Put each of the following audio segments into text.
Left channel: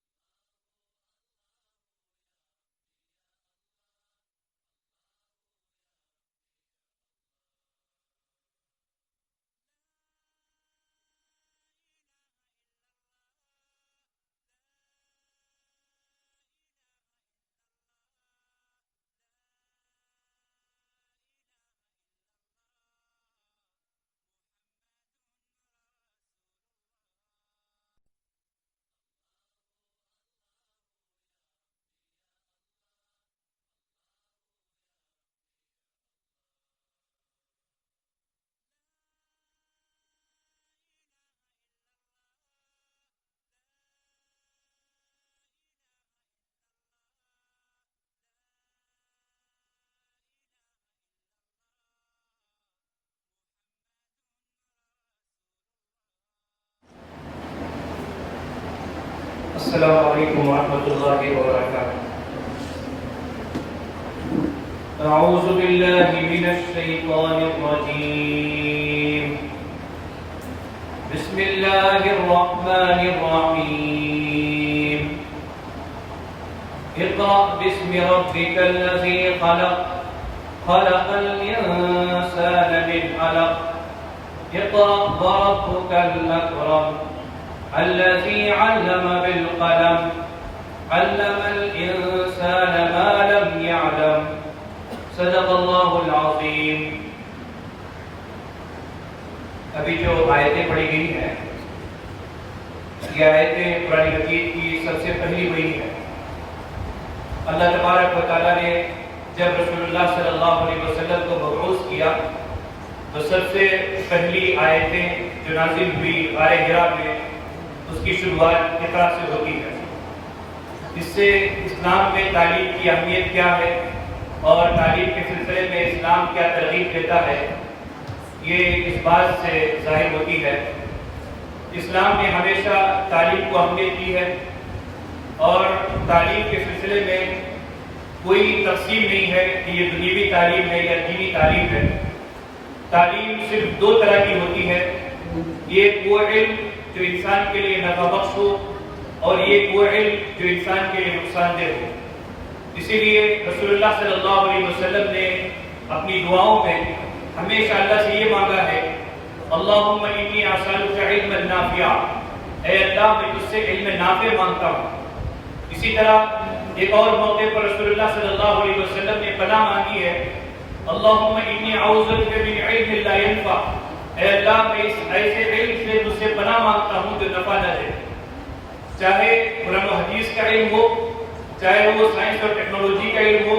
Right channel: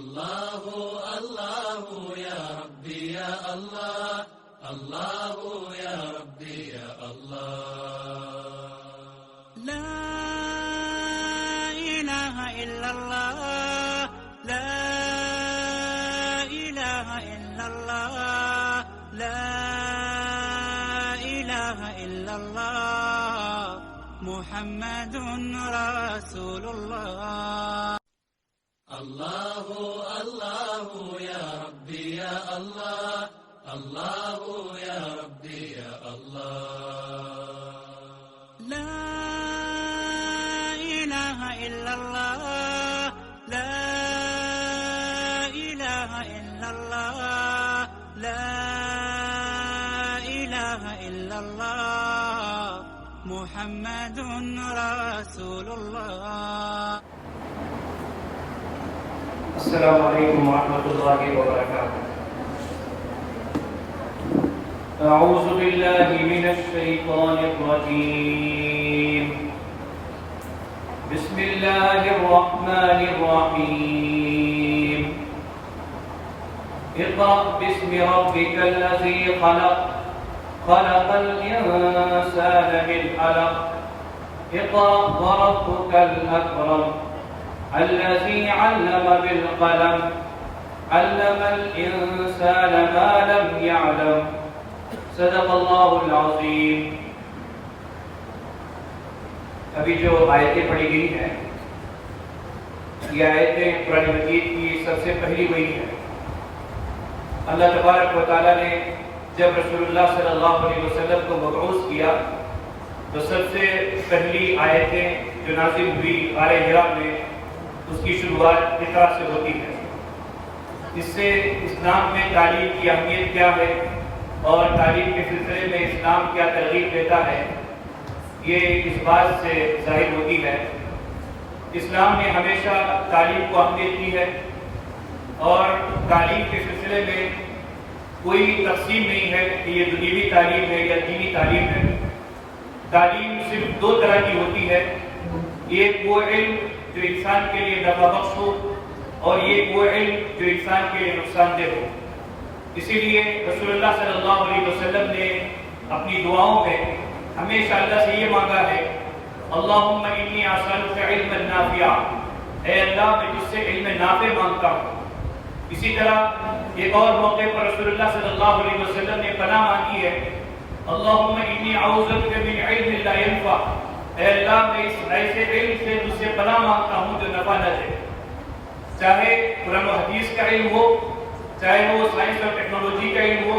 अल्लाहु अल्लाहु या रब्बी या अल्लाह, अल्लाहु या रब्बी या अल्लाह। ला इलाहा इल्लल्लाह, ला इलाहा इल्लल्लाह, ला इलाहा इल्लल्लाह, मुहम्मदुन रसूलुल्लाह। अल्लाहु अल्लाहु या रब्बी या अल्लाह, अल्लाहु या रब्बी या अल्लाह। ला इलाहा इल्लल्लाह, ला इलाहा इल्लल्लाह, ला इलाहा इल्लल्लाह, मुहम्मदुन रसूलुल्लाह। अस्सलामु अलैकुम वरहमतुल्लाहि वबरकातुहू। अऊज़ु बिल्लाहि मिनश शैतानिर रजीम। बिस्मिल्लाहिर रहमानिर रहीम। इक़रा बिस्मि रब्बिकल लज़ी खलक़, खलक़ल इंसाना मिन अलक़। इक़रा व रब्बुकल अकरम, الذي علم بالقلم علم الإنسان ما لم يعلم صدق الله العظيम। अभी जो आयतें पढ़ी गई हैं, ये आयतें कुरान मजीद की सबसे पहली वही है। अल्लाह तबारक व तआला ने जब रसूलुल्लाह सल्लल्लाहु अलैहि वसल्लम को मबऊस किया तो सबसे पहली आयतें जो नाज़िल हुई गारे हिरा में, उसकी शुरुआत इक़रा से होती है। इससे इस्लाम में तालीम की अहमियत क्या है और तालीम के सिलसिले में इस्लाम क्या तरगीब देता है, ये इस बात से ज़ाहिर होती है। इस्लाम ने हमेशा तालीम को अहमियत दी है और तालीम के सिलसिले में कोई तक़सीम नहीं है कि ये दुनियावी तालीम है या दीनी तालीम है। तालीम सिर्फ दो तरह की होती है, ये वो इल्म जो इंसान के लिए नफ़ा बख्श हो और ये वो इल्म जो इंसान के लिए नुकसानदेह हो। इसीलिए रसूलुल्लाह सल्लल्लाहु अलैहि वसल्लम ने अपनी दुआओं में हमेशा अल्लाह से ये मांगा है, अल्लाहुम्मा इन्नी असअलुका इल्मन नाफ़िआ, ऐ अल्लाह मैं तुझसे इल्म नाफ़े मांगता हूँ। इसी तरह एक और मौके पर रसूलुल्लाह सल्लल्लाहु अलैहि वसल्लम ने पनाह मांगी है, अल्लाहुम्मा इन्नी अऊज़ु बिका मिन इल्मिन ला यनफ़अ, ऐ अल्लाह मैं इस ऐसे इल्म से तुझसे पनाह मांगता हूँ जो नफा न दे। चाहे कुरान और हदीस का इल्म हो, चाहे वो साइंस और टेक्नोलॉजी का इल्म हो,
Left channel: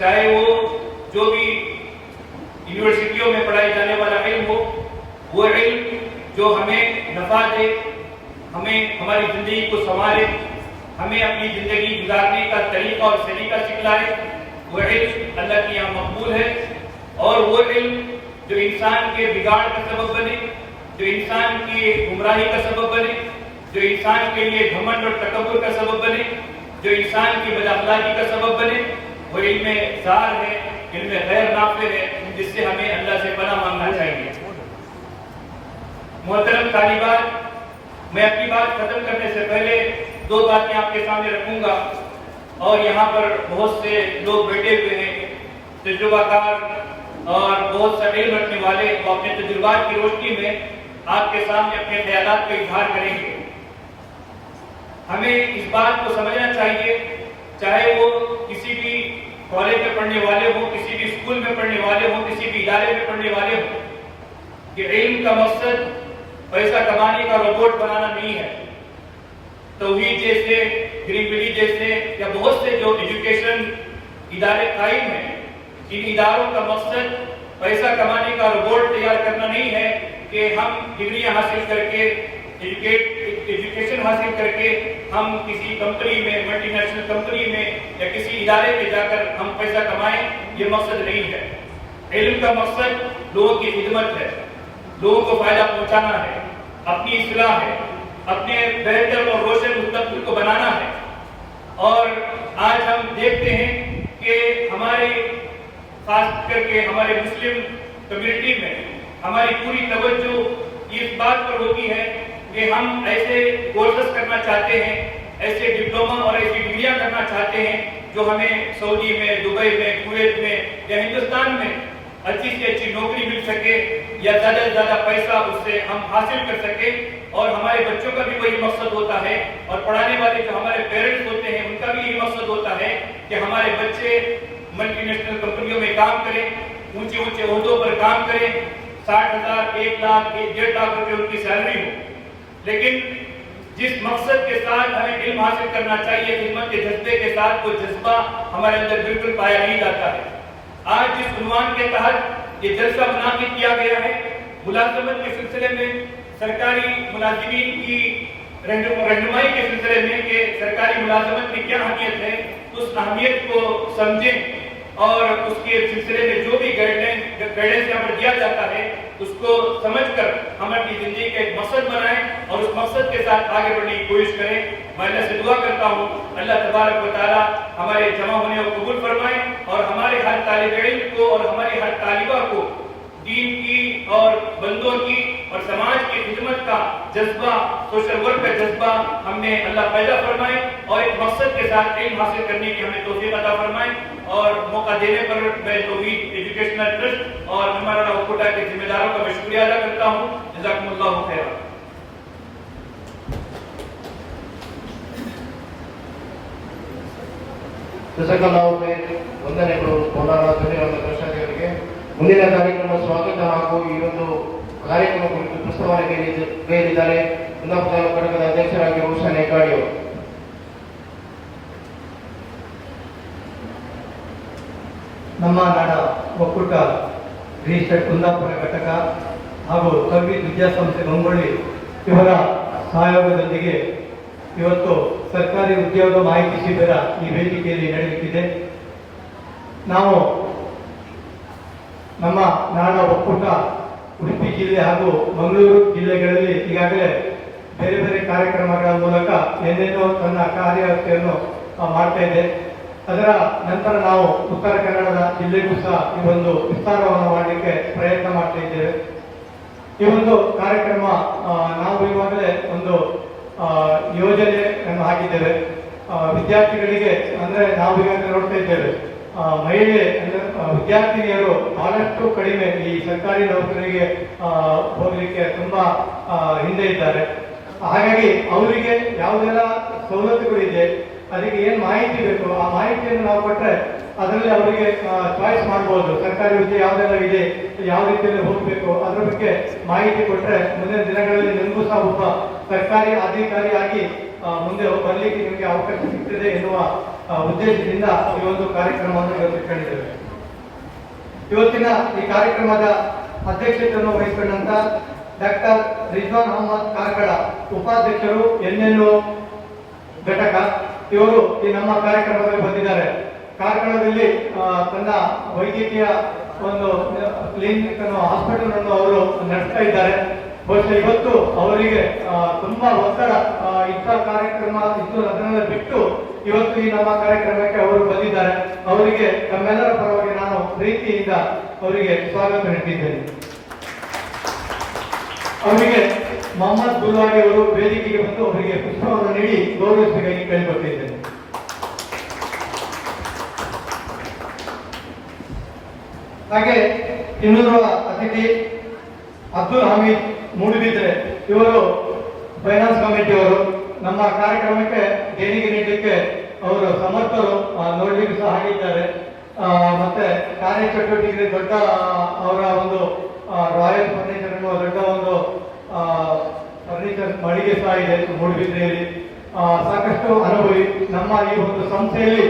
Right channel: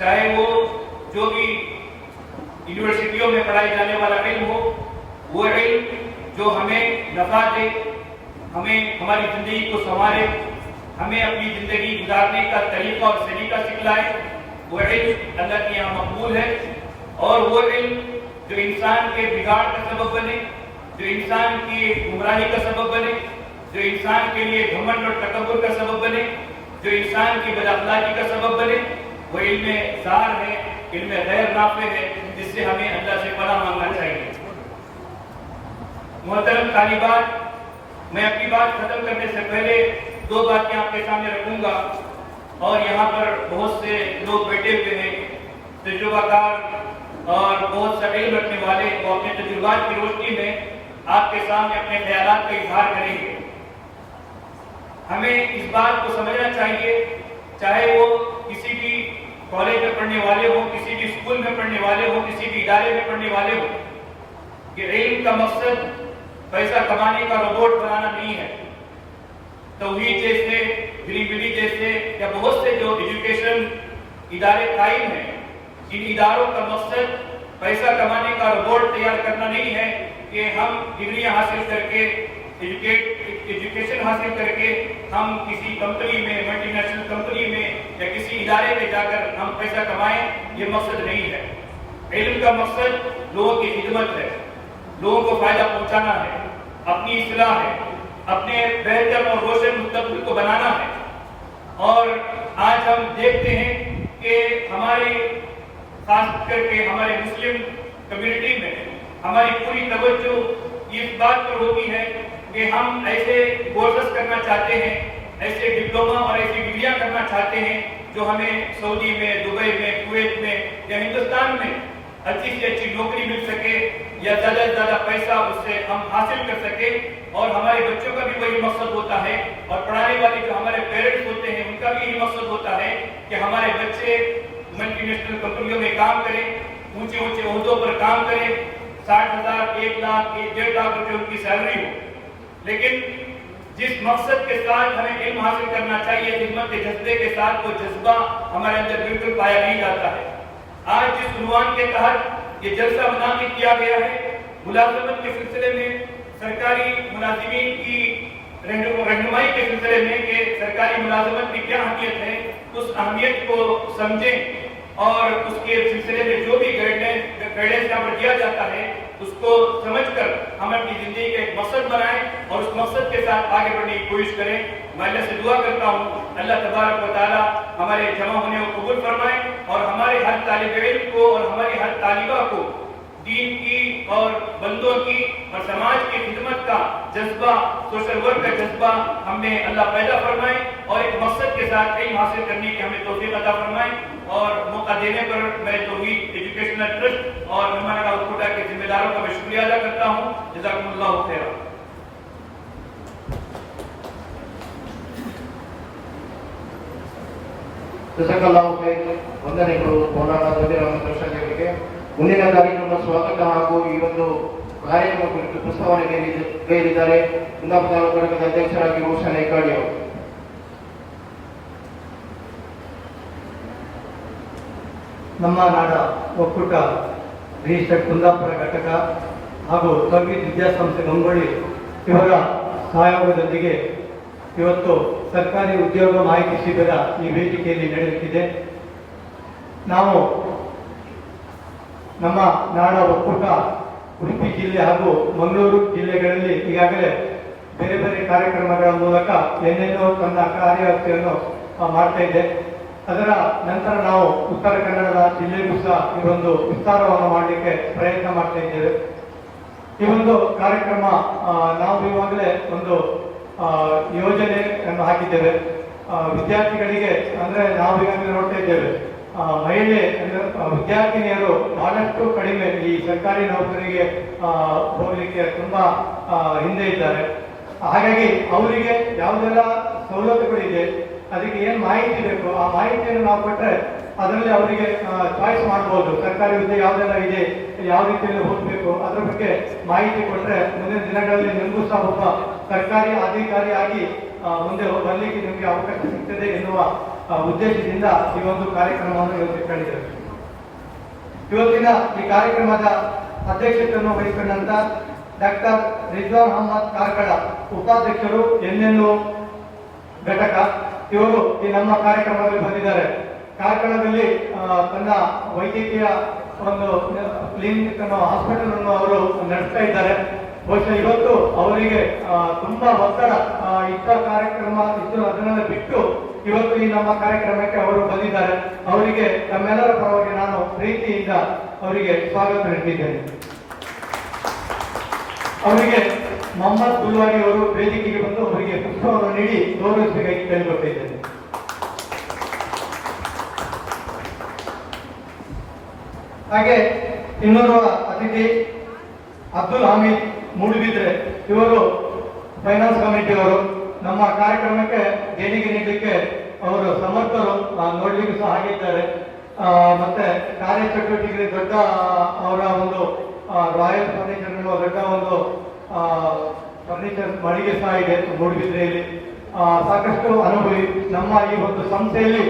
चाहे वो जो भी यूनिवर्सिटियों में पढ़ाई जाने वाला इल्म हो, वो इल्म जो हमें नफा दे, हमें हमारी जिंदगी को संवारे, हमें अपनी जिंदगी गुजारने का तरीका और सलीका सिखलाए, वो इल्म अल्लाह के यहाँ मकबूल है। और वो इल्म जो इंसान के बिगाड़ का सबब बने, जो इंसान की गुमराही का सबब बने, जो इंसान के लिए घमंड और तकब्बुर का सबब बने, जो इंसान की बदअखलाकी का सबब बने, वो इल्म ज़ार है, इल्म गैर नाफ़े है, जिससे हमें अल्लाह से पनाह मांगना चाहिए। मोहतरम तालिबात, मैं अपनी बात खत्म करने से पहले दो बातें आपके सामने रखूंगा और यहाँ पर बहुत से लोग बैठे हुए हैं, तजुर्बाकार और बहुत सा इल्म रखने वाले, वो अपने तजुर्बात की रोशनी में आपके सामने अपने ख्यालात का इजहार करेंगे। हमें इस बात को समझना चाहिए, चाहे वो किसी भी कॉलेज में पढ़ने वाले हो, किसी भी स्कूल में पढ़ने वाले हो, किसी भी इदारे में पढ़ने वाले हो, कि इल्म का मकसद पैसा कमाने का रोबोट बनाना नहीं है। तौहीद जैसे, ग्रीन विलेज जैसे या बहुत से जो एजुकेशन इदारे कायम हैं, इन इदारों का मकसद पैसा कमाने का रोबोट तैयार करना नहीं है कि हम डिग्रियां हासिल करके, एजुकेशन हासिल करके हम किसी कंपनी में, मल्टीनेशनल कंपनी में या किसी इदारे में जाकर हम पैसा कमाएं, ये मकसद नहीं है। इल्म का मकसद लोगों की खिदमत है, लोगों को फायदा पहुंचाना है, अपनी इस्लाह है, अपने बेहतर और रोशन मुस्तकबिल को बनाना है। और आज हम देखते हैं कि हमारे खास करके हमारे मुस्लिम कम्युनिटी में हमारी पूरी तवज्जो इस बात पर होती है कि हम ऐसे कोर्सेस करना चाहते हैं, ऐसे ऐसे डिप्लोमा और ऐसी डिग्रियां करना चाहते हैं जो हमें सऊदी में, दुबई में, कुवैत में या हिंदुस्तान में अच्छी से अच्छी नौकरी मिल सके या ज्यादा से ज्यादा पैसा उससे हम हासिल कर सके। और हमारे बच्चों का भी वही मकसद होता है और पढ़ाने वाले जो हमारे पेरेंट्स होते हैं उनका भी यही मकसद होता है कि हमारे बच्चे मल्टीनेशनल कंपनियों में काम करें, ऊंचे ऊंचे ओहदों पर काम करें, 60,000, 1 लाख, 1.5 लाख रुपए उनकी सैलरी हो। लेकिन जिस मकसद के साथ हमें इल्म हासिल करना चाहिए, खिदमत के जज्बे के साथ, वो जज्बा हमारे अंदर बिल्कुल पाया नहीं जाता है। आज जिस उन्वान के तहत ये जलसा मुनाकिद किया गया है, मुलाजमत के सिलसिले में सरकारी मुलाजिमीन की रहनुमाई के सिलसिले में कि सरकारी मुलाजमत की क्या अहमियत है, उस अहमियत को समझें और उसके सिलसिले में जो भी गाइडेंस यहाँ पर दिया जाता है उसको समझकर हम अपनी जिंदगी का एक मकसद बनाएं और उस मकसद के साथ आगे बढ़ने की कोशिश करें। मैं अल्लाह से दुआ करता हूँ अल्लाह तबारक व तआला हमारे जमा होने को कबूल फरमाए और हमारे हर तालिब इल्म को और हमारी हर तालिबा को दीन की और बंदों की और समाज की खिदमत का जज्बा, सोशल वर्क का जज्बा हमें अल्लाह पैदा फरमाए और एक मकसद के साथ इल्म हासिल करने की हमें तौफीक अता फरमाए। और मौका देने पर मैं तौहीद एजुकेशनल ट्रस्ट और हमारा कोटा के जिम्मेदारों का मैं शुक्रिया अदा करता हूँ। जज़ाकुमुल्लाहु खैरा। ಜಜಾಕಲ್ಲಾಹು ಖೈರ್. ವಂದನೆಗಳು ಮೌಲಾನಾ ಜಮೀರ್ ಅಹಮದ್ ರಶಾದಿ ಅವರಿಗೆ. ಮುಂದಿನ ಕಾರ್ಯಕ್ರಮ ಸ್ವಾಗತ ಹಾಗೂ ಈ ಒಂದು ಕಾರ್ಯಕ್ರಮ ಕುರಿತು ಪ್ರಸ್ತಾವನೆ ಗೈರಿದ್ದಾರೆ ಕುಂದಾಪುರ ತಾಲೂಕು ಘಟಕದ ಅಧ್ಯಕ್ಷರಾಗಿ ರೋಷನ್ ಹೆಗ್ಗಾಡಿ ಅವರು. ನಮ್ಮ ನಾಡ ಒಕ್ಕೂಟ ರಿಜಿಸ್ಟರ್ಡ್ ಕುಂದಾಪುರ ಘಟಕ ಹಾಗೂ ತೌಹೀದ್ ವಿದ್ಯಾಸಂಸ್ಥೆ ಮಂಗೋಳಿ ಇವರ ಸಹಯೋಗದೊಂದಿಗೆ ಇವತ್ತು ಸರ್ಕಾರಿ ಉದ್ಯೋಗ ಮಾಹಿತಿ ಶಿಬಿರ ಈ ವೇದಿಕೆಯಲ್ಲಿ ನಡೆಯುತ್ತಿದೆ. ನಾವು ನಮ್ಮ ನಾಡ ಒಕ್ಕೂಟ ಉಡುಪಿ ಜಿಲ್ಲೆ ಹಾಗೂ ಮಂಗಳೂರು ಜಿಲ್ಲೆಗಳಲ್ಲಿ ಈಗಾಗಲೇ ಬೇರೆ ಬೇರೆ ಕಾರ್ಯಕ್ರಮಗಳ ಮೂಲಕ ಏನೇನೋ ತನ್ನ ಕಾರ್ಯವ್ಯಾಪ್ತಿಯನ್ನು ಮಾಡ್ತಾ ಇದೆ. ಅದರ ನಂತರ ನಾವು ಉತ್ತರ ಕನ್ನಡದ ಜಿಲ್ಲೆಗೂ ಸಹ ಈ ಒಂದು ವಿಸ್ತಾರವನ್ನು ಮಾಡಲಿಕ್ಕೆ ಪ್ರಯತ್ನ ಮಾಡ್ತಾ ಇದ್ದೇವೆ. ಈ ಒಂದು ಕಾರ್ಯಕ್ರಮ ನಾವು ಇವಾಗಲೇ ಒಂದು ಯೋಜನೆಯನ್ನು ಹಾಕಿದ್ದೇವೆ. ವಿದ್ಯಾರ್ಥಿಗಳಿಗೆ ಅಂದ್ರೆ ನಾವು ಈಗಾಗಲೇ ನೋಡ್ತಾ ಇದ್ದೇವೆ ಮಹಿಳೆ ವಿದ್ಯಾರ್ಥಿನಿಯರು ಬಹಳಷ್ಟು ಕಡಿಮೆ ಈ ಸರ್ಕಾರಿ ನೌಕರಿಗೆ ಹೋಗಲಿಕ್ಕೆ ತುಂಬಾ ಹಿಂದೆ ಇದ್ದಾರೆ. ಹಾಗಾಗಿ ಅವರಿಗೆ ಯಾವುದೆಲ್ಲ ಸವಲತ್ತುಗಳಿದೆ, ಅದಕ್ಕೆ ಏನು ಮಾಹಿತಿ ಬೇಕು ಆ ಮಾಹಿತಿಯನ್ನು ನಾವು ಕೊಟ್ಟರೆ ಅದರಲ್ಲಿ ಅವರಿಗೆ ಚಾಯ್ಸ್ ಮಾಡ್ಬೋದು. ಸರ್ಕಾರಿ ವಿದ್ಯೆ ಯಾವುದೆಲ್ಲ ಇದೆ, ಯಾವ ರೀತಿಯಲ್ಲಿ ಹೋಗಬೇಕು ಅದ್ರ ಬಗ್ಗೆ ಮಾಹಿತಿ ಕೊಟ್ಟರೆ ಮುಂದಿನ ದಿನಗಳಲ್ಲಿ ನಿಮಗೂ ಸಹ ಒಬ್ಬ ಸರ್ಕಾರಿ ಅಧಿಕಾರಿಯಾಗಿ ಮುಂದೆ ಬರಲಿಕ್ಕೆ ನಿಮಗೆ ಅವಕಾಶ ಸಿಗ್ತದೆ ಎನ್ನುವ ಉದ್ದೇಶದಿಂದ ಈ ಒಂದು ಕಾರ್ಯಕ್ರಮವನ್ನು ಇವತ್ತು ಕಂಡಿದ್ದೇವೆ. ಇವತ್ತಿನ ಈ ಕಾರ್ಯಕ್ರಮದ ಅಧ್ಯಕ್ಷತೆಯನ್ನು ವಹಿಸಿಕೊಂಡಂತ ಡಾಕ್ಟರ್ ರಿಜ್ವಾನ್ ಅಹಮದ್ ಕಾರ್ಕಳ, ಉಪಾಧ್ಯಕ್ಷರು NNO ಘಟಕ, ಇವರು ಈ ನಮ್ಮ ಕಾರ್ಯಕ್ರಮದಲ್ಲಿ ಬಂದಿದ್ದಾರೆ. ಕಾರ್ಕಳದಲ್ಲಿ ತನ್ನ ವೈದ್ಯಕೀಯ ಒಂದು ಕ್ಲಿನಿಕ್ ಹಾಸ್ಪಿಟಲ್ ಅನ್ನು ಅವರು ನಡೆಸ್ತಾ ಇದ್ದಾರೆ. ಬಹುಶಃ ಇವತ್ತು ಅವರಿಗೆ ತುಂಬಾ ಒತ್ತಡ ಇದ್ದ ಕಾರ್ಯಕ್ರಮ ಇದ್ದು ಅದನ್ನೆಲ್ಲ ಬಿಟ್ಟು ಇವತ್ತು ಈ ನಮ್ಮ ಕಾರ್ಯಕ್ರಮಕ್ಕೆ ಅವರು ಬಂದಿದ್ದಾರೆ. ಅವರಿಗೆ ತಮ್ಮೆಲ್ಲರ ಪರವಾಗಿ ನಾನು ಪ್ರೀತಿಯಿಂದ ಅವರಿಗೆ ಸ್ವಾಗತ ನೀಡುತ್ತಿದ್ದೇನೆ. ಅವರಿಗೆ ಮೊಹಮ್ಮದ್ ಗುಲ್ವಾಡಿ ಅವರು ವೇದಿಕೆಗೆ ಬಂದು ಅವರಿಗೆ ಪುಷ್ಪವನ್ನು ನೀಡಿ ಗೌರವಿಸಬೇಕಾಗಿ ಕೇಳಿಕೊಟ್ಟಿದ್ದೇನೆ. ಹಾಗೆ ಇನ್ನೋರ್ವ ಅತಿಥಿ ಅಬ್ದುಲ್ ಹಮೀದ್ ಮೂಡುಬಿದ್ರೆ, ಇವರು ಫೈನಾನ್ಸ್ ಕಮಿಟಿ ಅವರು. ನಮ್ಮ ಕಾರ್ಯಕ್ರಮಕ್ಕೆ ದೇಣಿಗೆ ನೀಡಲಿಕ್ಕೆ ಅವರು ಸಮರ್ಥರು, ನೋಡ್ಲಿಕ್ಕೆ ಸಹ ಆಗಿದ್ದಾರೆ. ಮತ್ತೆ ಕಾರ್ಯಚಟುವಟಿಕೆ ದೊಡ್ಡ ಅವರ ಒಂದು ರಾಯಲ್ ಫರ್ನಿಚರ್ ಅನ್ನೋ ದೊಡ್ಡ ಒಂದು ಫರ್ನಿಚರ್ ಮಳಿಗೆ ಸಹ ಇದೆ ಮೂಡುಬಿದ್ರೆಯಲ್ಲಿ. ಸಾಕಷ್ಟು ಅನುಭವಿ ನಮ್ಮ ಈ ಒಂದು ಸಂಸ್ಥೆಯಲ್ಲಿ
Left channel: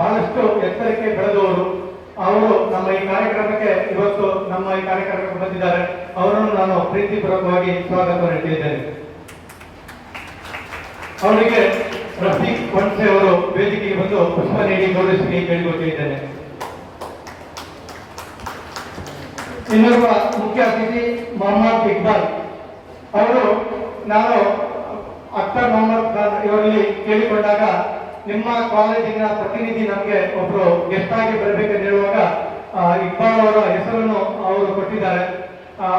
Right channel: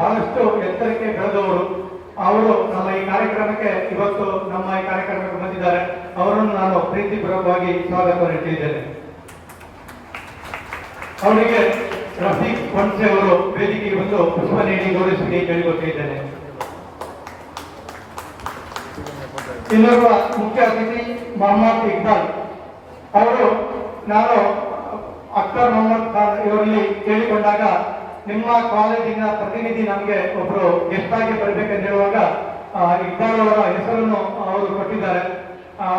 ಬಹಳಷ್ಟು ಎತ್ತರಕ್ಕೆ ಬೆಳೆದವರು. ಅವರು ನಮ್ಮ ಈ ಕಾರ್ಯಕ್ರಮಕ್ಕೆ ಇವತ್ತು ನಮ್ಮ ಈ ಕಾರ್ಯಕ್ರಮಕ್ಕೆ ಬಂದಿದ್ದಾರೆ. ಅವರನ್ನು ನಾನು ಪ್ರೀತಿಪೂರ್ವಕವಾಗಿ ಸ್ವಾಗತ ನೀಡುತ್ತಿದ್ದೇನೆ. ಅವರಿಗೆ ರಫೀಕ್ ಹೊನ್ಸೆ ಅವರು ವೇದಿಕೆಗೆ ಬಂದು ಪುಷ್ಪ ನೀಡಿ ಗೌರವಿಸಿ ಕೇಳಿಕೊಟ್ಟಿದ್ದೇನೆ. ಇನ್ನೋರ್ವ ಮುಖ್ಯ ಅತಿಥಿ ಮೊಹಮ್ಮದ್ ಇಕ್ಬಾಲ್ ಅವರು. ನಾನು ಅಖ್ತರ್ ಮೊಹಮ್ಮದ್ ಖಾನ್ ಇವರಲ್ಲಿ ಕೇಳಿಕೊಂಡಾಗ ನಿಮ್ಮ ಕಾಲೇಜಿನ ಪ್ರತಿನಿಧಿ ನಮಗೆ ಒಬ್ಬರು ಗೆಸ್ಟ್ ಆಗಿ ಬರಬೇಕೆಂದು ಹೇಳುವಾಗ ಇಕ್ಬಾಲ್ ಅವರ ಹೆಸರನ್ನು ಅವರು ಕೊಟ್ಟಿದ್ದಾರೆ.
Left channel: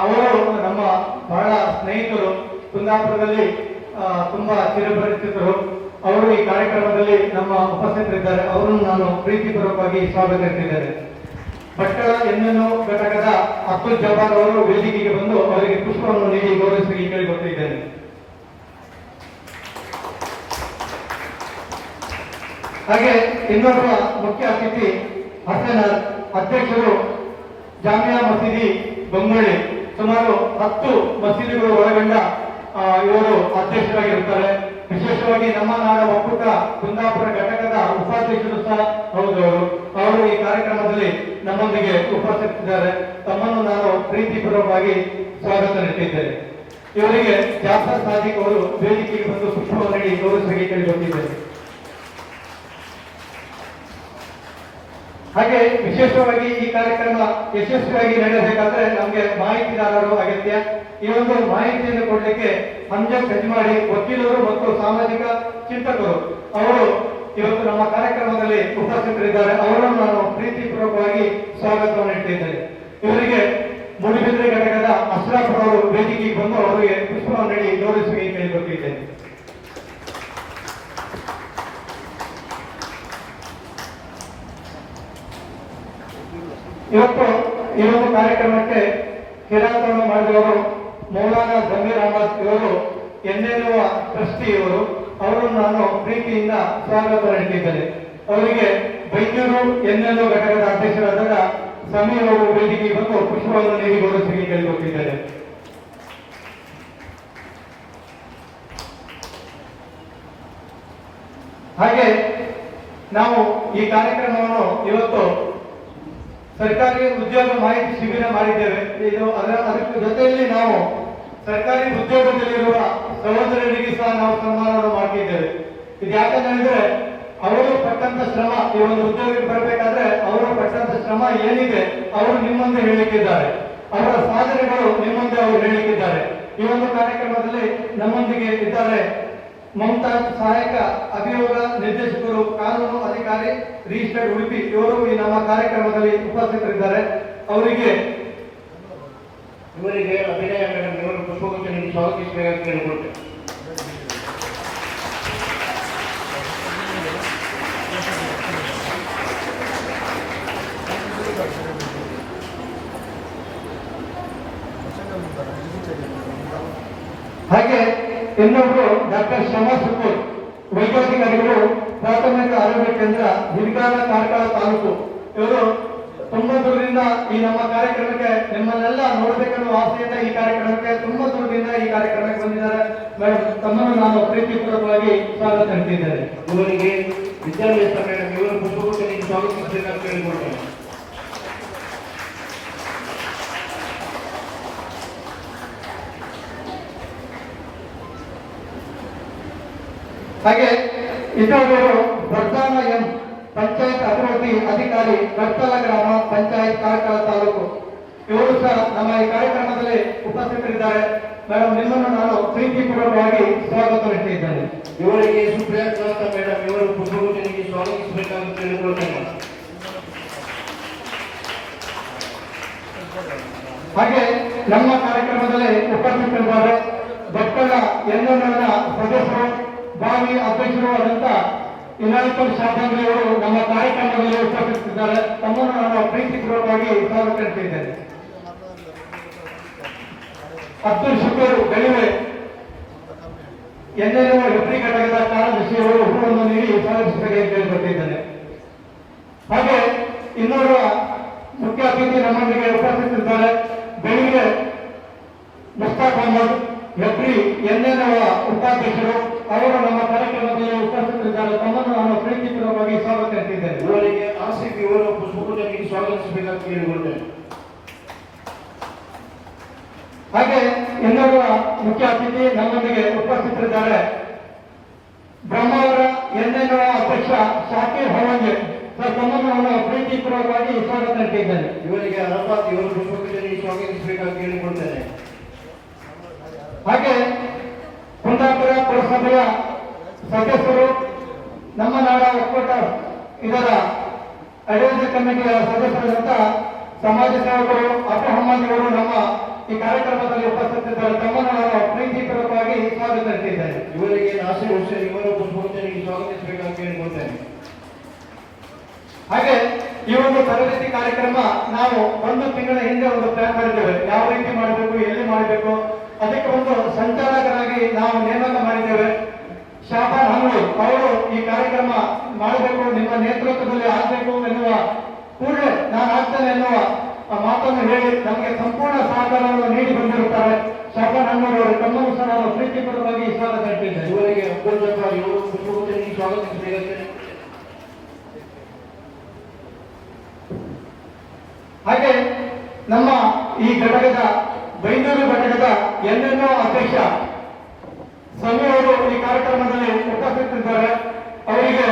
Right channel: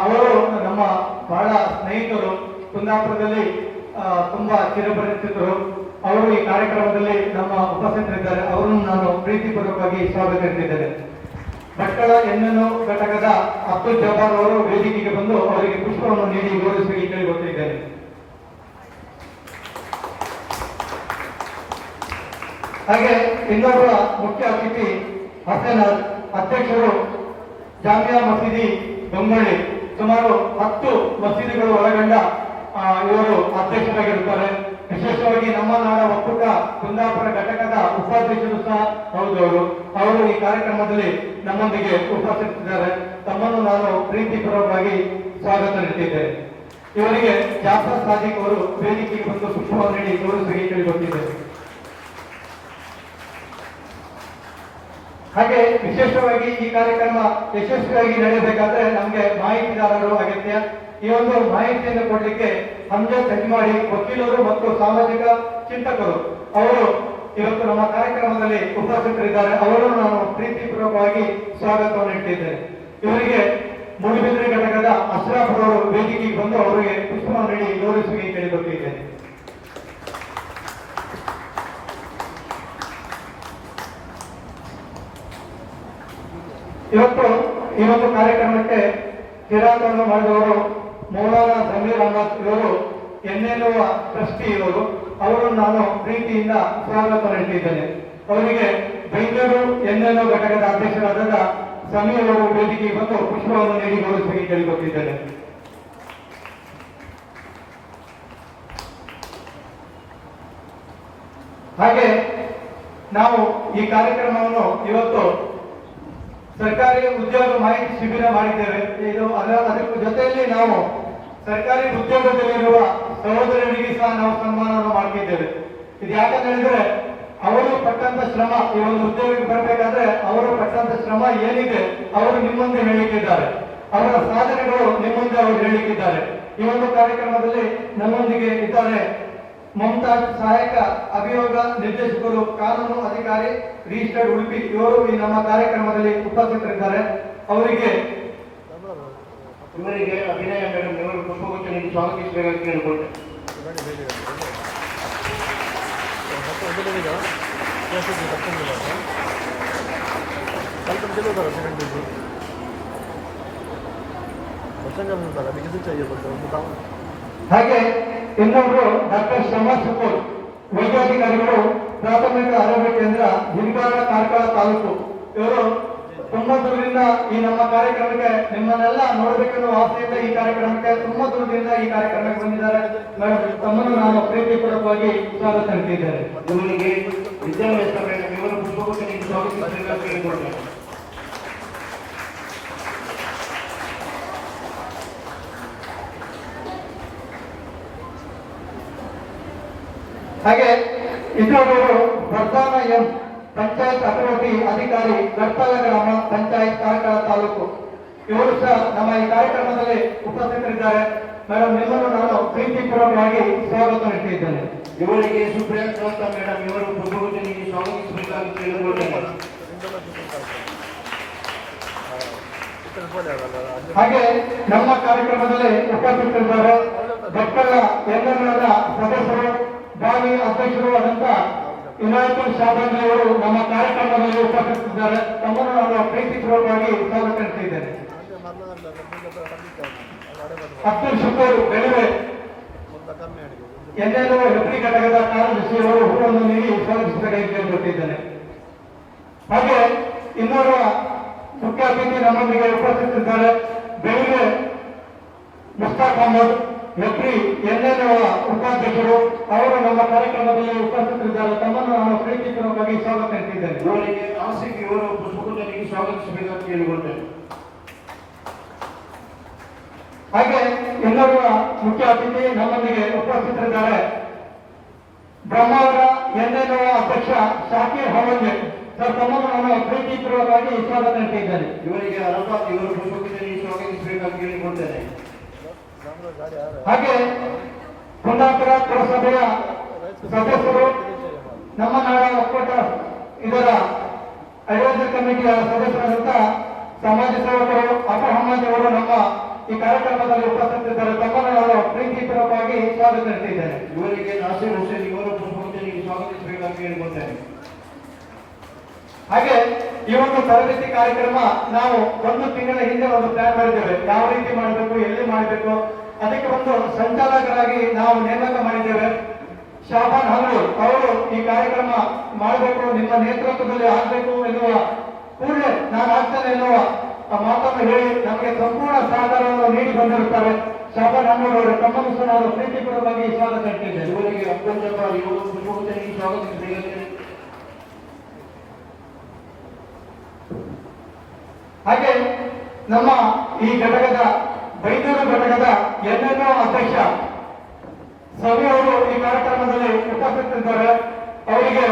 ಅವರು ನಮ್ಮ ಬಹಳ ಸ್ನೇಹಿತರು. ಕುಂದಾಪುರದಲ್ಲಿ ತುಂಬಾ ಚಿರಪರಿಚಿತರು. ಅವರು ಈ ಕಾರ್ಯಕ್ರಮದಲ್ಲಿ ನಮ್ಮ ಉಪಸ್ಥಿತರಿದ್ದಾರೆ. ಅವರನ್ನು ನಾನು ಪ್ರೀತಿಪೂರ್ವಕವಾಗಿ ಸ್ವಾಗತಿಸಿದ್ದೇನೆ. ಭಟ್ಕಳ ಎನ್ಎನ್ಒ ಘಟಕದ ಅಬ್ದುಲ್ ಜಬ್ಬಾರ್ ಅವರು ವೇದಿಕೆಗೆ ಬಂದು ಅವರಿಗೆ ಪುಷ್ಪವನ್ನು ನೀಡಿ ಗೌರವಿಸಿ ಕೇಳಿಕೊಟ್ಟಿದ್ದೇನೆ. ಹಾಗೆ ಇನ್ನೊಬ್ಬ ಮುಖ್ಯ ಅತಿಥಿ ಹಸನ್ ಅಧ್ಯಕ್ಷರು, ಜಾಮಿಯಾ ಮಸೀದಿ ಬೊಂಬಳ್ಳಿ, ಸುಮಾರು 10 ಮಸೀದಿಗಳು ಒಳಗೊಂಡ ಇವರು ಅಧ್ಯಕ್ಷರಾಗಿರುತ್ತಾರೆ. ವಿಶೇಷವಾಗಿ ನಮ್ಮ ನಾಡ ಒಕ್ಕೂಟ ಕುಂದಾಪುರ ಘಟಕದ ಉಪಾಧ್ಯಕ್ಷರು ಸಹ ಹೌದು. ಅವರು ಈ ಕಾರ್ಯಕ್ರಮದಲ್ಲಿ ನಮ್ಮೊಂದಿಗೆ ಉಪಸ್ಥಿತಿದ್ದಾರೆ. ತಮ್ಮನ್ನು ನಾನು ಪ್ರೀತಿಪೂರ್ವಕವಾಗಿ ಸ್ವಾಗತ ನೀಡುತ್ತಿದ್ದೇನೆ. ಇವರಿಗೆ ಜಾಫರ್ ಸಾದಿಕ್ ಅವರು ವೇದಿಕೆಗೆ ಬಂದು ಪುಷ್ಪವನ್ನು ನೀಡಿ ಗೌರವಿಸಿ ಕೇಳಿಕೊಟ್ಟಿದ್ದೇನೆ. ಹಾಗೆ ವಿಶೇಷವಾಗಿ ಈ ಕಾರ್ಯಕ್ರಮ ಯಶಸ್ವಿಯಾಗಿ ನಡೆಯಬೇಕಾದ್ರೆ ನಮಗೆ ಮಾಹಿತಿದಾರರು ಅಗತ್ಯ. ಈ ಒಂದು ಮಾಹಿತಿಯನ್ನು ಕೊಡಲಿಕ್ಕೆ ಹಂಜತ್ ಹೆಜ್ಮಾಡಿ ವಕೀಲರು ಮತ್ತು ಸಾಮಾಜಿಕ ಚಿಂತಕರು ಅವರು ಇವತ್ತು ನಮ್ಮ ಕಾರ್ಯಕ್ರಮದಲ್ಲಿ ಉಪಸ್ಥಿತರಿದ್ದಾರೆ. ಅವರನ್ನು ನಾನು ಪ್ರೀತಿಪೂರ್ವಕವಾಗಿ ಸ್ವಾಗತವನ್ನು ನೀಡುತ್ತಿದ್ದೇನೆ. ಇವರಿಗೆ ಮೂಡುಬಿದಿರೆ ಘಟಕದ ಅಶ್ರಾಫ್ ಅವರು ವೇದಿಕೆಗೆ ಬಂದು ಅವರಿಗೆ ಪುಷ್ಪವನ್ನು ನೀಡಿ ಗೌರವಿಸಿ ಕೇಳಿಕೊಟ್ಟಿದ್ದೇನೆ. ಇವತ್ತು ಈ ಒಂದು ಕಾರ್ಯಕ್ರಮಕ್ಕೆ ಕಿರಾತವನ್ನು ಮಾಡಿದವರು ಮೌಲಾನಾ ಜಮೀರ್ ಅಹಮದ್ ಇವರು ಎನ್ಎನ್ಒ ಟ್ರಸ್ಟಿ ಇವರು. ಅವರನ್ನು ನಾನು ಪ್ರೀತಿಯಿಂದ ಸ್ವಾಗತ ನೀಡುತ್ತಿದ್ದೇನೆ. ಅವರಿಗೆ ಬೈಂದೂರು ಎನ್ಎನ್ಒ ಘಟಕದ ಅಧ್ಯಕ್ಷರಾದ ಸಮೀರ್ ಅವರು ವೇದಿಕೆಗೆ ಬಂದು ಪುಷ್ಪವನ್ನು ನೀಡಿ ಗೌರವಿಸಿ ಕೇಳಿಕೊಟ್ಟಿದ್ದೇನೆ. ಹಾಗೆ ನಾವು ಈ ಕಾರ್ಯಕ್ರಮವನ್ನು ಇವತ್ತು ಸರ್ಕಾರಿ ಉದ್ಯೋಗ ಮಾಹಿತಿ ಶಿಬಿರ ಮಾಡಿದ್ದೇವೆ. ಅದರ ಜೊತೆಯಲ್ಲಿ ನಾವು ಸರ್ಕಾರಿ ಉದ್ಯೋಗದಲ್ಲಿರುವ ಸಹೋದರರಿಗೆ ಸಹ ನಾವು ಸನ್ಮಾನವನ್ನು ಮಾಡ್ತಿದ್ದೇವೆ. ಇದು ಯಾಕಂತ ಹೇಳಿದ್ರೆ ಅವರು ಪಟ್ಟಂತ ಶ್ರಮ, ಈ ಒಂದು ಉದ್ಯೋಗಕ್ಕೆ ಬರಬೇಕಾದ್ರೆ ಅವರು ಪಟ್ಟಂತ ಶ್ರಮ ಏನಿದೆ ಅವರು ನಿಮ್ಮಂದೆ ಹೇಳಿಕ್ಕಿದ್ದಾರೆ. ಅವರ ಸಾಧನೆಗಳು ನಿಮ್ಮಂದೆ ಅವರು ಹೇಳಿಕ್ಕಿದ್ದಾರೆ. ಈ ಒಂದು ಕಾರ್ಯಕ್ರಮದಲ್ಲಿ ನಮ್ಮೊಂದಿಗೆ ಇದ್ದಾರೆ ಮಮತಾಜ್, ಸಹಾಯಕ ಅಭಿಯೋಗ ನಿರ್ದೇಶಕರು, ಕಾನೂನು ಅಧಿಕಾರಿ, ರಿಜಿಸ್ಟರ್ಡ್ ಉಡುಪಿ. ಇವರು ಈ ನಮ್ಮ ಕಾರ್ಯಕ್ರಮದಲ್ಲಿ ಉಪಸ್ಥಿತರಿದ್ದಾರೆ. ಇವರಿಗೆ ಅಭಿನಯ ಮೇಡಮ್ ಇವರು ಪುಷ್ಪಗುಚ್ಛ ನೀಡಿ ಸ್ವಾಗತಿಸಬೇಕಾಗಿ ಕೇಳಿಕೊಟ್ಟೆ. ಹಾಗೆ ಇನ್ನೊಬ್ರು ಡಾಕ್ಟರ್ ಶ್ರವಣ್ ಸುತ್ತೂರ್, ವೈದ್ಯಾಧಿಕಾರಿಗಳು, ಪ್ರಾಥಮಿಕ ಆರೋಗ್ಯ ಕೇಂದ್ರ, ಜಿಂಗಾಲ ಕಾರ್ಕಳ ತಾಲೂಕು. ಇವರು ತುಂಬಾ ದೂರದಿಂದ ಈ ನಮ್ಮ ಕಾರ್ಯಕ್ರಮಕ್ಕೆ ನಿಮ್ಮನ್ನೆಲ್ಲ ನೋಡ್ಬೇಕೆನ್ನುವ ಆಸೆಯಿಂದ ಈ ಕಾರ್ಯಕ್ರಮಕ್ಕೆ ತುಂಬಾ ದೂರದಿಂದ ಈ ಕಾರ್ಯಕ್ರಮಕ್ಕೆ ಬಂದಿದ್ದಾರೆ. ಮೇಡಮ್ ತಮ್ಮನ್ನು ನಾನು ಪ್ರೀತಿಪೂರ್ವಕವಾಗಿ ಸ್ವಾಗತ ನೀಡುತ್ತಿದ್ದೇನೆ. ಇವರಿಗೆ ವಿದ್ಯಾಭ್ಯಾಸ ಮೇಡಮ್ ಇವರ ಪುಷ್ಪಗುಚ್ಛ ನೀಡಿ ಸ್ವಾಗತಿಸಬೇಕಾಗಿ ಕೇಳಿಕೊಟ್ಟೆ. ಹಾಗೆ ಇನ್ನೊಬ್ಬರು ವರ್ಧಾನ ಎಂ, ಪಂಚಾಯತ್ ಅಭಿವೃದ್ಧಿ ಅಧಿಕಾರಿ, ಗರ್ತಲ ಗ್ರಾಮ ಪಂಚಾಯತ್, ಕಾರ್ಕಳ ತಾಲೂಕು. ಇವರು ಸಹ ನಮ್ಮ ಈ ಕಾರ್ಯಕ್ರಮದಲ್ಲಿ ಉಪಸ್ಥಿತರಿದ್ದಾರೆ. ಮೇಡಮ್ ನಿಮ್ಮನ್ನು ನಾನು ಪ್ರೀತಿಪೂರ್ವಕವಾಗಿ ಸ್ವಾಗತ ನೀಡುತ್ತಿದ್ದೇನೆ. ಇವರಿಗೆ ಸುಪ್ರಿಯಾಕಾಂತ ಮೇಡಮ್ ಇವರು ಪುಷ್ಪಗುಚ್ಛ ನೀಡಿ ಸ್ವಾಗತಿಸಬೇಕಾಗಿ ಕೇಳಿಕೊಟ್ಟೆ. ಹಾಗೆ ನಮ್ಮ ಕಾರ್ಯಕ್ರಮದಲ್ಲಿ ಉಪಸ್ಥಿತರಿದ್ದಾರೆ ಭಟ್ಕಳ ಎನ್ಎನ್ಒದ ಸದಸ್ಯರು, ಭಾವಿ ಅಧ್ಯಕ್ಷರು ಆದಂತ ಇನಾಯತುಲ್ ಶಾಬಂದ್ರಿ ಅವರು ನಮ್ಮ ಕಾರ್ಯಕ್ರಮದಲ್ಲಿ ಉಪಸ್ಥಿತರಿದ್ದಾರೆ. ತಮ್ಮನ್ನು ನಾನು ಪ್ರೀತಿಪೂರ್ವಕವಾಗಿ ಸ್ವಾಗತ ನೀಡುತ್ತಿದ್ದೇನೆ. ಅಬ್ದುಲ್ ಶುಕೂರ್ ಗಳಿವೆ, ಎನ್ಎನ್ಒ ಹೆಬ್ರಿ ಘಟಕದ ಕಾರ್ಯದರ್ಶಿಯವರು ಹೂವನ್ನು ನೀಡಿ ಸ್ವಾಗತಿಸಬೇಕಾಗಿ ಕೇಳಿಕೊಟ್ಟಿದ್ದೇನೆ. ಹಾಗೆ ಇನ್ನೋರ್ವ ಮುಖ್ಯ ಅತಿಥಿ ನಮ್ಮೊಂದಿಗೆ ಉಪಸ್ಥಿತರಿದ್ದಾರೆ. ಬೆಳಿಗ್ಗೆ ಮುಸ್ತಾಕ್ ಅಹಮದ್, ಹೆಬ್ರಿ ಎನ್ಎನ್ಒ ಉಪಾಧ್ಯಕ್ಷರು. ಅವರು ನಮ್ಮ ಕಾರ್ಯಕ್ರಮದಲ್ಲಿ ಉಪಸ್ಥಿತರಿದ್ದಾರೆ. ತಮ್ಮನ್ನು ನಾನು ಪ್ರೀತಿಪೂರ್ವಕವಾಗಿ ಸ್ವಾಗತ ನೀಡುತ್ತಿದ್ದೇನೆ. ಇವರಿಗೆ ಆಸಿಫ್ ಇವರು ಪುಷ್ಪಗುಚ್ಛ ನೀಡಿ ಸ್ವಾಗತಿಸಬೇಕಾಗಿ ಕೇಳಿಕೊಂಡೆ. ಹಾಗೆ ಇನ್ನೊಬ್ಬ ಮುಖ್ಯ ಅತಿಥಿ ನಮ್ಮೊಂದಿಗೆ ಉಪಸ್ಥಿತರಿದ್ದಾರೆ. ಬ್ರಹ್ಮಾವರ ಎನ್ಎನ್ಒ ಅಧ್ಯಕ್ಷ ಶಾಕೀರ್ ಹವನ್ಗೆ. ಸರ್ ತಮ್ಮನ್ನು ನಾನು ಪ್ರೀತಿಪೂರ್ವಕವಾಗಿ ಸ್ವಾಗತ ನೀಡುತ್ತಿದ್ದೇನೆ. ಇವರಿಗೆ ಅರಫಾತ್ ಇವರು ಪುಷ್ಪಗುಚ್ಛ ನೀಡಿ ಸ್ವಾಗತಿಸಬೇಕಾಗಿ ಕೇಳಿಕೊಳ್ತೇನೆ. ಹಾಗೆ ಕುಂದಾಪುರ ಪುರಸಭೆಯ ಸದಸ್ಯರು, ನಮ್ಮ ನಾಡ ಒಕ್ಕೂಟ ಇದರ ಅಡ್ವೈಸರಿ ಕಮಿಟಿಯ ಸದಸ್ಯರಾದಂತಹ ಸಮಾಜ ಸೇವಕರು ಅಪ್ಪು ಅಹಮದ್ ಅವರು ನಮ್ಮ ಈ ಕಾರ್ಯಕ್ರಮದಲ್ಲಿ ಉಪಸ್ಥಿತರಿದ್ದಾರೆ. ತಮ್ಮನ್ನು ನಾನು ಪ್ರೀತಿಪೂರ್ವಕವಾಗಿ ಸ್ವಾಗತಿಸಿದ್ದೇನೆ. ಇವರಿಗೆ ನಾಸಿರ್ ಹುಸೇನ್ ಇವರ ಪುಷ್ಪಗುಚ್ಛ ಸ್ವಾಗತಿಸಬೇಕಾಗಿ ಕೇಳಿಕೊಳ್ತೇನೆ. ಹಾಗೆ ಈ ಒಂದು ತರಬೇತಿ ಕಾರ್ಯಕ್ರಮ ನಾವು 1 ತಿಂಗಳ ಹಿಂದೆ ಒಂದು ಪ್ಲಾನ್ ಮಾಡಿದ್ದೇವೆ. ಯಾವ ರೀತಿ ಮಾಡಬೇಕು, ಎಲ್ಲಿ ಮಾಡಬೇಕು, ಅದಕ್ಕೆ ಒಂದು ಸಂಚಾಲಕರಾಗಿ ನಾವು ನೇಮಕ ಮಾಡಿದ್ದೇವೆ. ಶಾಬಾನ್ ಹಲ್ಲು ಅವರು ಈ ಕಾರ್ಯಕ್ರಮ ಮಾಡಬೇಕು, ನಿಮ್ಮ ನೇತೃತ್ವದಲ್ಲಿ ಆಗಬೇಕು ಎನ್ನುವ ಕೂಡಲೇ ನಾನು ಆಗ್ತೇನೆ ಎನ್ನುವ ಮಾತನ್ನು ಹೇಳಿ ನಮಗೆ ಸಂಪೂರ್ಣ ಸಹಕಾರವನ್ನು ನೀಡಿ ಬಂದಿರುತ್ತಾರೆ. ಶಾಬಾನ್ ಹಲ್ಲು ಅವರು ತಮ್ಮನ್ನು ಸಹ ನಾನು ಪ್ರೀತಿಪೂರ್ವಕವಾಗಿ ಸ್ವಾಗತ ಹೇಳ್ತಿದ್ದೇನೆ. ಇವರಿಗೆ ಅಬ್ದುಲ್ ಜಬ್ಬಾರ್ ಯುವ ಪುಷ್ಪಗುಚ್ಛ ಸ್ವಾಗತಿಸಬೇಕಾಗಿ. ಹಾಗೆ ನಮ್ಮ ಈ ಘಟಕದ ಬೈಂದೂರು ಘಟಕದ NNO ಅಧ್ಯಕ್ಷ ಸವಿ ಅವರು ಈ ಕಾರ್ಯಕ್ರಮದಲ್ಲಿ ಉಪಸ್ಥಿತರಿದ್ದಾರೆ. ಅವರಿಗೆ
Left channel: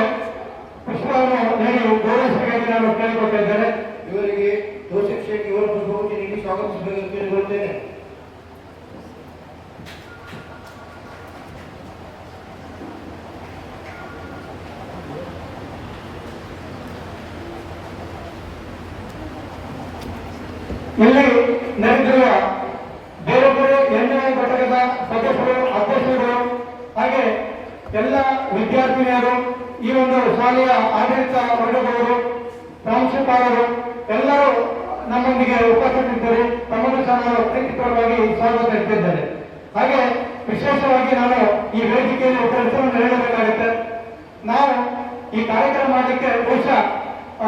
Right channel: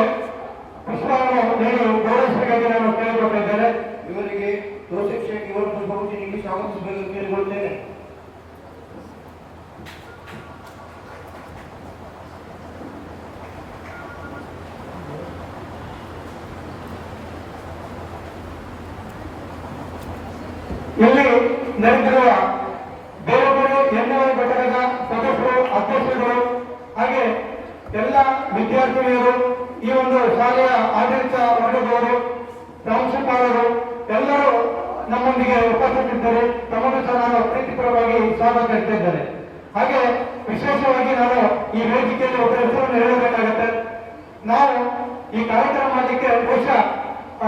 ಪುಷ್ಪವನ್ನು ನೀಡಿ ಗೌರವಿಸಬೇಕಾಗಿ ನಾನು ಕೇಳಿಕೊಟ್ಟಿದ್ದೇನೆ. ಇವರಿಗೆ ತೌಸಿಫ್ ಶೇಖ್ ಇವರ ಪುಷ್ಪಗುಚ್ಛ ನೀಡಿ ಸ್ವಾಗತಿಸಬೇಕಾಗಿ ಕೇಳಿಕೊಳ್ತೇನೆ. ಇಲ್ಲಿ ನಡೆದಿರುವ ಬೇರೆ ಬೇರೆ NNO ಘಟಕದ ಸದಸ್ಯರು, ಅಧ್ಯಕ್ಷರು, ಹಾಗೆ ಎಲ್ಲ ವಿದ್ಯಾರ್ಥಿನಿಯರು, ಈ ಒಂದು ಶಾಲೆಯ ಆಡಳಿತ ವರ್ಗದವರು, ಪ್ರಾಂಶುಪಾಲರು ಎಲ್ಲರೂ ನಮ್ಮೊಂದಿಗೆ ಉಪಸ್ಥಿತರಿದ್ದಾರೆ. ತಮ್ಮನ್ನು ಸಹ ನಾನು ಪ್ರೀತಿಪೂರ್ವಕವಾಗಿ ಸ್ವಾಗತಿಸುತ್ತಿದ್ದೇನೆ. ಹಾಗೆ ವಿಶೇಷವಾಗಿ ನಾನು ಈ ವೇದಿಕೆಯಲ್ಲಿ ಒಬ್ಬ ಹೆಸರನ್ನು ಹೇಳಬೇಕಾಗುತ್ತೆ. ನಾವು ಈ ಕಾರ್ಯಕ್ರಮ ಮಾಡಲಿಕ್ಕೆ ಬಹುಶಃ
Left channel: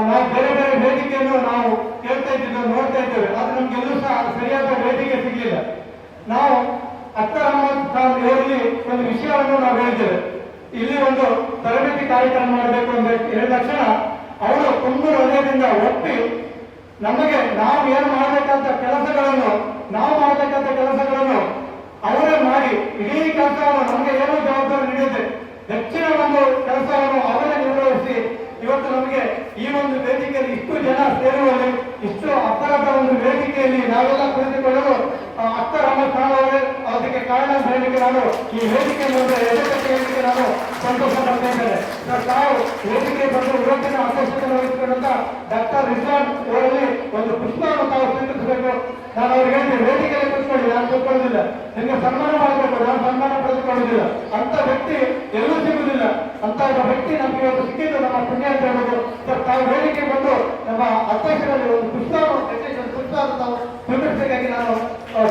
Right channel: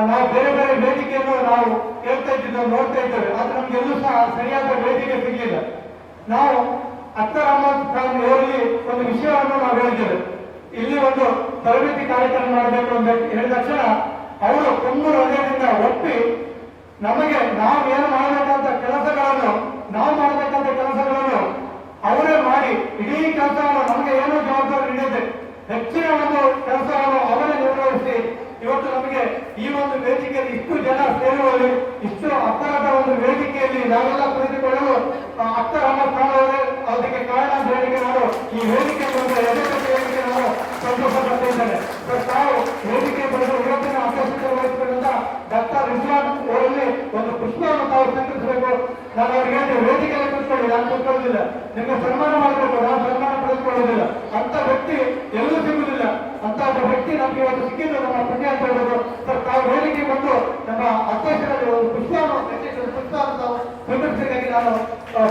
ನಾವು ಬೇರೆ ಬೇರೆ ವೇದಿಕೆಯನ್ನು ನಾವು ಕೇಳ್ತಾ ಇದ್ದಿದ್ದು, ನೋಡ್ತಾ ಇದ್ದೇವೆ. ಆದ್ರೆ ನಮ್ಗೆ ಎಲ್ಲೂ ಸಹ ಸರಿಯಾದ ವೇದಿಕೆ ಸಿಗಲಿಲ್ಲ. ನಾವು ಅಖ್ತರ್ ಅಹಮದ್ ಖಾನ್ ಅವರಲ್ಲಿ ಒಂದು ವಿಷಯವನ್ನು ನಾವು ಹೇಳಿದ್ದೇವೆ. ಇಲ್ಲಿ ಒಂದು ತರಬೇತಿ ಕಾರ್ಯಕ್ರಮ ಮಾಡಬೇಕು ಅಂತ ಹೇಳಿದ ತಕ್ಷಣ ಅವರು ತುಂಬ ಹೃದಯದಿಂದ ಒಪ್ಪಿ ನಮಗೆ ನಾವು ಏನು ಮಾಡಬೇಕಂತ ಕೆಲಸಗಳನ್ನು ಅವರೇ ಮಾಡಿ ಇಡೀ ಕೆಲಸವನ್ನು ನಮಗೆ ಏನೋ ಜವಾಬ್ದಾರಿ ನೀಡಿದೆ, ಹೆಚ್ಚಿನ ಒಂದು ಕೆಲಸವನ್ನು ಅವರೇ ನಿರ್ವಹಿಸಿ ಇವತ್ತು ನಮಗೆ ಈ ಒಂದು ವೇದಿಕೆಯಲ್ಲಿ ಇಷ್ಟು ಜನ ಸೇರುವಲ್ಲಿ, ಇಷ್ಟು ಅರ್ಥದ ಒಂದು ವೇದಿಕೆಯಲ್ಲಿ ನಾವೆಲ್ಲ ಕುಳಿತುಕೊಳ್ಳಲು ಅಖ್ತರ್ ಅಹಮದ್ ಖಾನ್ ಅದಕ್ಕೆ ಕಾರಣ ಅಂತ ಹೇಳಿಕೆ ನಾನು ಈ ವೇದಿಕೆಯನ್ನು ವೇದಿಕೆ ನಾನು ಸಂತೋಷ ಪಡ್ತಾ ಇದ್ದೇನೆ. ತಾವು ವೇದಿಕೆ ಬಂದು ಇವತ್ತಿನ ಅಧ್ಯಕ್ಷತೆ ವಹಿಸಿಕೊಂಡಂತ ಡಾಕ್ಟರ್ ರಿಜ್ವಾನ್ ಅವರಲ್ಲಿ ಒಂದು ಪುಸ್ತಕವನ್ನು ತಾವು ಸ್ವೀಕರಿಸಬೇಕು. ನಾನು ಅವರಿಗೆ ವೇದಿಕೆಯಲ್ಲಿ ಕೂತ್ಕೊಳ್ಳಿ, ನಾನು ಕೂತ್ಕೊಳ್ಳೋದಿಲ್ಲ, ನಿಮಗೆ ಸನ್ಮಾನ ಮಾಡಬೇಕು, ನಾನು ಸನ್ಮಾನ ಪಡೆದುಕೊಳ್ಳೋದಿಲ್ಲ. ಅಂತ ವ್ಯಕ್ತಿ ಎಲ್ಲೂ ಸಿಗುವುದಿಲ್ಲ. ಅಂತ ವ್ಯಕ್ತಿ ನಮಗೆ ಇವತ್ತು ಸಿಕ್ಕಿದ್ದು ನಮ್ಮ ಪುಣ್ಯ ಅಂತ ಹೇಳ್ಬೋದು. ತಾವು ವೇದಿಕೆ ಬಂದು ನಮ್ಮ ಅಧ್ಯಕ್ಷರಲ್ಲಿ ಒಂದು ಪುಸ್ತಕವನ್ನು ತಾವು ಸ್ವೀಕರಿಸಬೇಕಾಗಿ ನಾನು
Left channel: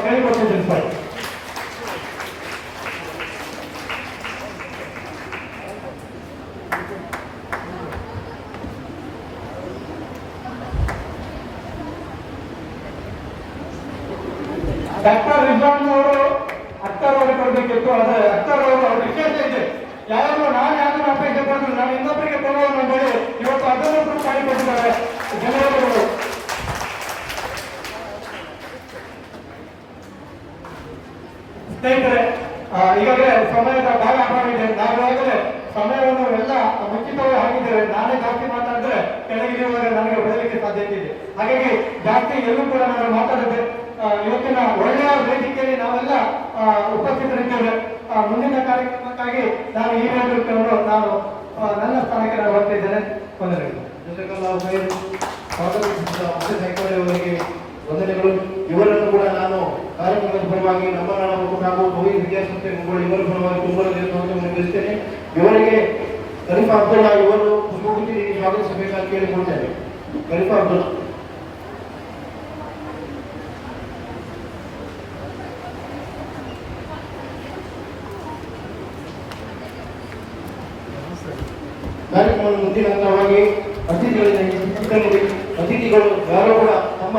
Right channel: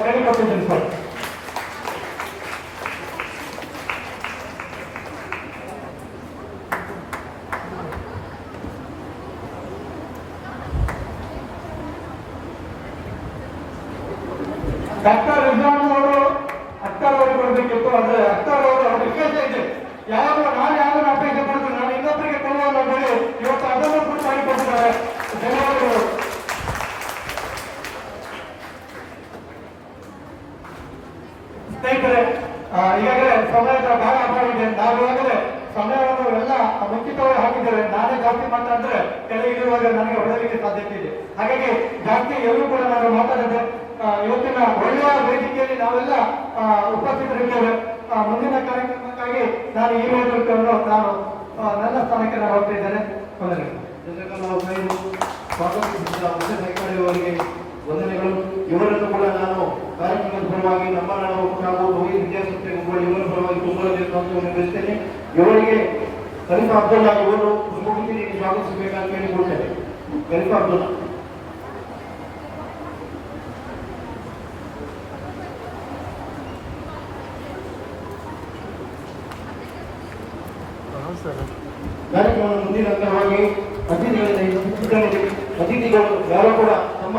ಕೇಳಿಕೊಟ್ಟಿದ್ದೇನೆ ಸರ್. ಡಾಕ್ಟರ್ ರಿಜ್ವಾನ್ ಅವರು ಅಖ್ತರ್ ಅವರಿಗೆ ಕೊಡಬೇಕಿತ್ತು. ಆದರೆ ಅಖ್ತರ್ ಅವರು ವಿಶೇಷ ಇದೆ, ನಾನು ಅಪೇಕ್ಷೆ ಪಡೆದು ನಾನು ಇನ್ನೊಬ್ಬರಿಗೆ ಕೊಡುವ ಹೇಳಿ ಇವತ್ತು ಅದನ್ನು ಪ್ರೂವ್ ಮಾಡಿಕೊಟ್ಟಿದ್ದಾರೆ. ಧನ್ಯವಾದಗಳು. ಸ್ನೇಹಿತರೆ, ಈಗಾಗಲೇ ಸಮಯದ ಭಾಗ ಮಾಡಿದೆ. ನಾವು ಈಗಾಗಲೇ ಸಮಯವನ್ನು ಎಲ್ಲ ಮುಂಚಿತವಾಗಿ ಹಾಕಿದ್ದೇವೆ. ನಾನೇ ಜಾಸ್ತಿ ಮಾತಾಡಿದ್ರೆ ಕೆಳಗಿರುವಾಗ ನನಗೆ ಹೊಡೆಯಲಿಕ್ಕೆ ಸಾಧ್ಯತೆ ಇದೆ. ಹಾಗಾಗಿ ಜಾಸ್ತಿ ಎಲ್ಲೂ ಕೂಡ ನಾನು ಮಾತಾಡಿದೆ. ಇವತ್ತಿನ ಒಳ್ಳೆಯ ವೇದಿಕೆಯಲ್ಲಿ ನಾವೆಲ್ಲ ಉಪಸ್ಥಿತರಿದ್ದೇವೆ. ಮುಂದಿನ ಕಾರ್ಯಕ್ರಮಕ್ಕಾಗಿ ನಾನು ಈ ನೇತೃತ್ವವನ್ನು ನಾನು ನನ್ನ ಸ್ಥಾನಕ್ಕೆ ನಾನು ಹೋಗ್ತಾ ಇದ್ದೇನೆ. ಅವರಿಗೆ ವಂದನೆಗಳು. ಇವರನ್ನು ಕೂಡ ನಾನು ಕಾರ್ಯಕ್ರಮದ ಪರವಾಗಿ ನಮ್ಮ ನಾವು ವಿದ್ಯಾಸಂಸ್ಥೆ ಇವರ ಪರವಾಗಿ ತುಂಬ ತಿಳಿಸ್ತೇನೆ. ಇವರಿಗೆ ಖಲೀಫಾ ಅಬ್ದುಲ್ಲಾ ಇವರು ಪುಷ್ಪಗುಚ್ಛ ಸ್ವಾಗತಿಸಬೇಕಾಗಿ ಕೇಳಿಕೊಳ್ತೇನೆ. ಖಲೀಫಾ ಅಬ್ದುಲ್ಲಾ. ಕಾರ್ಯಕ್ರಮದ ಮುಂದಿನ ಹಂತವಾಗಿ ಅತಿಥಿಗಳು ಯಾರು ಕೂಡ ತಮ್ಮ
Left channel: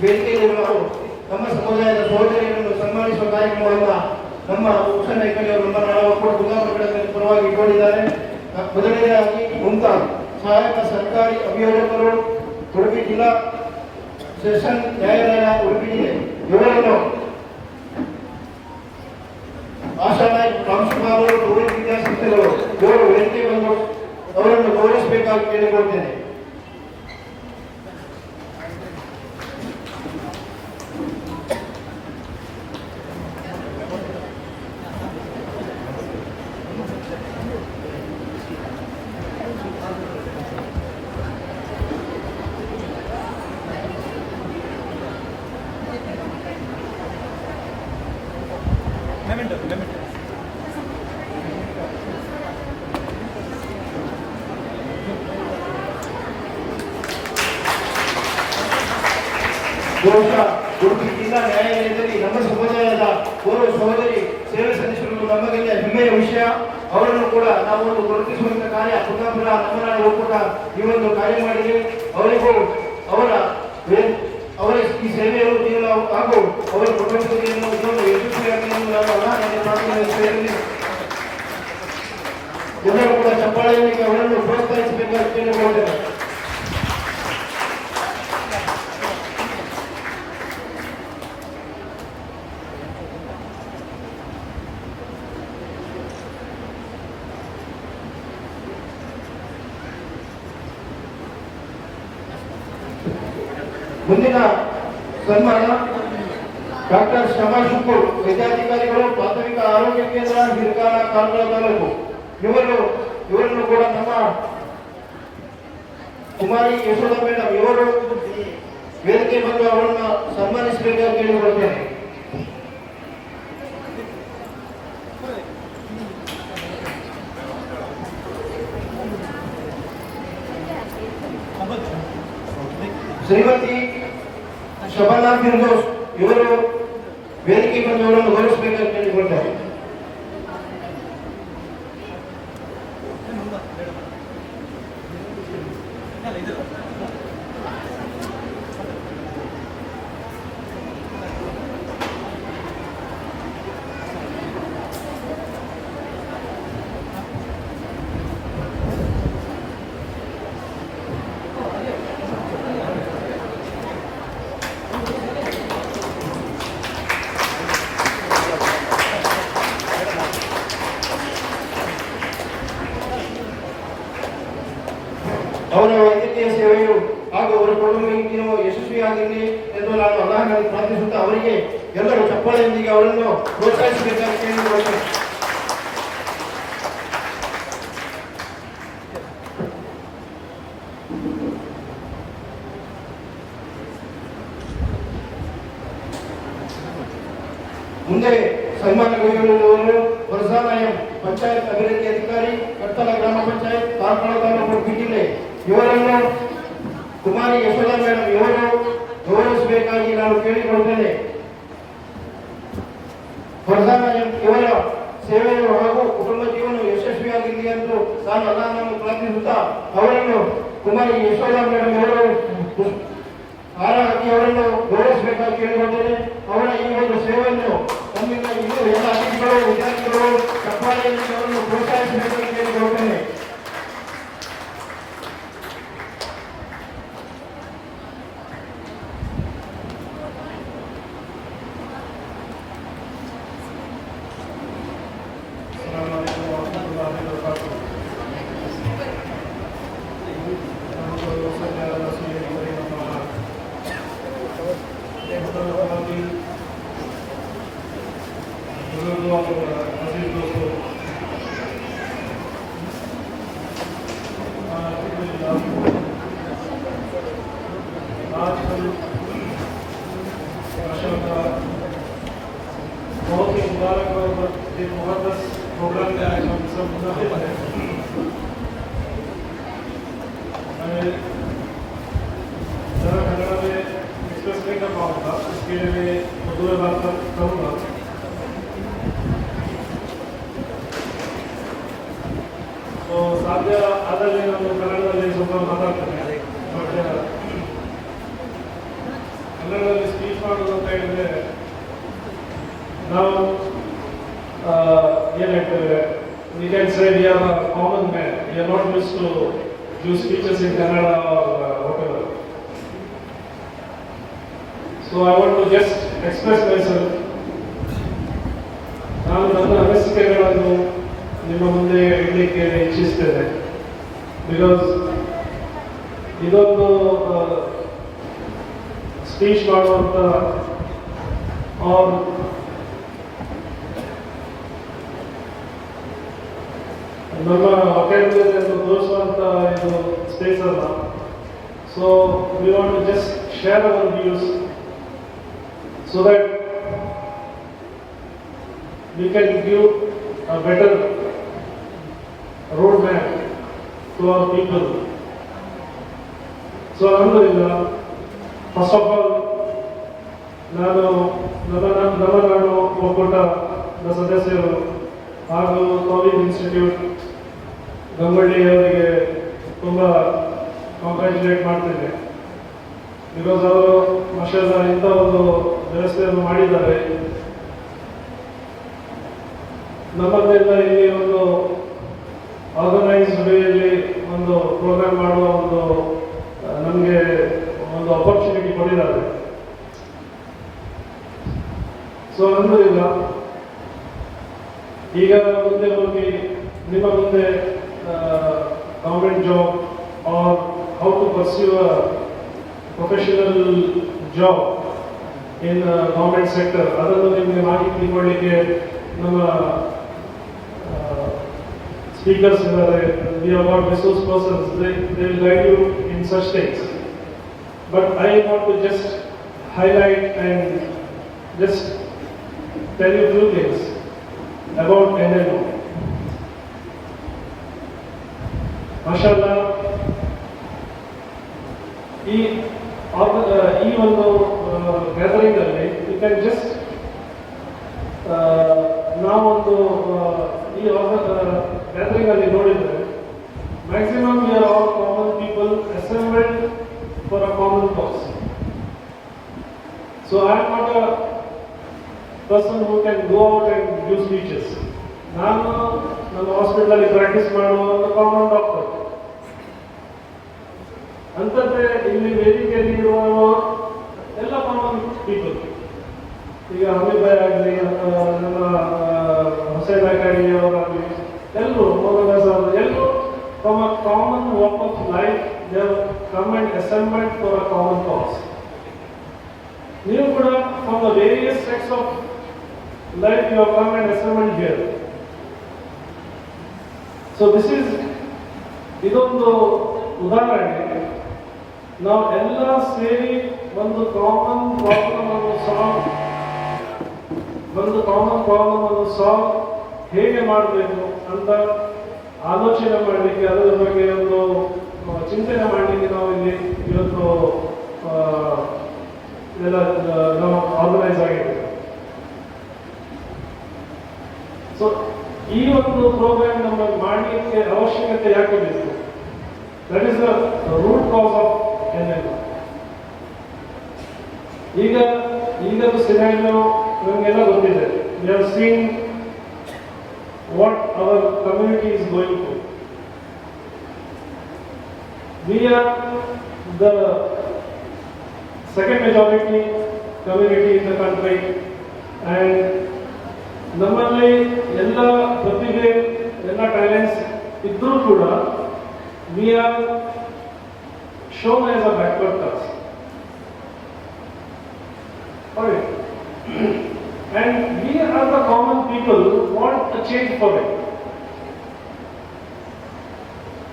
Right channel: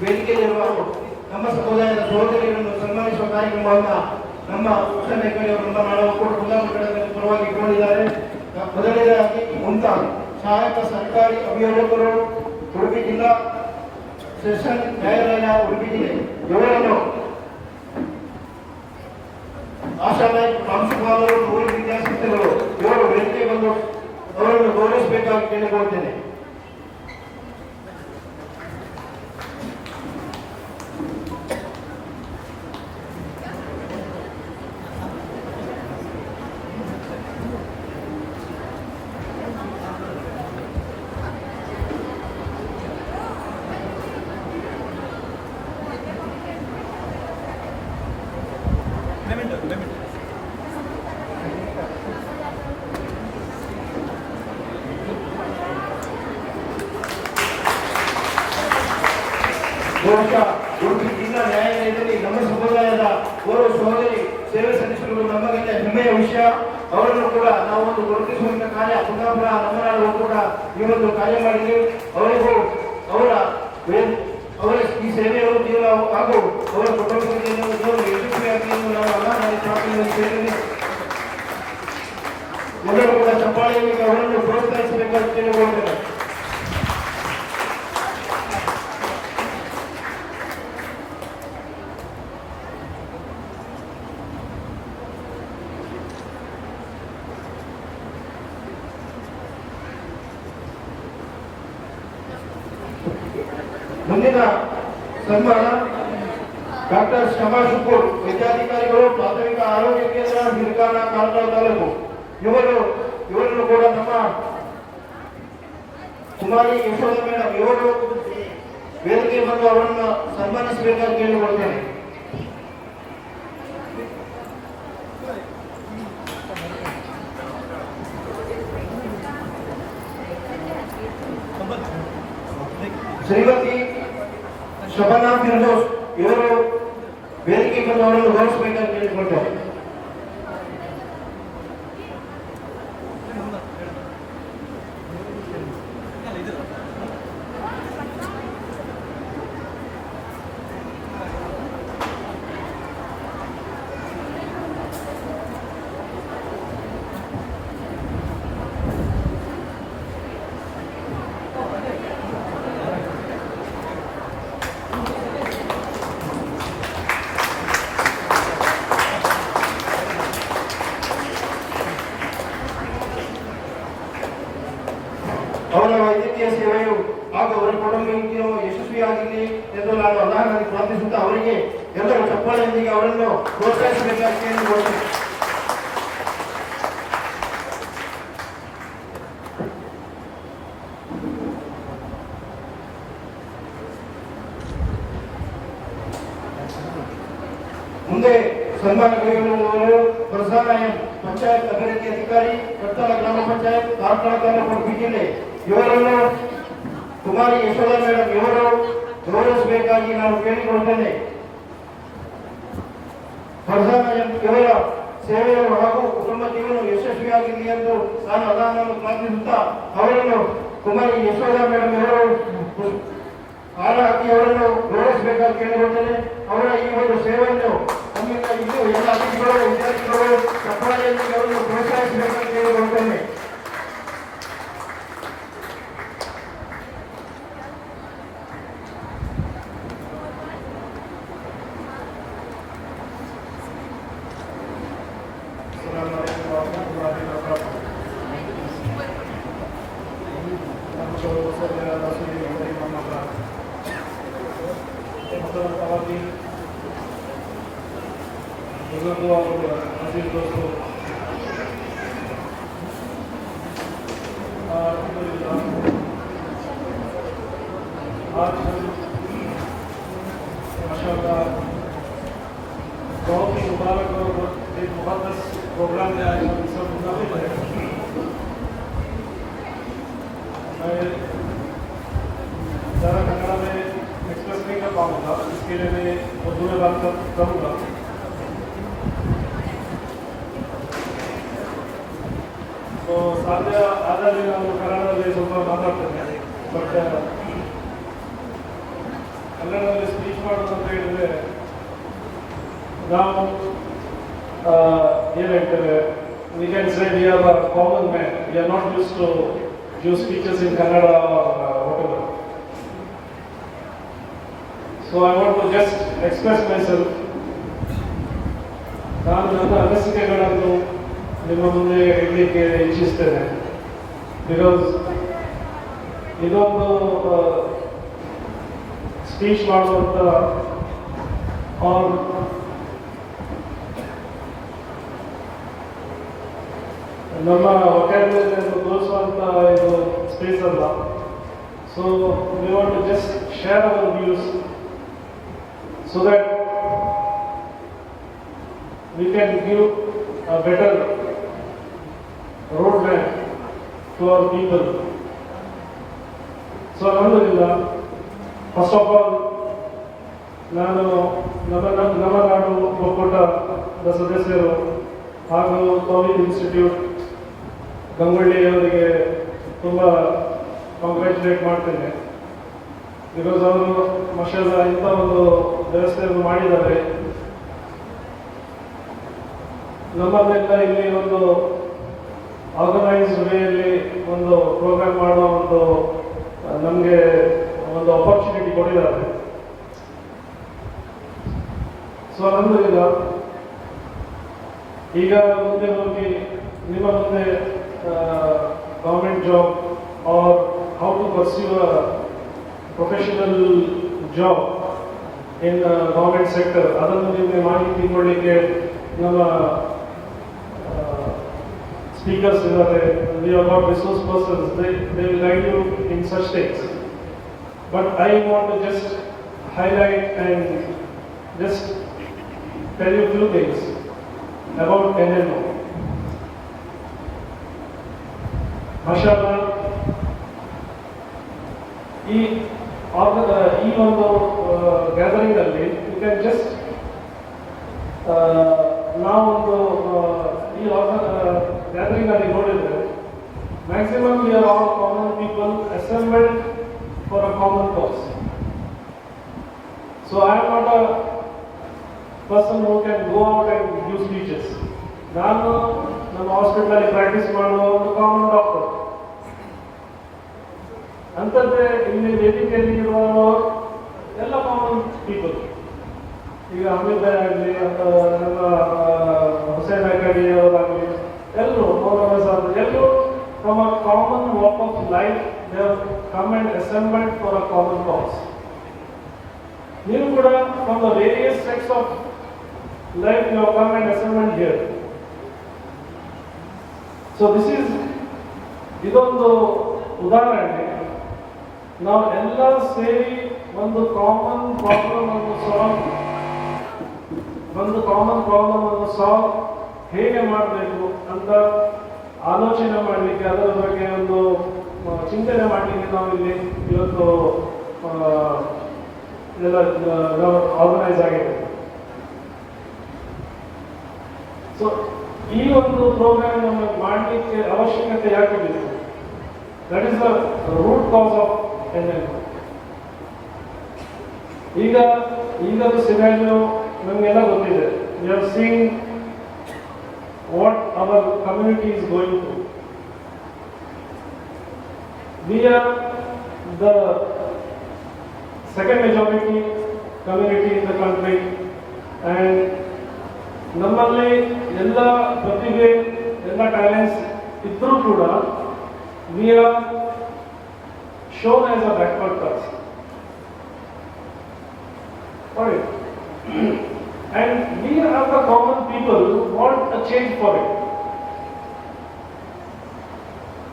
ವೇದಿಕೆಯಲ್ಲಿರುವರು ನಮ್ಮ ಸಮುದಾಯದ ಸಹೋದರಿಗಳನ್ನು ಸನ್ಮಾನಿಸುವ ಕಾರ್ಯಕ್ರಮವನ್ನು ನಮ್ಮ ಹುಸೇನ್ ಅವರಿಂದ ನಾವು ಕೂಡ ಕುಂದಾಪುರದ ಪರವಾಗಿ ಕೋರಿದ್ದಾರೆ. ಮೊದಲನೇದಾಗಿ ಮುಮ್ತಾಜ್ ಸಹಾಯಕ ಸರ್ಕಾರಿ ಅಭಿಯೋಜಕರು, ಉಡುಪಿ ಜಿಲ್ಲಾ ಸೆಷನ್ ನ್ಯಾಯಾಲಯ ಉಡುಪಿ ಜಿಲ್ಲೆ, ಇವರನ್ನು ಆಶಾಲಯ ಪ್ರಾಂಶುಪಾಲರು, ನೂರು ವಿದ್ಯಾಸಂಸ್ಥೆಗಳು ಇವರು ವೇದಿಕೆ ಬಂದು ಅವರನ್ನು ಗೌರವಿಸಬೇಕಾಗಿ ಕೇಳಿಕೊಳ್ತೇನೆ. ಬಹುಶಃ ಉಡುಪಿ ಜಿಲ್ಲಾ ನ್ಯಾಯಾಲಯದಲ್ಲಿ ನಮ್ಮ ಸಮುದಾಯದ ಓರ್ವ ಸಹೋದರಿ ಸೇವೆ ಸಲ್ಲಿಸಿರುವುದು ನಮಗೆಲ್ಲ ಹೆಮ್ಮೆಯ ವಿಷಯ. ಅವರನ್ನು ಕೂಡ ನಾವು ಗುರುತಿಸುವಂತ ಕಾರ್ಯ ಕುಂದಾಪುರ ನಮ್ಮನಾಡು ಕೂಡ ಈ ಒಂದು ಕಾರ್ಯ ಮಾಡಿದ್ವಿ. ಅವರಿಗೂ ಅವರ ಈ ಸೇವೆಯು ಜೀವನ ಹಾಗೂ ಅವರ ಕುಟುಂಬದಲ್ಲಿ ಯಶಸ್ವಿಯಾಗಿ ಎಲ್ಲರೂ ಕೂಡ ಚಪ್ಪಾಳೆಯಲ್ಲಿ ಅವರನ್ನು ಪ್ರೋತ್ಸಾಹಿಸಬೇಕಾದ ಕೇಳಿಕೊಳ್ಳುತ್ತೇನೆ. ಮುಂದಿನ ಸನ್ಮಾನ ಡಾಕ್ಟರ್ ಶಮಾ ಶುಕೂರ್, ವೈದ್ಯಾಧಿಕಾರಿಗಳು, ಪ್ರಾಥಮಿಕ ಆರೋಗ್ಯ ಕೇಂದ್ರ, ಹಿರಕಾನ, ಕಾರವಾರ ತಾಲೂಕು. ಇವರನ್ನು ಕೂಡ ನಮ್ಮ ಕುಮಾರಿ ಯಶೋಧ ಮೇಡಮ್ ಇವರು ವೇದಿಕೆ ಬಂದು ಅವರನ್ನು ಸನ್ಮಾನಿಸಬೇಕಾಗಿ ಕೇಳಿಕೊಳ್ಳುತ್ತೇನೆ. ಶ್ರೀಮತಿ ಶಬನಾ ಫಿರ್ದೌಸ್ ಇವರು ವೇದಿಕೆ ಬಂದು ಅವರನ್ನು ಗೌರವಿಸಬೇಕಾಗಿ ಕೇಳಿಕೊಳ್ತಾರೆ. ಅವರ ವೈದ್ಯಕೀಯ ಸೇವೆಯು ಹಾಗೂ ಅವರ ಕುಟುಂಬವು ಯಶಸ್ವಿಯಾಗಿರಲಿ ಎಂದು ನಾನು ಅಲ್ಲಾಹನಲ್ಲಿ ಪ್ರಾರ್ಥಿಸುತ್ತಾ ಅವರಿಗೆ ಎಲ್ಲರೂ ಚಪ್ಪಾಳೆಯೊಂದಿಗೆ ಅವರನ್ನು ಪ್ರೋತ್ಸಾಹಿಸಬೇಕಾಗಿ ಕೇಳಿಕೊಳ್ಳುತ್ತೇನೆ. ಮುಂದೆ ಸನ್ಮಾನಗೊಳಿಸುವವರು ಹೊರಸಾಲಯ ಪಂಚಾಯತ್ ಅಭಿವೃದ್ಧಿ ಅಧಿಕಾರಿ, ಕಟ್ಟಲ ಗ್ರಾಮ ಪಂಚಾಯತ್, ಕಾರ್ಕಳ ತಾಲೂಕು, ಉಡುಪಿ ಜಿಲ್ಲೆ. ಇವರನ್ನು ಕುಮಾರಿ ಯಶೋಧ ಮೇಡಮ್ ಇವರು ಗೌರವಿಸಬೇಕಾಗಿ ನಾನು ಕೇಳಿಕೊಳ್ಳುತ್ತೇನೆ. ಹೊರಸಾಲಯ ಇವರ ಸೇವೆಯು ಹಾಗೂ ಕುಟುಂಬ ಜೀವನ ಯಶಸ್ವಿಯಾಗಿರಲಿ ಎಂದು ನಾನು ಅಲ್ಲಾಹನನ್ನು ಪ್ರಾರ್ಥಿಸುತ್ತಾ ಅವರನ್ನು ಕುಮಾರಿ ಯಶೋಧ ಮೇಡಮ್ ಇವರು ಹಾರ ಹಾಕಿ ಅವರನ್ನು ಗೌರವಿಸಬೇಕಾಗಿ ಕೇಳಿಕೊಳ್ಳುತ್ತೇನೆ. ಅವರ ಈ ಒಂದು ಸೇವೆಯನ್ನು ನಮ್ಮಿಂದ ಇನ್ನೂ ಎಲ್ಲ ಅತಿಥಿಗಳು, ವಿದ್ಯಾರ್ಥಿಗಳು ಚಪ್ಪಾಳೆಯಲ್ಲಿ ಅವರನ್ನು ಪ್ರೋತ್ಸಾಹಿಸಬೇಕಾಗಿ ಕೇಳಿಕೊಳ್ಳುತ್ತೇನೆ. बहुत ही मुबारक और एक मुक़द्दस प्रोग्राम में आज हम सब मुनाफिद हैं। मैं ज़रा कन्नड़ा में एक्सप्रेस नहीं कर पाऊँगा, इसके लिए मैं उर्दू में बात करूँगा। तो साध्य आधार ನಾನು ಕನ್ನಡದಲ್ಲಿ ಸ್ವಲ್ಪ ಮಾತಾಡ್ತೇನೆ. ಬಟ್ ಕನ್ನಡದಲ್ಲಿ ಸ್ಪೀಚ್ ಮಾಡೋದು ಅಂತ ಹೇಳಿದ್ರೆ ನಾವು ಏನು ಹೇಳ್ತೇವೆ, we can say we are a common man. We are not used to give speeches in Kannada or whatever. So I want to just express myself. ನಾನು ನನ್ನ ಅನಿಸಿಕೆಗಳನ್ನು ನಿಮ್ಮ ಮುಂದೆ ಇಡಲಿಕ್ಕೆ ಇಚ್ಛಿಸ್ತೇನೆ. ಬಿಕಾಸ್ ಇದೊಂದು ಸ್ಪೀಚ್ ಮಾಡುವಂಥ ನಮ್ಮ ವಕ್ಯಾಬ್ಯುಲರಿಯನ್ನು ತೋರಿಸುವಂಥ ಇದು ಸ್ಪೇಸ್ ಅಲ್ಲ. So we want to just share our views so that we can give a better roadmap to our people. So alhamdulillah, first of all, ನಾನು ನವನಾಡು ಒಕ್ಕೂಟದ ಸದಸ್ಯರು ಹಾಗೂ ಕೋವಿಡ್ ಇನ್ಸ್ಟಿಟ್ಯೂಟ್ ಗಂಗೊಳ್ಳಿ ಅವರಿಗೆ ತುಂಬ ಕಾಂಗ್ರ್ಯಾಚುಲೇಟ್ ಮಾಡ್ತಿದ್ದೆ. ಬಿಕಾಸ್ ಅವರು ಮಾಷಾಅಲ್ಲಾ ಇಂಥ ಒಂದು ವ್ಯವಸ್ಥೆಯನ್ನು ಮಾಡಿದ್ದಾರೆ. ನಮ್ಮನ್ನೆಲ್ಲ ಇಲ್ಲಿ ಒಂದು ಆರ್ಗನೈಸ್ಡ್ ವೇಯಲ್ಲಿ ಒಂದು ಪ್ರೋಗ್ರಾಮ್ ಮಾಡುವ ಒಂದು ನಮಗೆ ಒಂದು ಅಪರ್ಚುನಿಟಿ ಕೊಟ್ಟಿದ್ದಾರೆ. ಸೊ ಅಲ್ಹಮ್ದುಲಿಲ್ಲ, ಈಗ ಮುಂದೆ ಹೋಗಿ ನಿಮ್ಮ ಮುಂದೆ government job or how to pursue professional job in government sector ಅದನ್ನು ನಿಮಗೆ ಮಾಹಿತಿ ತಿಳ್ಕೊಳ್ಳಿಕ್ಕೆ ನಮ್ಮ speakers we have got resource persons, they will guide you in such things. But I want to just highlight and just tell you a few things about NMO. MashaAllah, ಈ ಒಂದು gathering ಅಲ್ಲಿ you can just ನಾವೊಂದು ಈ gathering ಅಲ್ಲಿ ನೋಡಿದ್ರೆ maximum we are all common people assembled for a common cos. So I am not a person who can go out and give speeches. ನಾನು ನಮ್ಮ hospital ಅಲ್ಲಿ ಪ್ರಾಕ್ಟೀಸ್ ಮಾಡುವ ಒಂದು ಕಾಮನ್ ಡಾಕ್ಟರ್. ಅಂತಂದ್ರೆ ಇಲ್ಲಿ ವೇದಿಕೆಯಲ್ಲಿ ಇರುವ ಎಲ್ಲ ಕಾಮನ್ ಪೀಪಲ್, ಈಗ ಅಮಿತ್ ಭಾಯ್ ಆಗಲಿ ನಮ್ಮ ಹುಸೇನ್ ಆಗಲಿ ಅವರಾಗಲಿ ಎಲ್ಲರೂ ಎಲ್ಲರೂ from a common walk of life they have come and assembled for a common cause. ನೀವು ಕೂಡ from the various sects of life you have come and assembled here. So this is ಇದೊಂದು ಉದಾಹರಣೆ. ನಾವು ಎಲ್ಲ ಸೇರಿ ಒಂದು ಕಾಮನ್ ಪ್ರಾಬ್ಲಮ್ ಅನ್ನು solve ಹೇಗೆ ಮಾಡಬೇಕು ಅಂತ ಆಲೋಚನೆ ಮಾಡಲಿಕ್ಕೆ, ಅದರ ಬಗ್ಗೆ ಒಂದು ಚಿಂತನೆ ಮಾಡಲಿಕ್ಕೆ ನಾವು ಇಲ್ಲಿ ಇವತ್ತು ಎಲ್ಲ ನಾವು ಆರ್ಗನೈಸ್ ಆಗಿದ್ದೇವೆ. ಸೊ ಈ ಒಂದು ಪ್ರೋಗ್ರಾಮ್ ನಮಗೆ ಮಾಡಲಿಕ್ಕೆ ಅವಶ್ಯಕತೆ ಯಾಕೆ ಬೇಕು? That is the root cause of NMO. ಈಗದು ಸಿನಾರಿಯೋ ನಮಗೆಲ್ಲ ಗೊತ್ತಿದೆ. We have seen what our community is going through. We are the second majority community in the country, and ನಮ್ಮಲ್ಲಿ ಎಲ್ಲ ಪ್ರತಿಭೆ, ಎಲ್ಲ ಟ್ಯಾಲೆಂಟ್ಸ್ ಇದ್ರೂ ಕೂಡ we are shown as a backward class. Alright. And we are the common people who want a change for it.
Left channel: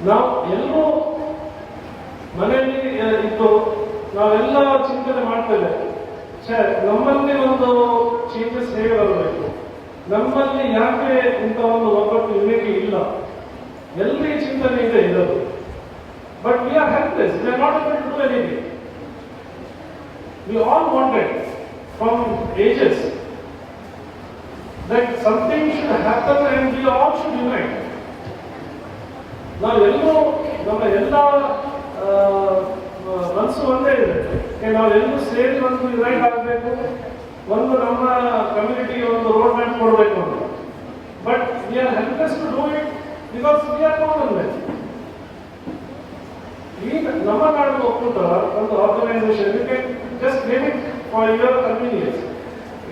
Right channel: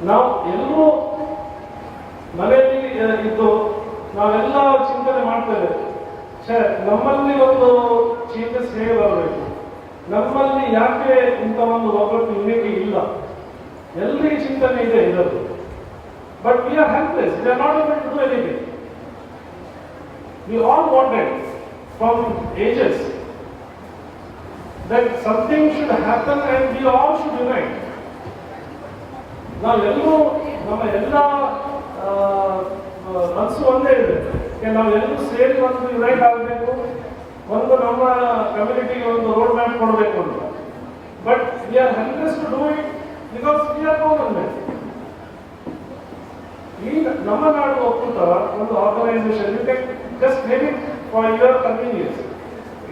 ನಾವು ಎಲ್ಲರೂ ಮನೆಯಲ್ಲಿ ಇದ್ದು ನಾವೆಲ್ಲ ಚಿಂತನೆ ಮಾಡ್ತೇವೆ, ನಮ್ಮಲ್ಲಿ ಒಂದು ಚೇಂಜಸ್ ಹೇಗೆ ಬರಬೇಕು, ನಮ್ಮಲ್ಲಿ ಯಾಕೆ ಇಂಥ ಒಂದು ಒಗ್ಗಟ್ಟು ಯೂನಿಟಿ ಇಲ್ಲ, ಎಲ್ಲರಿಗೆ ಚಿಂತನೆ ಇದೆ ಇದರಲ್ಲಿ. But we are helpless. We are not able to do anything. We all wanted from ages that something should happen and we all should unite. ನಾವೆಲ್ಲರೂ ನಮ್ಮ ಎಲ್ಲ ಮನಸ್ಸು ಒಂದೇ ಇದೆ, ನಾವೆಲ್ಲರೂ ಸೇರಿ ಒಂದು ಯುನೈಟ್ ಆಗಬೇಕು, ಒಂದು ನಮ್ಮ ಕಮ್ಯುನಿಟಿಗೆ ಒಂದು ರೋಡ್ ಮ್ಯಾಪ್ ಕೊಡಬೇಕು ಅಂತ. But we are helpless to do it because we are common man. ಈಗ ನಮ್ಮ ನಾಡು ಒಕ್ಕೂಟ ಒಂದು organisation, you can just name it for your convenience.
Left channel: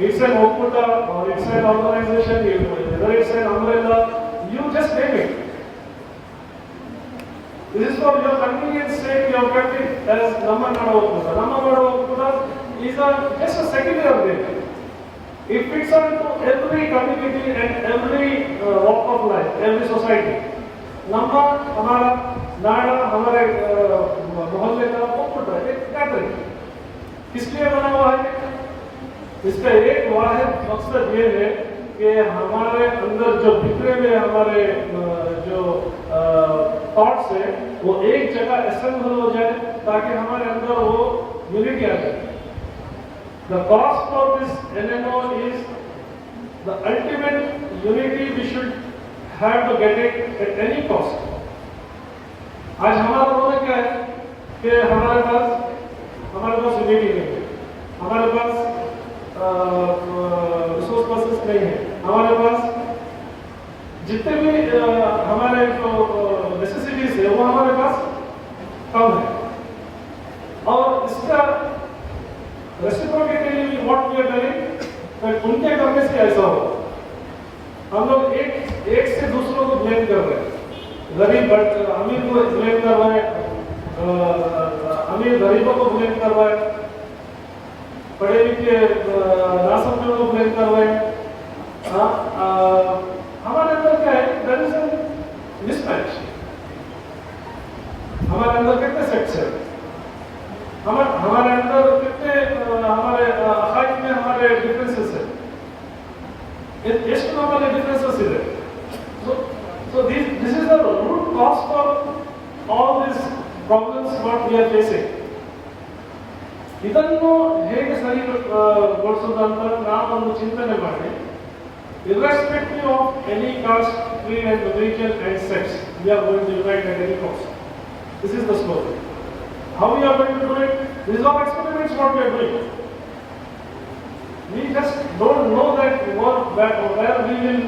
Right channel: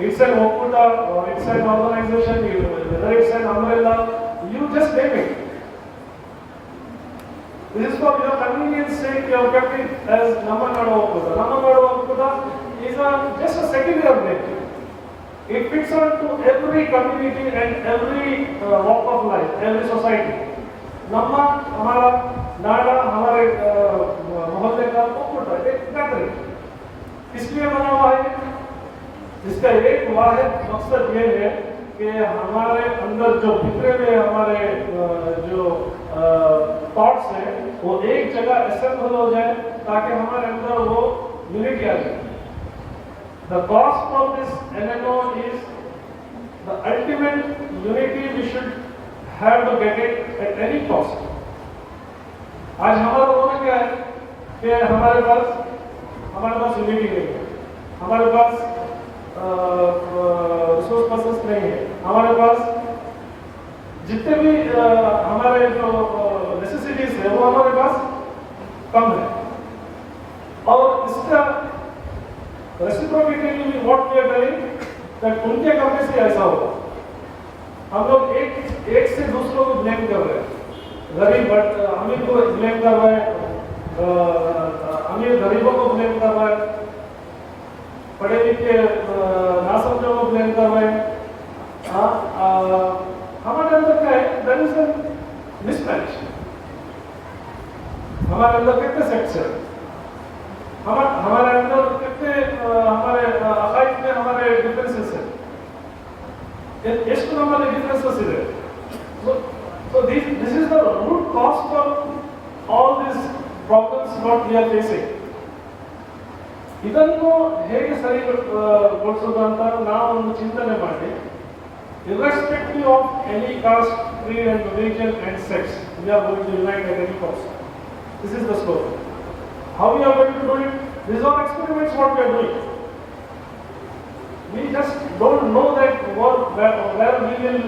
It's an ಒಕ್ಕೂಟ or it's an organization, whether it's an umbrella, you just name it. This is for your convenience sake, you have kept it as Namma Nadu Okkuta. Namma Nadu Okkuta is just a secondary name. It fits on to every community and every walk of life, every society. Namma, Hamara, Nada, हमारे मोहल्ले का ओकुटा एक gathering किसलिए बना हुआ है? इसका एक वाहिद मकसद ये है कि हमारे अंदर जो भितरे में हमारे जो थॉट्स है वो एक जगह असेंबल हो जाए ताकि हमारे अंदर वो यूनिटी आ जाए. The cost of this NNO is the ultimate unity we should have to get it at any cost. आज हमारा रोल क्या है कि हमारे पास यूनिटी नहीं है, हमारे पास रिसोर्स पर्सन्स नहीं है, हमारे पास जितने भी हमारे जो नेसेसिटीज है वो हमारे पास कम है और इसका reciprocally what we are doing that उनके करने से ऐसा हो। हम लोग एक से दूसरों को ब्लेम कर रहे हैं, गरीब अमीर को ब्लेम कर रहे हैं, अमीर गरीबों को ब्लेम कर रहे हैं, पढ़े लिखे नासमझों को ब्लेम कर रहे हैं। हमारे अंदर क्या है, देयर इज अ मिसमैच। हमारे अंदर कितने सेक्स है, हमारे अंदर कितने हमारे अकाइद में हमारे डिफरेंसेस है, ಎಷ್ಟು ನಮ್ಮಲ್ಲಿ ಡಿಫರೆನ್ಸಸ್ ಇದೆ। So this is the root cause for all these problems what we are facing. ಇದನ್ನು ಹೇಗೆ ಸರಿಗೊಳಿಸೋದು ಅಂತ ನಾವು ಒಂದು ಚಿಂತನೆ ಮಾಡಿ, irrespective of any caste, creed and religion and sex, we are going to unite at any cost. This is the story. How we are going to do it? These are experiments what we are doing. We just don't know that where we will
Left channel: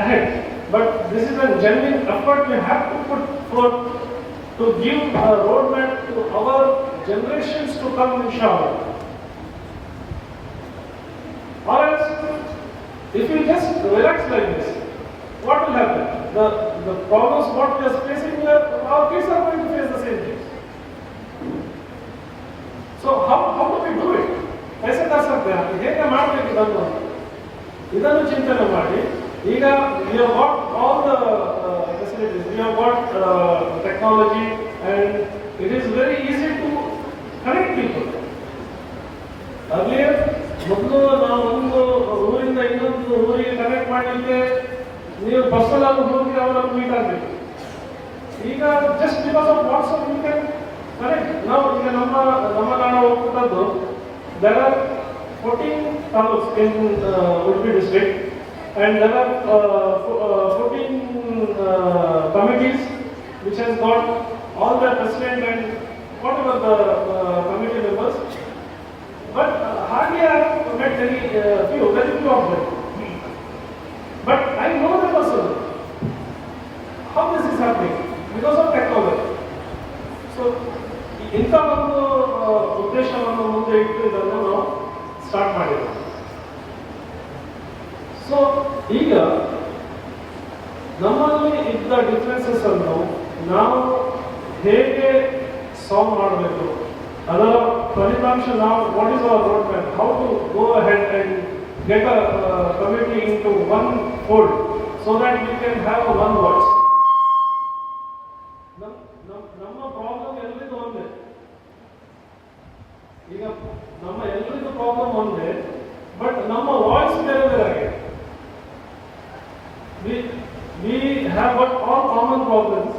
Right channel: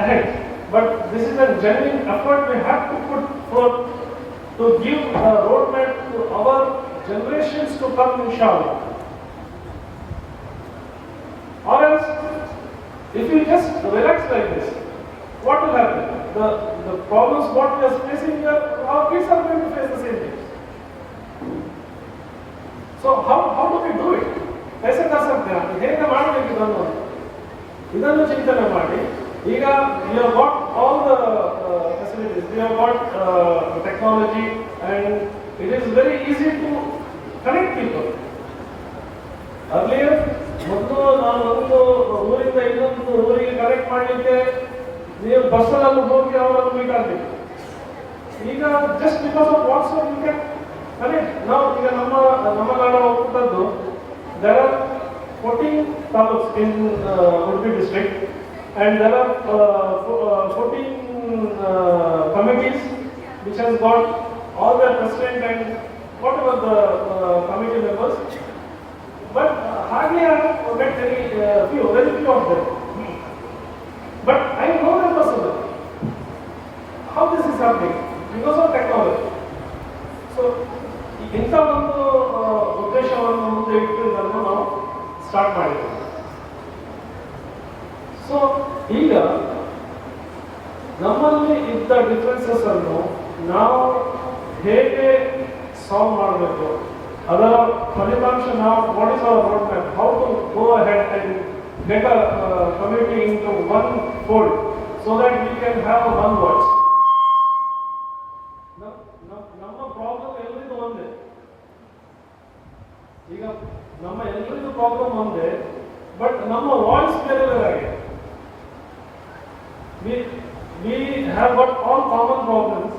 ahead, but this is a genuine effort we have to put forth to give a roadmap to our generations to come, inshallah. Or else, if we just relax like this, what will happen? The problems what we are facing here, our kids are going to face the same things. So how do we do it? कैसे कर सकते हैं, ಹೇಗೆ ಮಾಡಬೇಕು ಇದನ್ನು ಚಿಂತನೆ ಮಾಡಿ। ಈಗ we have got all the facilities, we have got technology and it is very easy to connect people. Earlier ಮೊದಲು ನಾವು ಒಂದು ಊರಿಂದ ಇನ್ನೊಂದು ಊರಿಗೆ ಕನೆಕ್ಟ್ ಮಾಡಲಿಕ್ಕೆ ನೀವು ಬಸ್ಸಲ್ಲಿ ಹೋಗಿ ಅವರನ್ನು ಮೀಟ್ ಆಗಬೇಕು. ಈಗ just because of WhatsApp you can connect. ನಾವು ಈಗ ನಮ್ಮ ನಾಡ ಹೋಗ್ತದ್ದು, there are 14 taluks in Udupi district and there are 14 committees which has got all the president and whatever the committee members, but hardly I have met very few of them, but I know them also how this is happening because of technology. So ಇಂಥ ಒಂದು ಉದ್ದೇಶವನ್ನು ಮುಂದೆ ಇಟ್ಟು ಇದನ್ನು ನಾವು start ಮಾಡಿದ್ದೇವೆ. So ಈಗ ನಮ್ಮಲ್ಲಿ ಇದ್ದ ಡಿಫರೆನ್ಸಸ್ ಅನ್ನು ನಾವು ಹೇಗೆ ಸಾಲ್ವ್ ಮಾಡಬೇಕು, ಅದರ ಫಲಿತಾಂಶ ನಾವು what is our road map, how to go ahead and get a community into one fold so that we can have one voice. ನಮ್ಮ ಪ್ರಾಬ್ಲಮ್ ಎಲ್ಲರಿಗೂ ಒಂದೇ, ಈಗ ನಮ್ಮ ಎಲ್ಲರಿಗೂ ಪ್ರಾಬ್ಲಮ್ ಒಂದೇ, ಬಟ್ ನಮ್ಮ ವಾಯ್ಸ್ ಬೇರೆ ಬೇರೆ ಆಗಿದೆ. We have got all common problems,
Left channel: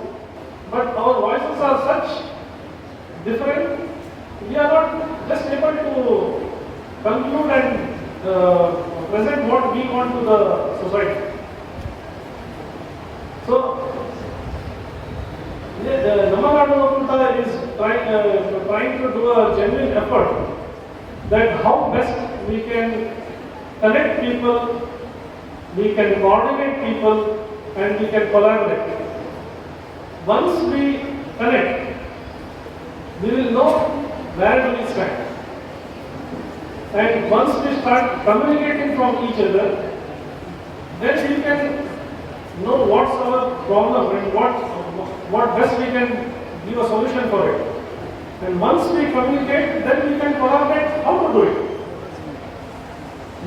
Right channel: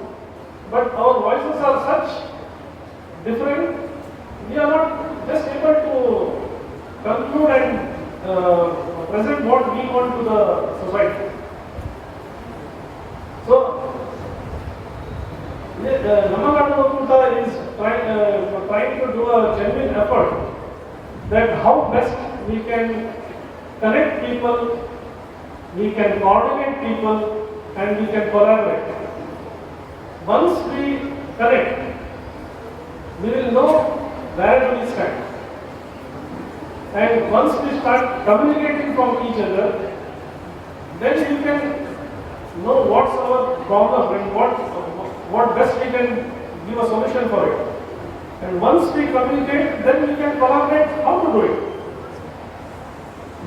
but our voices are such different, we are not just able to conclude and present what we want to the society. So Namagadu is trying to do a genuine effort that how best we can connect people, we can coordinate people, and we can collaborate. Once we connect, we will know where do we stand. And once we start communicating from each other, then we can know what's our problem and what best we can give a solution for it. And once we communicate, then we can collaborate how to do it.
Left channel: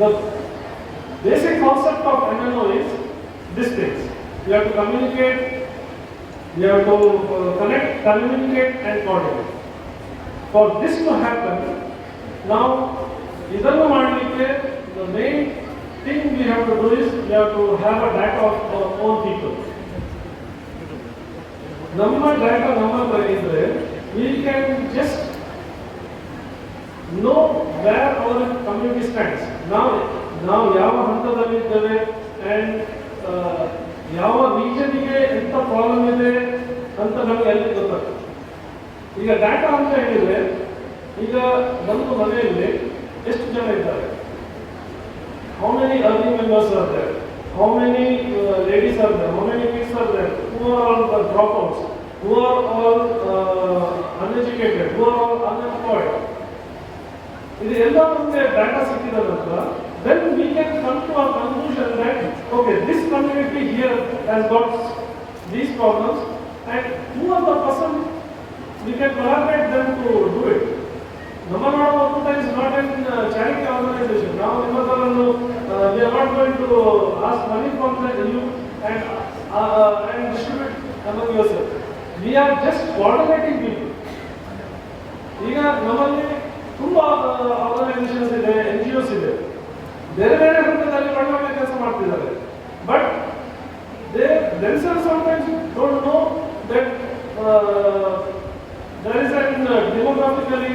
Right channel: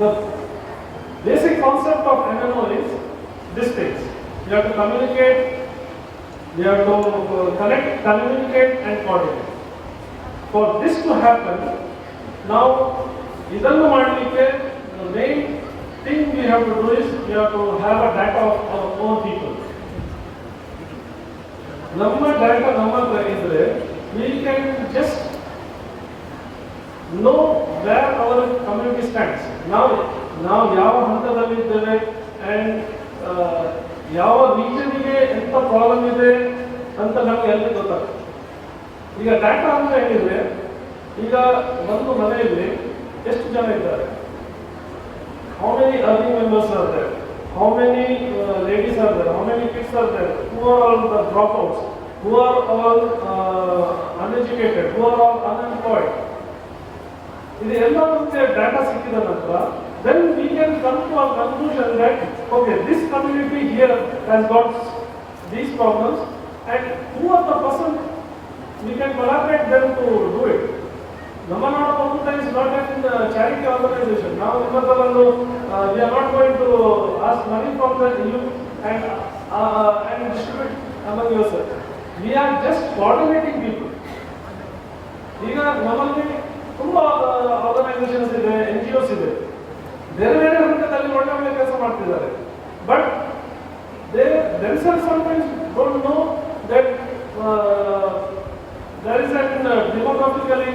The basic concept of MNO is these things. You have to communicate, you have to connect, communicate and coordinate. For this to happen, now idannu madlikke the main thing we have to do is we have to have a data of our own people. Namma data namma idre we can just know where our community stands. ನಾವು ಯಾವ ಹಂತದಲ್ಲಿ ಇದ್ದೇವೆ and ಯಾವ ರೀಜನ್ಗೆ ಎಂತ problem ಇದೆ ಅಂತ ನಮ್ಗೆ ಎಲ್ಲ ಗೊತ್ತಾಗ್ತದೆ. ಈಗ ಡಾಟಾ ಅಂತ ಹೇಳಿದ್ರೆ ಈಗ ಒಂದು ಮನೆಯಲ್ಲಿ ಎಷ್ಟು ಜನ ಇದ್ದಾರೆ, how many earning members are there, how many ladies are there, how many kids are there, who are all the dropouts, who are all uneducated, who are all unemployed. ಇದು ಎಲ್ಲ ನಮಗೆ ಡಾಟಾ ಸಿಕ್ಕಿದ ನಂತರ then we can come to a conclusion that okay, this community here has got these problems and who are the person we can collaborate them to do it. Namma Orkuta is not a charity organization. Now we are not going to ask money from you and distribute among yourself. We are just coordinating people. ಈಗ ನಮ್ಮಲ್ಲಿ ತುಂಬಾ organisations ಇದೆ, NGOs ಇದೆ, ಬೇರೆ ಬೇರೆ ಹಂತದಲ್ಲಿ ಒಳ್ಳೆ ಕೆಲಸ ಮಾಡ್ತಿದ್ದಾರೆ. But they themselves sometimes don't know that there is a demographically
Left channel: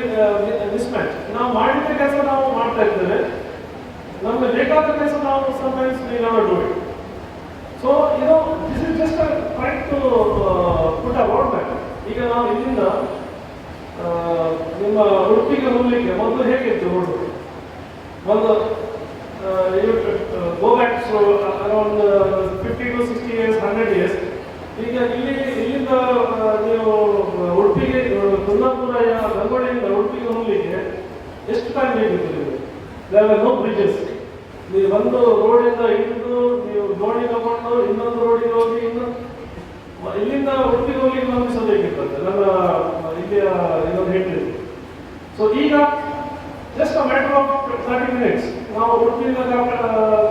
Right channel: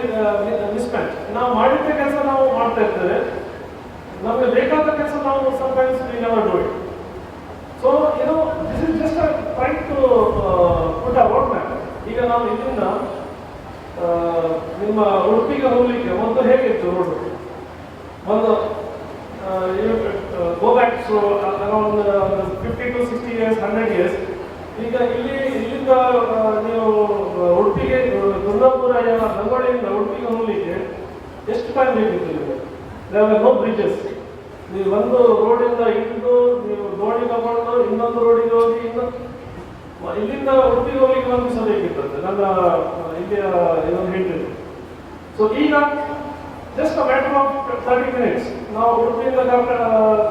mismatch. ನಾವು ಮಾಡಿದ ಕೆಲಸ ನಾವು ಮಾಡ್ತಾ ಇದ್ದೇವೆ, ನಮಗೆ ಬೇಕಾದ ಕೆಲಸ ನಾವು sometimes we never do it. So this is just a trying to put a roadmap. ಈಗ ನಾವು ಇಲ್ಲಿಂದ ನಿಮ್ಮ ಉಡುಪಿಗೆ ಹೋಗ್ಲಿಕ್ಕೆ ಮೊದಲು ಹೇಗಿತ್ತು ರೋಡ್? ಒಂದು go back to around 50 to 60 years, 100 years. ಈಗ ಇಲ್ಲಿಂದ ನೀವು ಉಡುಪಿಗೆ ಕುಂದಾಪುರ ಗಂಗೋಳಿಯಿಂದ ಉಡುಪಿಗೆ ಹೋಗ್ಲಿಕ್ಕೆ ಎಷ್ಟು ಟೈಮ್ ಬೇಕಿತ್ತು? there were no bridges. ನೀವು ಒಂದು ರೋಡಿಂದ ಇಳಿದು ನೀವು ದೋಣಿ ತಗೊಂಡು ಇನ್ನೊಂದು ರೋಡಿಗೆ ಹೋಗಿ ಇಲ್ಲಿಂದ ಉಡುಪಿಗೆ ಹೋಗ್ಲಿಕ್ಕೆ ಒಂದು ದಿವಸ ಬೇಕಿರ್ತದೆ ನನ್ನ ಇಲ್ಲಿಯ ಇನ್ನೊಂದು ಹೇಳ್ತೀವಿ. ಸೊ ಈಗ just a matter of 30 minutes. ನಾವು ಉಡುಪಿಯಿಂದ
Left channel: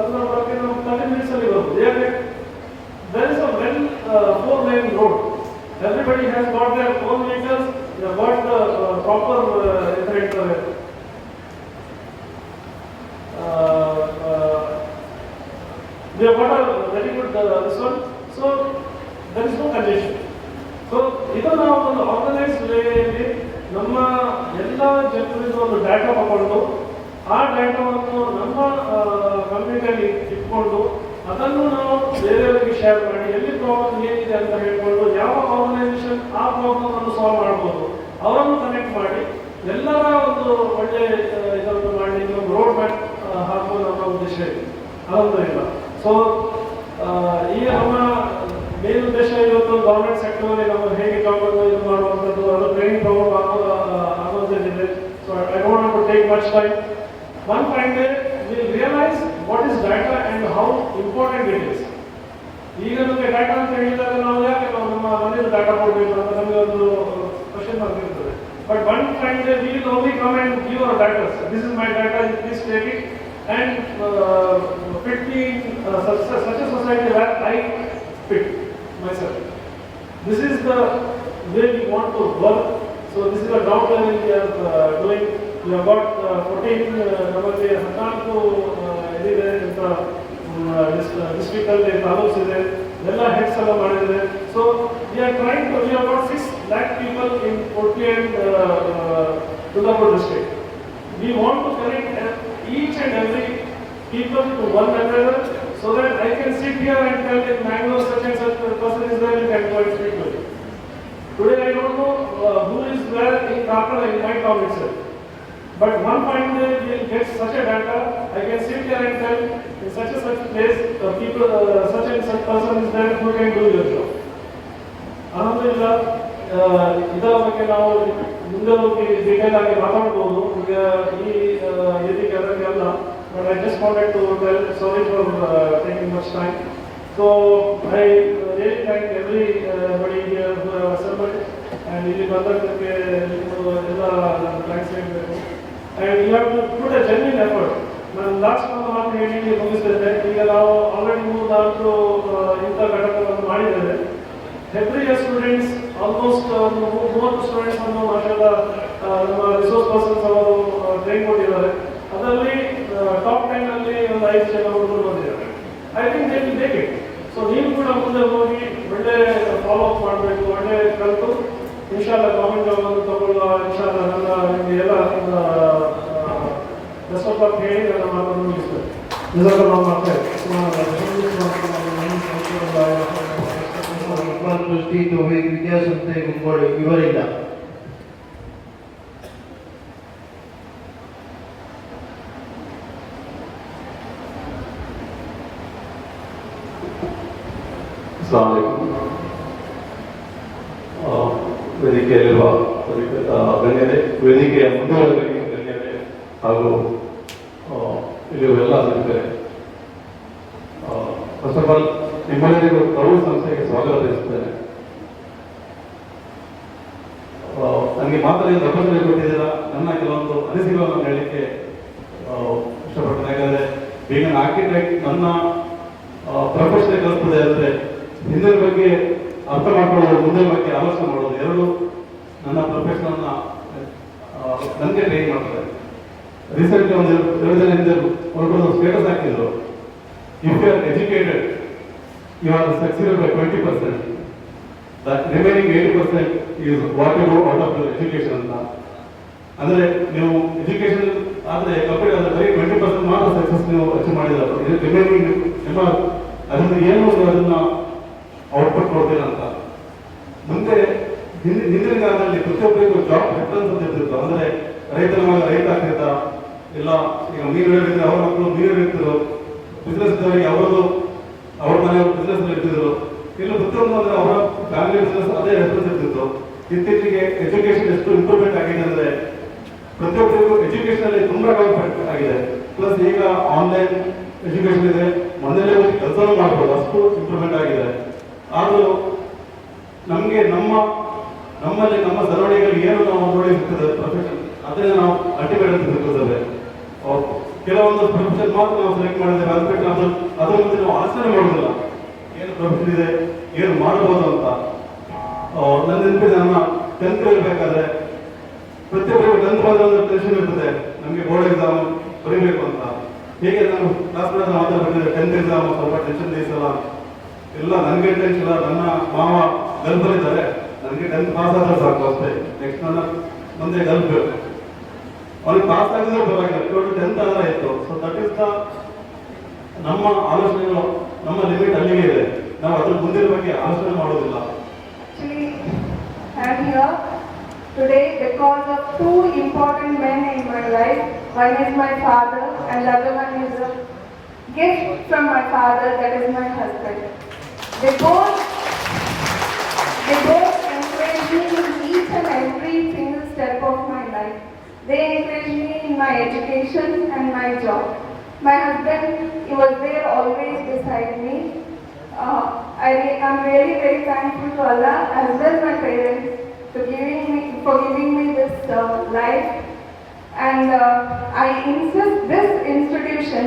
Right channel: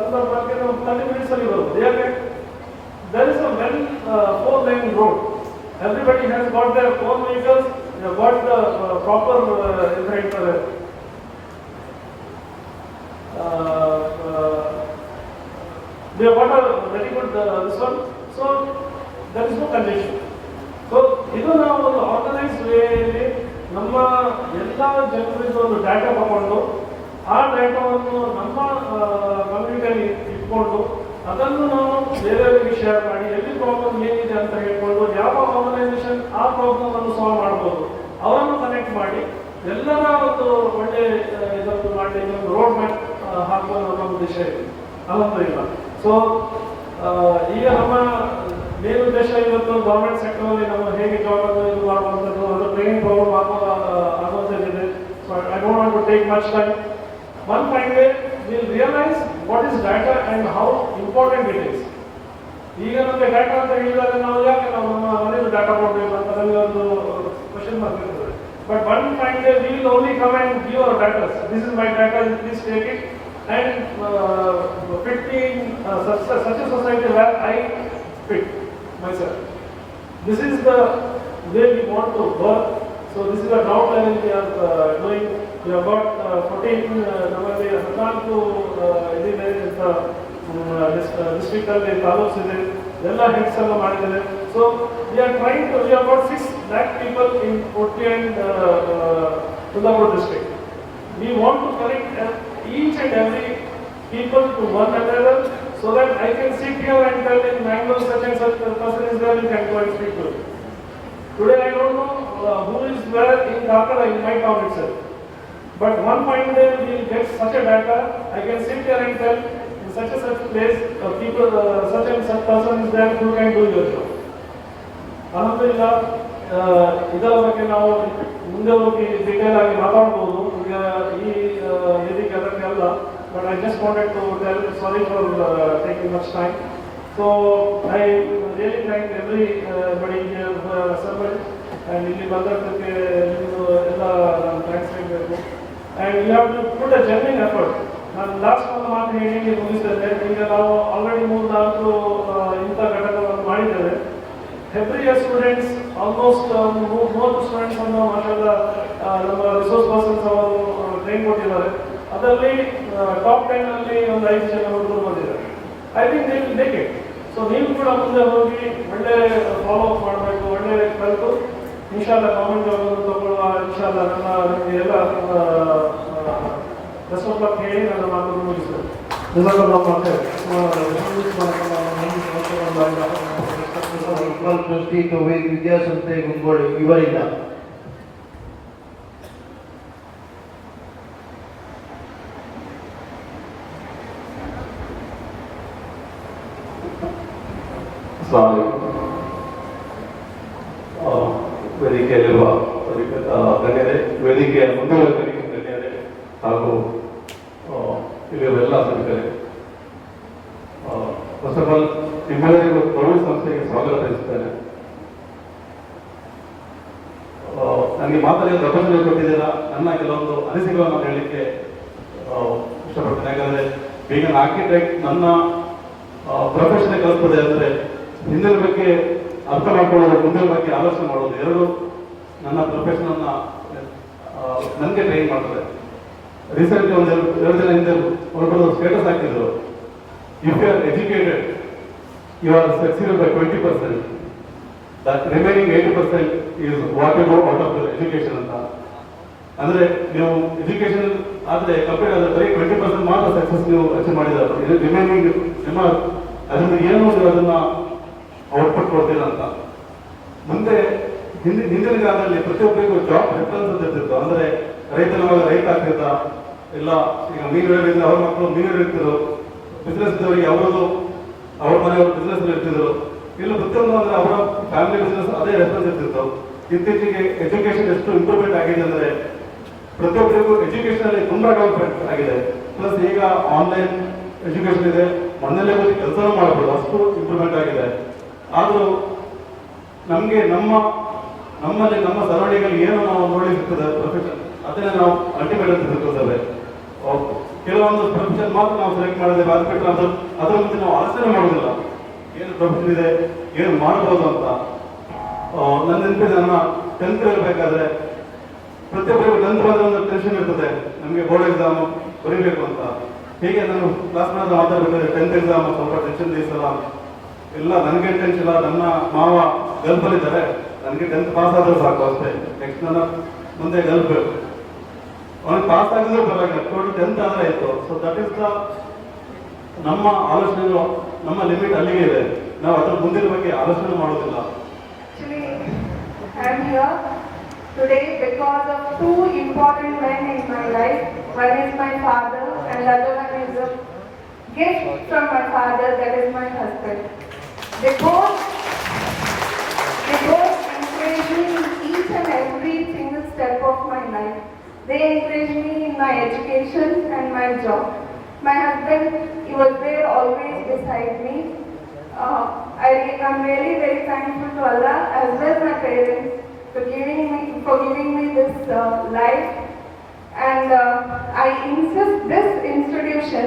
ಕುಂದಾಪುರಕ್ಕೆ ನಾವು 30 minutes ಅಲ್ಲಿ ಬರ್ಬೋದು. ಯಾಕೆ? there is a well 4-lane road. Everybody has got their own vehicles, they have got the proper we have got a very good this one. So there is no condition. So ಇದು ನಾವು ಒಂದು organised ವೇಯಲ್ಲಿ ನಮ್ಮ ಎಲ್ಲ ಜನರಿಂದ ಒಂದು data ತಗೊಂಡು ಆ ಡಾಟಾವನ್ನು ನಮ್ಮ ಕಮ್ಯುನಿಟಿಯಲ್ಲಿ ಇಟ್ಕೊಂಡು ಅದನ್ನು ನಾವು ಬೇರೆಯವರಿಗೆ ಶೇರ್ ಮಾಡಿ ಎಲ್ಲಿ ಪ್ರಾಬ್ಲಮ್ ಏನಿದೆ ಅಂತ ಹೇಳ್ಕೊಂಡು ಯಾವ ಆರ್ಗನೈಸೇಷನ್ ಆ ಪ್ರಾಬ್ಲಮ್ ಅನ್ನು ಸಾಲ್ವ್ ಮಾಡ್ಬೋದು ಅವರನ್ನು ಕನೆಕ್ಟ್ ಮಾಡಿ ಎಲ್ಲರ ಒಂದು ಒಳ್ಳೆ ಇದನ್ನು ಮಾಡಿ ಒಂದು ರೋಡ್ ಮ್ಯಾಪ್ ಹಾಕುವ ನಮ್ಮ ಉದ್ದೇಶ ಇದೆ. ಅದೊಂದು ಇಲ್ಲ. ಸೊ ಈಗ ನಮ್ಮ ಮೇನ್ ಉದ್ದೇಶ ಇವತ್ತು ಗವರ್ಮೆಂಟ್ ಸೆಕ್ಟರ್ ನಮ್ಮ ಹೇಗೆ ಜಾಬ್ ಇದು ಮಾಡುವಂಥದ್ದು ಅದು ಟ್ರೈನಿಂಗ್ ಪ್ರೋಗ್ರಾಮ್ ಆಗುವಂಥದ್ದಿದೆ. So I don't want to take much time. One fine day we will realize what is data and how important it is. ಈಗ ನಮಗೆ ಡಾಟಾ ಅಂತ ಹೇಳಿದಾಗ ನಾವು ಯಾಕೆ ನಾವು ನಮ್ಮ ಮನೆಯಲ್ಲಿ ಡಾಟಾ ಕೊಡಬೇಕು ಅಂತ ನಮಗೆ ಒಂದು ಕ್ವಶನ್ ಮಾರ್ಕ್ ಇರ್ತದೆ. But one fine day we will only come and give our data. This is my data, please take it and fit me in such a society where I fit myself. This is the way we want to work. So this is the ground level we are doing. We have got 14 ನಮ್ಮಲ್ಲಿ 14 ಇದಿದೆ district ಅಲ್ಲಿ ತಾಲೂಕ್ಸ್ ಇದೆ, ಎಲ್ಲ heads ಎಲ್ಲ ಮಾಡಿದ್ದಾರೆ. So we have got 6 lakh people in Udupi and Kundapur district. We want to connect each and every people to one another so that I can sit here and tell in Mangalore such and such person is there, you can go and speak to him. Today I don't know who is where in Dhaka in my town itself. But one fine day we will get such a data, I can sit here and tell in such a such place people such and such person is there who can do your job. Alhamdulillah, ಇದರ ಬಗ್ಗೆ ನಾವು ಮುಂದೆ ಹೋಗಿ detail ಆಗಿ ಮಾತಾಡಬಹುದು. ಈಗ ಈ ವೇದಿಕೆ ಅದಕ್ಕೆಲ್ಲ, but I just wanted to tell sorry for taking much time. So I really thank everybody here who have assembled and ಇಲ್ಲಿ ಬಂದದ್ದಕ್ಕೆ ಎಲ್ಲ ಥ್ಯಾಂಕ್ಸ್ ಹೇಳಬೇಕು. and you have to put a genuine effort. ನಾನು last ಒಂದು ಮಾತು ಹೇಳಿ ಮುಗಿಸ್ತೇನೆ. ಈಗ ನಾವು ಆಲ್ರೆಡಿ 3-4 ಇಂಥ ಘಟಕಗಳನ್ನು ಮಾಡಿದ್ದೇವೆ. every year students almost 30 students ಅನ್ನು ಮಾಷಾಅಲ್ಲಾ ನಮ್ಮ ರಿಸೋರ್ಸ್ ಪರ್ಸನ್ಸ್ ಅವರು ಟ್ರೈನ್ ಕೊಟ್ಟಿದ್ದಾರೆ. ಅದರಲ್ಲಿ ಟಾಪ್ 10 ಅಲ್ಲಿ ಒಂದು 5 ಜನ ಹುಡುಗರು ಬಂದಿದ್ದಾರೆ. I think they will make it. So ನೀವು ಕೂಡ ಮುಂದೆ ಹೋಗಿ ಒಳ್ಳೆ ಫಾಲೋ ಅಪ್ ಮಾಡಬೇಕು, ಒಳ್ಳೆ ಕಲಿತು ಇನ್ಶಾಲ್ಲಾ ಗವರ್ಮೆಂಟ್ ಜಾಬ್ ಅನ್ನು ತಗೊಳ್ಳುವ ಇನ್ಶಾಲ್ಲಾ ನಮ್ಮ ನಿಮಗೆ ಎಲ್ಲ ಸ್ವಲ್ಪ ಹೇಳಿ ನನ್ನ ಮಾತನ್ನು ಮುಗಿಸ್ತೇನೆ. ವಿದ್ಯಾಸಂಸ್ಥೆ ಇವರಿಂದ ವೇದಿಕೆಯಲ್ಲಿರುವ ಗಣ್ಯರೇ, ವೇದಿಕೆಯ ಮುಂದಿನ ಗಣ್ಯರೇ ಹಾಗೂ ಇಲ್ಲಿರುವ ಎಲ್ಲ ಅತಿಥಿಗಳೇ, ಫಸ್ಟ್ ಆಫ್ ಆಲ್ ನಿಮ್ಮೆಲ್ಲರಿಗೂ ಪ್ರೌಢ ಸಂಸ್ಥೆಗೆ ಸ್ವಾಗತ ಬಯಸುತ್ತೇನೆ. ನನಗೆ ಮಾತಾಡಿ ಅವಕಾಶ ಕೊಟ್ಟಿದ್ದೀರಾ. ನನ್ನ ಕೆಲವೊಂದು ಅನಿಸಿಕೆಗಳನ್ನು ಹೇಳಲಿಕ್ಕೆ ಇಷ್ಟಪಡ್ತೇನೆ. ಯಾಕಂದರೆ ಈಗ ಆರ್ಕಿಟೆಕ್ಟ್ ನನ್ನ ಪ್ರೊಫೆಷನ್ ಕಲಿತದೆ ಅಂದರೆ ಹಿಂದಿನ ಬಗ್ಗೆ ಅರ್ಥ ಮಾಡ್ಕೊಳ್ಳೋದು, ಮುಂದಿನ ಬಗ್ಗೆ ಆಲೋಚನೆ ಮಾಡೋದು ಎರಡು ನನ್ನ ಪ್ರೊಫೆಷನ್ ನನಗೆ ಟ್ರೈನ್ ಮಾಡ್ತಾರೆ. ರೀಸೆಂಟ್ಲಿ ಒಂದು 2 ದಿನ ಹಿಂದೆ ಹೊರಟು ಸ್ಟೇಟಸ್ ಹಾಕಿದ್ರು, if you are educated you are succeed by 20%, that remaining 80% is what you do out of your education ಅಂತ. ಅಂದ್ರೆ ನೀವು ಎಜುಕೇಶನ್ ಆದ್ರೆ ಕಂಪ್ಲೀಟ್ ಆದ್ರೆ ಬರೀ 20% ಮಾತ್ರ ಸಕ್ಸಸ್ ನೀವು ಅಚೀವ್ ಮಾಡಿದ್ರೆ, ರಿಮೈನಿಂಗ್ ನಿಮ್ಮ ಅದನ್ನ ಏನು ಅದನ್ನ ಔಟ್ಪುಟ್ ಕೊಡ್ತೀರ ಅಂತ. ಮುಂದೆ ಹಿಂದಿನ ಕಾಲದಲ್ಲಿ ಪ್ರತಿಯೊಬ್ಬರಿಗೂ ಜಾಬ್ ರೆಫರೆನ್ಸ್ ಅಂತ ಇರ್ತಿತ್ತು. ಅಂದ್ರೆ ರೈತನ ಮಗ ರೈತ ಆಗ್ತಿದ್ದ, ಇಲ್ಲ ಈಗ ಮೀನುಗಾರಿಕೆ ಅವ್ರ ಮಕ್ಕಳು ಮೀನುಗಾರ ಇರ್ತಿದ್ರು, ಬಿಸ್ನೆಸ್ ಇದ್ದವರಿಗೆ ಅವರದು ಅವ್ರ ಮನೆಯವರು ಬಿಸ್ನೆಸ್ ಇರ್ತಿದ್ರು. ಇಲ್ಲ ಪ್ರತಿಯೊಂದು ಅಂದ್ರೆ ಅವರ ಫ್ಯಾಮಿಲಿ ಬಿಸ್ನೆಸ್ ಅದೇ ರೆಫರೆನ್ಸ್ ಇರ್ತಿತ್ತು. ಇತ್ತೀಚೆಗೆ ಎಜುಕೇಶನ್ ಎಷ್ಟು ಇಂಪ್ರೂವ್ಮೆಂಟ್ ಆಗಿದೆ ಅಂದ್ರೆ ಪ್ರತಿಯೊಬ್ಬರಿಗೂ ಎಜುಕೇಶನ್ ಅಲ್ಲಿ ತುಂಬಾ ಡೆವಲಪ್ಮೆಂಟ್ ಆಗಿದೆ. ಪ್ಲಸ್ ಈಗ ಆನ್ಲೈನ್ ಎಜುಕೇಶನ್ ಇದೆ, ಮನೆಯಲ್ಲೇ ಹೋಗಿ ಕೆಲಸ ಮಾಡಬಹುದು, ಅಷ್ಟು ಇಂಪ್ರೂವ್ಮೆಂಟ್ ಆಗಿದೆ. ಆದರೂ ನಮಗೆ ನಮ್ಮಲ್ಲಿ ನಮ್ಮ ಸರೌಂಡಿಂಗಲ್ಲಿ ಏನು ನಾವು ನೋಡಿರ್ತದೆ ಪ್ರೊಫೆಷನ್, ಅದನ್ನೇ ನಾವು ಅಲ್ಟಿಮೇಟ್ ಅಂತ ತಿಳ್ಕೊಳ್ತೇವೆ. ಕೆಲವೊಂದು ಪ್ರೊಫೆಷನ್ ಮಾತ್ರ ನಾವು ಸೆಲೆಕ್ಟ್ ಮಾಡಿದ್ದೇವೆ, ಅದು ಬಿಟ್ಟರೆ ಅದ್ರ ಮುಂದೆ ನಾವು ಆಚರಣೆ ಮಾಡೋದಿಲ್ಲ, ಏನು ಪ್ರೊಫೆಷನ್ ಇದೆ, ಏನು ಮಾಡಬಹುದು ಅಂತ. ನನ್ನ ನೆನಪಿದೆ, ನನ್ನ 10th ಇರಬೇಕಾದ್ರೆ ಪ್ರತಿಯೊಬ್ಬರಿಗೂ 10th ಬಂದ್ರೆ ಟೆನ್ಷನ್ ಇರ್ತದೆ, ನಮಗೆ ಬೋರ್ಡ್ ಎಕ್ಸಾಮ್ ಬರೀಬೇಕು ಅಂತ. ಹೀಗೆ ನಾನು ಕ್ಲಾಸ್ನಾಗ ಮಾತಾಡ್ಬೇಕಾದ್ರೆ 10th ಎಕ್ಸಾಮ್ ಸ್ವಲ್ಪ ಟೆನ್ಷನ್ ದಿವಸಲ್ಲ, ಇಲ್ಲ ನನಗೆ ಟೆನ್ಷನ್ ಇಲ್ಲ, ನನ್ನ ಮಾವ ಗಲ್ಪಲ್ಲಿದ್ದಾರೆ, ನನಗೆ 10th ಪಾಸ್ ಆದ್ರೆ ಸಾಕು ಅಷ್ಟೇ, ನೆಕ್ಸ್ಟ್ ನನ್ನ ಮುಂದೆ ಗಲ್ಪ್ ಅವ್ನಿಗೆ ಪಾಸ್ ಆಗಿದ್ರು ಪರವಾಗಿಲ್ಲ, 10th ಆದ್ರೆ ಆಯ್ತು. ಸೊ ದಟ್ ಇಸ್ ದ ನಮ್ಮ ಆಲೋಚನೆಗಳು, ನಮ್ಮ ಲಿಮಿಟ್ ಅಲ್ಲಿಗೆ ಇದೆ, ನಾವು ಅದ್ರ ಮುಂದಿನ ಬಗ್ಗೆ ಆಲೋಚನೆ ಮಾಡೋದಿಲ್ಲ. I'm here today because of 2 important men in my life. One is my father and the other one is a gift from my father, that is my husband. They both encourage me in each and every single step of my life. They encourage me in my education and my job. My husband, he was there always beside me. I'm really very thankful to Allah as well as my parents for giving me this life. And I insist this institution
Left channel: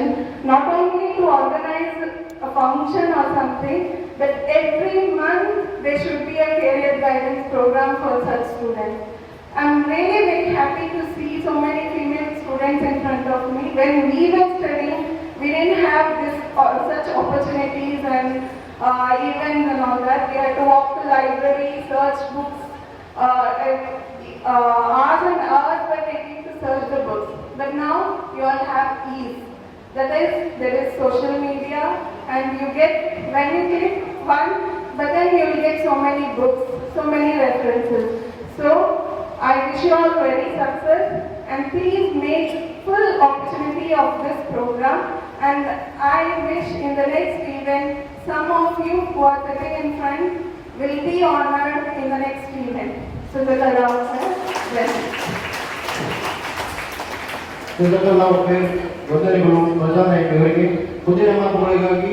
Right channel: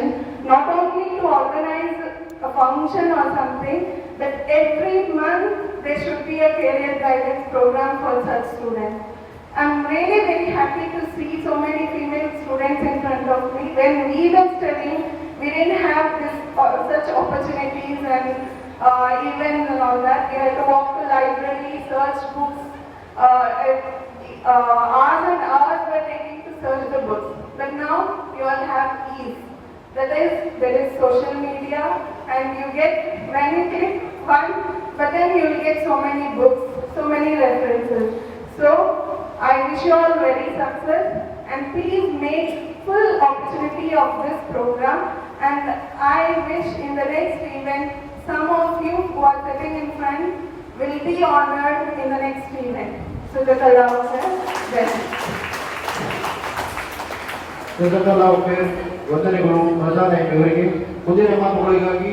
not only to organize a function or something, but every month there should be a career guidance program for such students. I'm really very happy to see so many female students in front of me. When we were studying, we didn't have such opportunities and even all that. We had to walk to library, search books. Hours and hours were taking to search the books. But now you all have ease. That is, there is social media, and you get, when you get fun, but then you will get so many books, so many references. So I wish you all very success, and please make full opportunity of this program. And I wish in the next event, some of you who are sitting in front will be honored in the next event. So that Allah will bless you. ವಂದನೆಗಳು. ಪ್ರಧಾನ ಇವರಿಗೆ ಮುಂದಿನ ಮಾತುಗಳಿಗಾಗಿ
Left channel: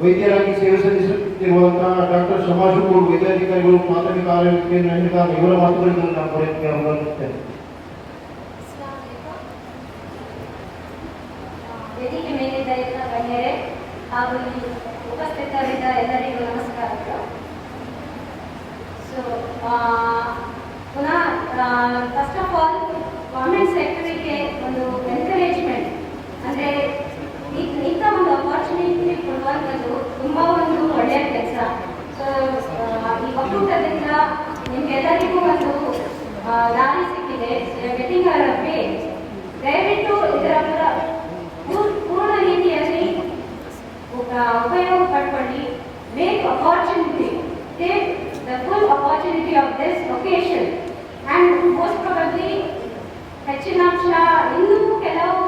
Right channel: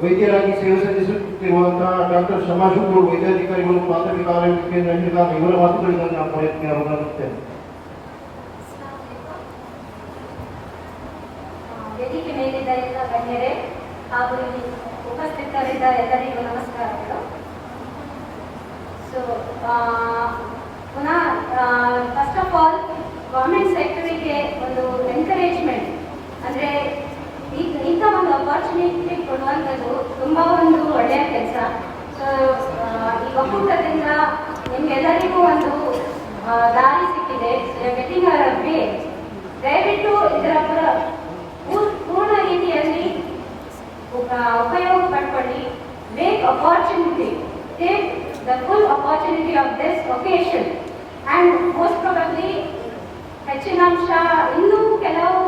ವೈದ್ಯರಾಗಿ ಸೇವೆ ಸಲ್ಲಿಸುತ್ತಿರುವಂತಹ doctor ಸಮಾಜಗಳು, ವೈದ್ಯಾಧಿಕಾರಿಗಳು, ಪ್ರಾಥಮಿಕ ಆರೋಗ್ಯ ಕೇಂದ್ರ ಇವರ ಮಾತುಗಳಿಂದ ನಾವು ಪಡೆಯುತ್ತೇವೆ ಅವಗಣಿಸುತ್ತೇವೆ. ವೇದಿಕೆ ಮೇಲಿದ್ದ ಎಲ್ಲ ಗಣ್ಯರೇ ಹಾಗೂ ಇಲ್ಲಿ ಉಪಸ್ಥಿತರಿದ್ದ ಎಲ್ಲರಿಗೂ ನಮಸ್ಕಾರಗಳು. ಸೊ ಪುನಃ ಫಸ್ಟ್ ಆಫ್ ಆಲ್ ಗೌರ್ಮೆಂಟ್ ಸೆಕ್ಟರಿಗೆ ಒಂದು ಎನ್ಕರೇಜ್ಮೆಂಟ್ ಅಂದರೆ ಇಂಥ ಒಂದು ಅಪಾರ್ಚುನಿಟಿ ಕೊಡುವಂಥದ್ದು ತುಂಬ ಒಂದು ಒಳ್ಳೆಯ ಕೆಲಸ. ಸೊ ಈ ಒಕ್ಕೂಟದಿಂದ ನಿಮಗೆಲ್ಲರಿಗೂ ಒಂದು ದಾರಿ ಸಿಕ್ಕಿದೆ. ಗೆಟಿಂಗ್ ಅವರ್ ವೇ ದಯವಿಟ್ಟು ಇದರ ಪೂರ್ಣ ರೀತಿಯಲ್ಲಿ ಉಪಯೋಗ ಪಡ್ಕೊಳ್ಳಿ. Make opportunity, take the full opportunity of this occasion and most probably ಹೆಚ್ಚಿನ ಅಂಶ ಇನ್ನೂ ಕೆಲವು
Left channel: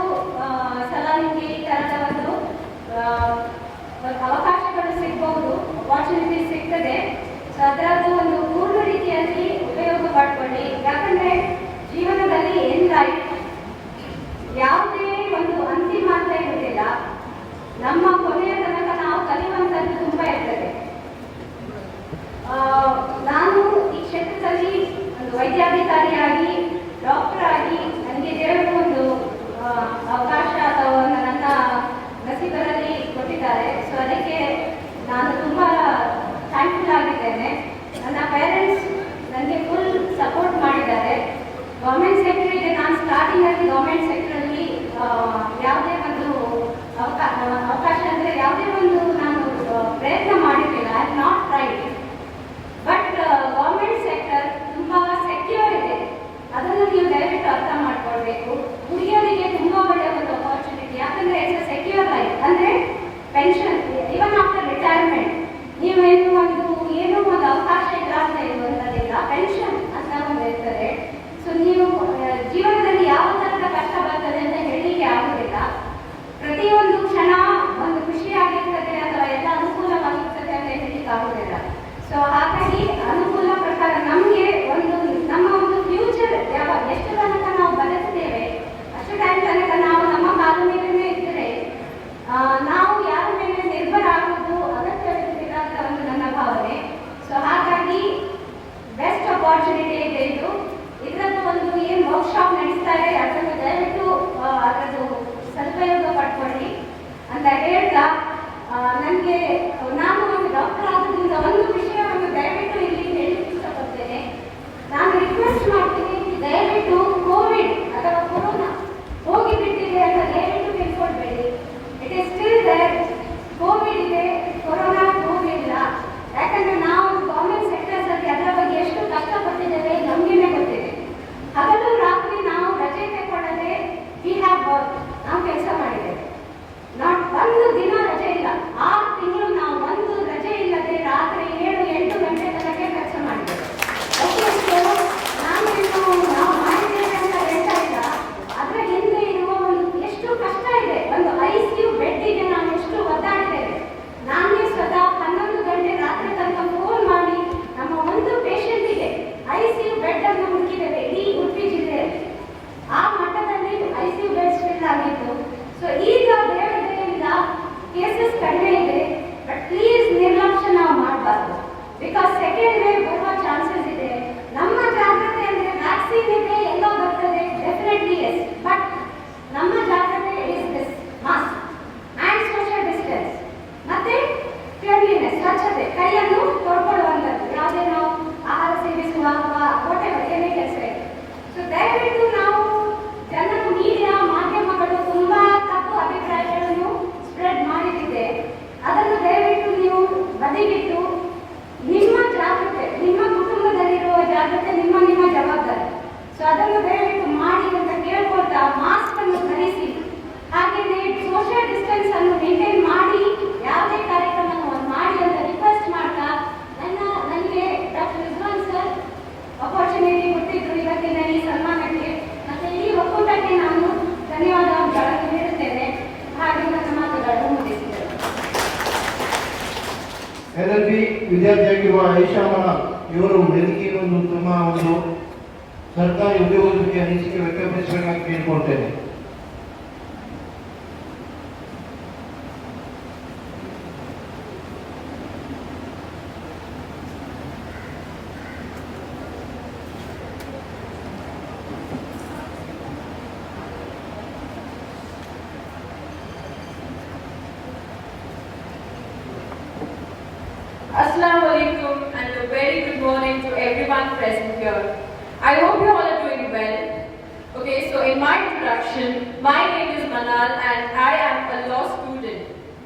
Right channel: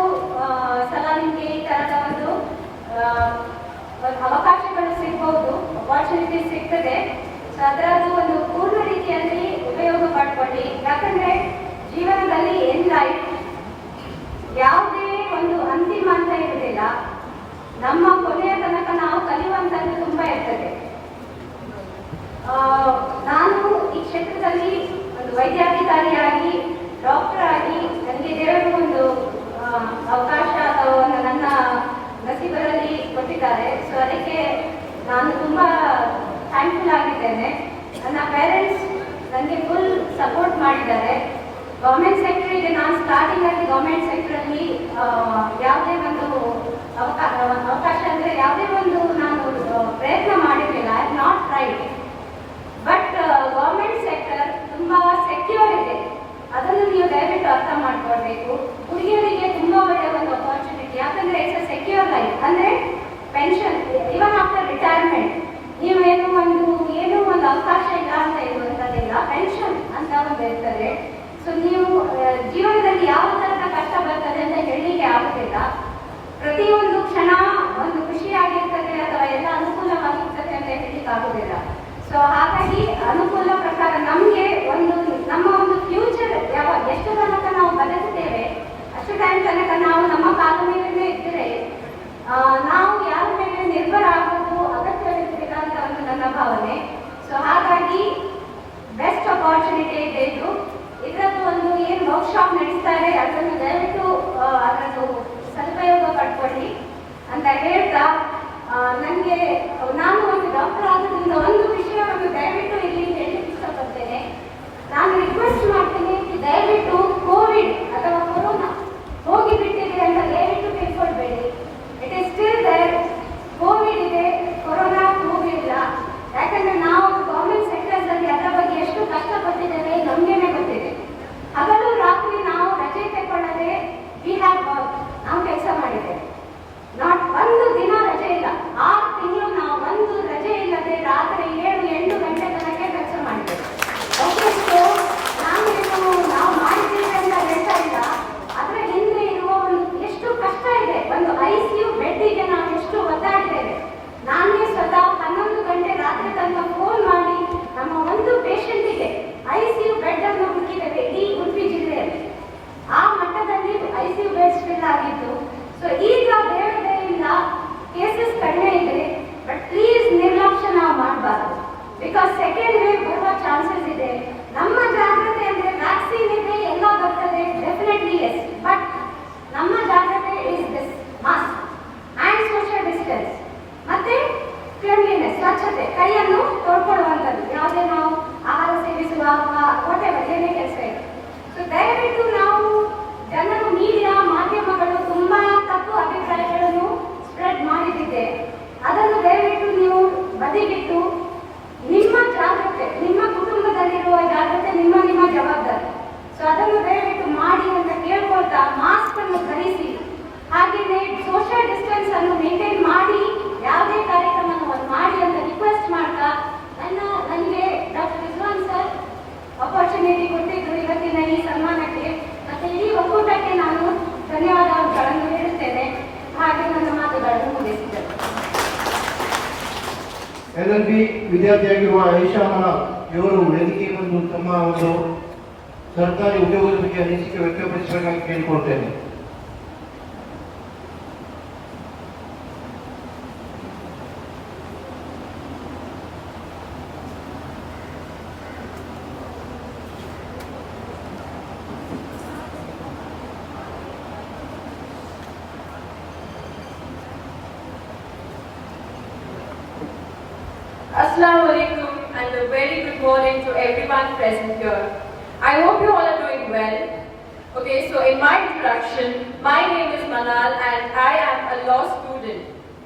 ಸಲ ನಿಮಗೆ ಈ ತರದ ಒಂದು ಅವಕಾಶಗಳು ಸಿಗ್ಬಹುದು, ಅಪಾರ್ಚುನಿಟಿ ಸಿಗ್ತದೆ. ಸೊ ಅದರದ್ದು ಒಂದು ಪೂರ್ಣ ರೀತಿಯಲ್ಲಿ ಉಪಯೋಗ ಪಡ್ಕೊಳ್ಳಿ. ಯಾಕಂದ್ರೆ ಜೀವನದಲ್ಲಿ ಏನ್ ಲೈಫ್ ಯಾವುದೇ ಒಂದು ಅಂತಿಮ ಅಂತ ಇರುವುದಿಲ್ಲ. ನಮ್ಮ ಕೊನೆಯ ತನಕ ನಾವು ಕಲಿಯುವಂತದ್ದು ತುಂಬಾ ಇರ್ತದೆ. ನಾನು ಈ ಕ್ಷೇತ್ರದಲ್ಲಿ ಒಂದು ವೈದ್ಯಾಧಿಕಾರಿಯಾಗಿ, ಡಾಕ್ಟರ್ ಆಗಿ ನನಗೆ ದೇವರು ಒಂದು ಅವಕಾಶ ಅಥವಾ ನನ್ನ ನಸೀಬರಲ್ಲಿ ಕೊಟ್ಟಿದ್ದಾರೆ. ಸೊ ಅದಕ್ಕೆ ನಾನು ತುಂಬಾ ಥ್ಯಾಂಕ್ಫುಲ್ ಆಗಿದ್ದೇನೆ. ನನ್ನ ಪೇರೆಂಟ್ಸ್ ನನಗೆ ಫುಲ್ ಸಪೋರ್ಟ್ ಮಾಡಿದ್ದಾರೆ. ಗೌರ್ಮೆಂಟ್ ಸೆಕ್ಟರಿಗೆ ನಾನು ಸ್ಟಾರ್ಟಿಂಗ್ ಆಗಿ ಗೌರ್ಮೆಂಟ್ ಸೆಕ್ಟರಲ್ಲಿ ಯಾವುದೇ ಒಂದು ಅವಕಾಶ ಅಂದರೆ ಯಾವುದೇ ಒಂದು ನಾನು ಪ್ರಯತ್ನ ಮಾಡಿರಲಿಲ್ಲ. I have not tried. But government sector ತುಂಬಾ ಸೆಕ್ಯೂರ್ ಇದೆ, ಅದನ್ನು ನೀವು ದಯವಿಟ್ಟು ಅರ್ಥ ಮಾಡ್ಕೊಳ್ಬೇಕು. ಹುಡುಗಿಯರಿಗೆ ತುಂಬಾ ಒಳ್ಳೆಯ ಒಂದು ಅಪಾರ್ಚುನಿಟಿ. ಯಾಕಂದ್ರೆ ಇಟ್ಸ್ ಸೆಕ್ಯೂರ್ ಲೈಫ್. ಅಂದ್ರೆ ಪೆನ್ಷನ್ ಇವನ್ ಆಫ್ಟರ್ ರಿಟೈರ್ಮೆಂಟ್ ನೀವೇನು ಒಂದು ಅವಕಾಶ ಇಲ್ಲ ಅಂತ ಇರುವಂತದಿಲ್ಲ. ಪೆನ್ಷನ್ ಅಂತ ಒಂದು ಇರ್ತದೆ. ಸೊ ನೀವು ಜೀವನದಲ್ಲಿ ಯಾವ ತರದ ಕಷ್ಟ ಬರ್ತದೆ ಅಂತ ಹೇಳಲಿಕ್ಕೆ ಆಗುದಿಲ್ಲ. ಪ್ರತಿಯೊಂದು ಕ್ಷಣ ಒಂದು ಖುಷಿಯಾಗಿರ್ತದೆ ಅಥವಾ ಎಲ್ಲ ಅನುಕೂಲವಾಗಿರ್ತದೆ ಅಂತ ಹೇಳಲಿಕ್ಕೆ ಆಗುದಿಲ್ಲ. ಸೊ ಹಾಗಾಗಿ ಅನುಕೂಲ ಪ್ರಕಾರ ನಮಗೆ ನಮ್ಮ ಒಂದು ಫ್ಯೂಚರ್ ಎಷ್ಟು ತನಕ ನಾವು ಬದುಕುತ್ತೇವೆ ಅಷ್ಟು ಟೈಮ್ ತನಕ ನಾವು ನಮ್ಮ ಕಾಲ ಮೇಲೆ ಇದ್ದರೆ ನಾವು ಯಾರ ಮೇಲೆ ನಿರ್ಭರ ಆಗುವುದು ಅಗತ್ಯವಿರುವುದಿಲ್ಲ ಅಂತ ಒಂದು ನನ್ನ ಭಾವನೆ. ಸೊ ಹಾಗಾಗಿ ಬೆಸ್ಟ್ ಅಪಾರ್ಚುನಿಟಿ ಇದೆ ಇದು. ಇದರದ್ದು ಒಂದು ಏನು ವರ್ಕ್ಶಾಪ್ ನಡೆಸ್ತಾರೆ ಅದನ್ನು ದಯವಿಟ್ಟು ಅದರದ್ದು ಸದುಪಯೋಗ ಪಡ್ಕೊಳ್ಳಿ ಅಂತ ಹೇಳ್ತಾ, ನನಗೆ ನಾನು ಒಂದು ಡಾಕ್ಟರ್ ಆಗೋದ್ರಿಂದ ಒಂದು ವಿಷಯವನ್ನು ದಯವಿಟ್ಟು ಇಲ್ಲಿ ಹೇಳಲಿಕ್ಕೆ ಇಷ್ಟಪಡ್ತೇನೆ. ನಾನು ರಿಕ್ವೆಸ್ಟ್ ಮಾಡ್ತೀನಿ, ದಯವಿಟ್ಟು ಕೋವಿಡ್ ಅಥವಾ ಕೊರೋನಾ ಹೋಗಿಬಿಟ್ಟಿದೆ ಅಂತ ದಯವಿಟ್ಟು ತಿಳ್ಕೊಳ್ಬೇಡಿ. It is still there. Covid ಇದೆ, ಕೊರೋನಾ ಹೋಗಿಲ್ಲ. ಯಾಕಂದ್ರೆ ನಾವು ಗೌರ್ಮೆಂಟ್ ಸೆಕ್ಟರ್ಸ್ ಅಲ್ಲಿ ಅದರ ಬಗ್ಗೆ ಎಷ್ಟು ಕಷ್ಟಪಟ್ಟಿದ್ದೇವೆ ನಮಗೇನೆ ಗೊತ್ತಿದೆ. ಹಗಲು ರಾತ್ರಿ ನಾವು ರಜೆ ತಗೊಳ್ಳದೆ ನಾವು ಕೆಲಸ ಮಾಡಿದ್ದೇವೆ. ನಾಟ್ ಒಂದು ದಿನ ರಜೆ ಇಲ್ಲ. 6 ತಿಂಗಳು ನಾವು ಒಂದು ರಜೆ ಇಲ್ಲದೆ ರಾತ್ರಿ 7-8 ಗಂಟೆ ತನಕ ಕೆಲಸ ಮಾಡಿದ್ದೇವೆ. ನಾವು ಮಾಡಿದ್ದೇವೆ ಅಂತ ಹೇಳ್ತಾ ಇಲ್ಲ. ಅದರ ಹಿಂದೆ ಇರುವ ಎಷ್ಟು ಕಷ್ಟ ಇದೆ. ಒಂದು ICU ಬೆಡ್ಡಿಗೆ ನಾವು ಎಷ್ಟು ಒದ್ದಾಡಿದ್ದೇವೆ. ನಾನೇ ಸ್ವತಃ 11 ಗಂಟೆ ರಾತ್ರಿ ತನಕ ಫೋನ್ ಮಾಡಿ ನಮ್ಮ ಒಂದು ಪೇಷಂಟಿಗೆ ICU ಬೆಡ್ ಅನ್ನು ಹುಡುಕಿದ್ದೇವೆ ಇಡೀ ಉಡುಪಿ ಜಿಲ್ಲೆಯಲ್ಲಿ. ಆ ಮಟ್ಟದಲ್ಲಿ ICU ಬೆಡ್ ಫಿಲ್ ಆಗಿತ್ತು. ಸೊ ಈಗ ದೇವರಿಂದ ಕೇಸಸ್ ಕಡಿಮೆ ಇದೆ. ಬಟ್ ಪ್ಲೀಸ್ ನಿರ್ಲಕ್ಷ್ಯ ನಾವು ಮಾಡಬಾರ್ದು. ಬಿಕಾಸ್ ಸೆಕೆಂಡ್ ವೇವ್ ಬರುವ ಚಾನ್ಸಸ್ ಇದೆ. ನಮ್ಮ ಜಾಗ್ರತೆ ಅಂದ್ರೆ ವ್ಯಾಕ್ಸಿನ್ ಇದೆ, ಎಲ್ಲ ಬರ್ತದೆ, ಡೆಫಿನೆಟ್ಲಿ ಎಸ್. ಬಟ್ ನಮ್ಮ ಜಾಗ್ರತೆ is this mask and social distance ಮತ್ತೆ ಕ್ಲೀನ್ಲಿನೆಸ್, ಸ್ವಚ್ಛತೆ, ಕೈಯನ್ನು ತೊಳ್ಕೊಳ್ಳುವಂಥದ್ದು. ಯಾವುದೇ ನಾವು ಆಹಾರ ಸೇವಿಸುವಾಗ ವಾಟೆವರ್ ಏನೇ ಕೆಲಸ ಇದೆ. ಸೊ ದಯವಿಟ್ಟು ನಾವು ಜನರು ಮೀಡಿಯಾ ಮಾಧ್ಯಮಗಳು ತುಂಬಾ ತಪ್ಪು ಅಭಿಪ್ರಾಯಗಳನ್ನು ಸ್ಪ್ರೆಡ್ ಮಾಡಿದ್ದೆ. ಅದನ್ನು ದಯವಿಟ್ಟು ನೀವು ಬದಿಗಿಟ್ಟು ನಿಮ್ಮ ಜಾಗ್ರತೆ, ನಿಮ್ಮ ಕುಟುಂಬದಲ್ಲಿರುವ ಜಾಗ್ರತೆ ನಿಮ್ಮ ಜವಾಬ್ದಾರಿ. ಸೊ ಅದನ್ನು ದಯವಿಟ್ಟು ಮಾಡಿ ಅಂತ ಕೇಳ್ಕೊಳ್ತಾ ಮಾಸ್ಕ್ ಅನ್ನು ಧರಿಸಿ, ಹಾಗೆಯೇ ಸೋಷಿಯಲ್ ಡಿಸ್ಟೆನ್ಸ್ ಅನ್ನು ಮೇಂಟೈನ್ ಮಾಡಿ ಯಾವುದೇ ಕಾರ್ಯಕ್ರಮವನ್ನು ಮಾಡಿ ಅಂತ ರಿಕ್ವೆಸ್ಟ್ ಮಾಡ್ತಾ ನನಗೆ ಡಾಕ್ಟರ್ ರಿಜ್ವಾನ್ ಸರ್ ಅಪಾರ್ಚುನಿಟಿ ಕೊಟ್ಟಿದ್ರು ಇವತ್ತಿನ ಈ ಸನ್ಮಾನಕ್ಕೆ ಮತ್ತೆ ಈ ಒಕ್ಕೂಟಕ್ಕೆ ನಾನು ಧನ್ಯವಾದಗಳನ್ನು ನೀಡುತ್ತೇನೆ. ಹಾಗೆ ನನ್ನ ಮಾತುಗಳನ್ನು ಮುಗಿಸಿದ್ದೇನೆ. LLB ವಿದ್ಯಾರ್ಥಿಯಾಗಿರುವ ಐಷಾಮ ಇವರು ವೇದಿಕೆಯನ್ನು ತಮ್ಮ ಒಂದು ಸರ್ಕಾರಿ ಉದ್ಯೋಗದ ಬಗ್ಗೆ ಅನಿಸಿಕೆ ವ್ಯಕ್ತಪಡಿಸಬೇಕಾಗಿ ಕೇಳಿಕೊಳ್ತೇನೆ. Assalamu alaikum and a very good morning to everyone present here. I hope you all are doing well. Okay, so in my introduction, my name is Manal and I am a law student.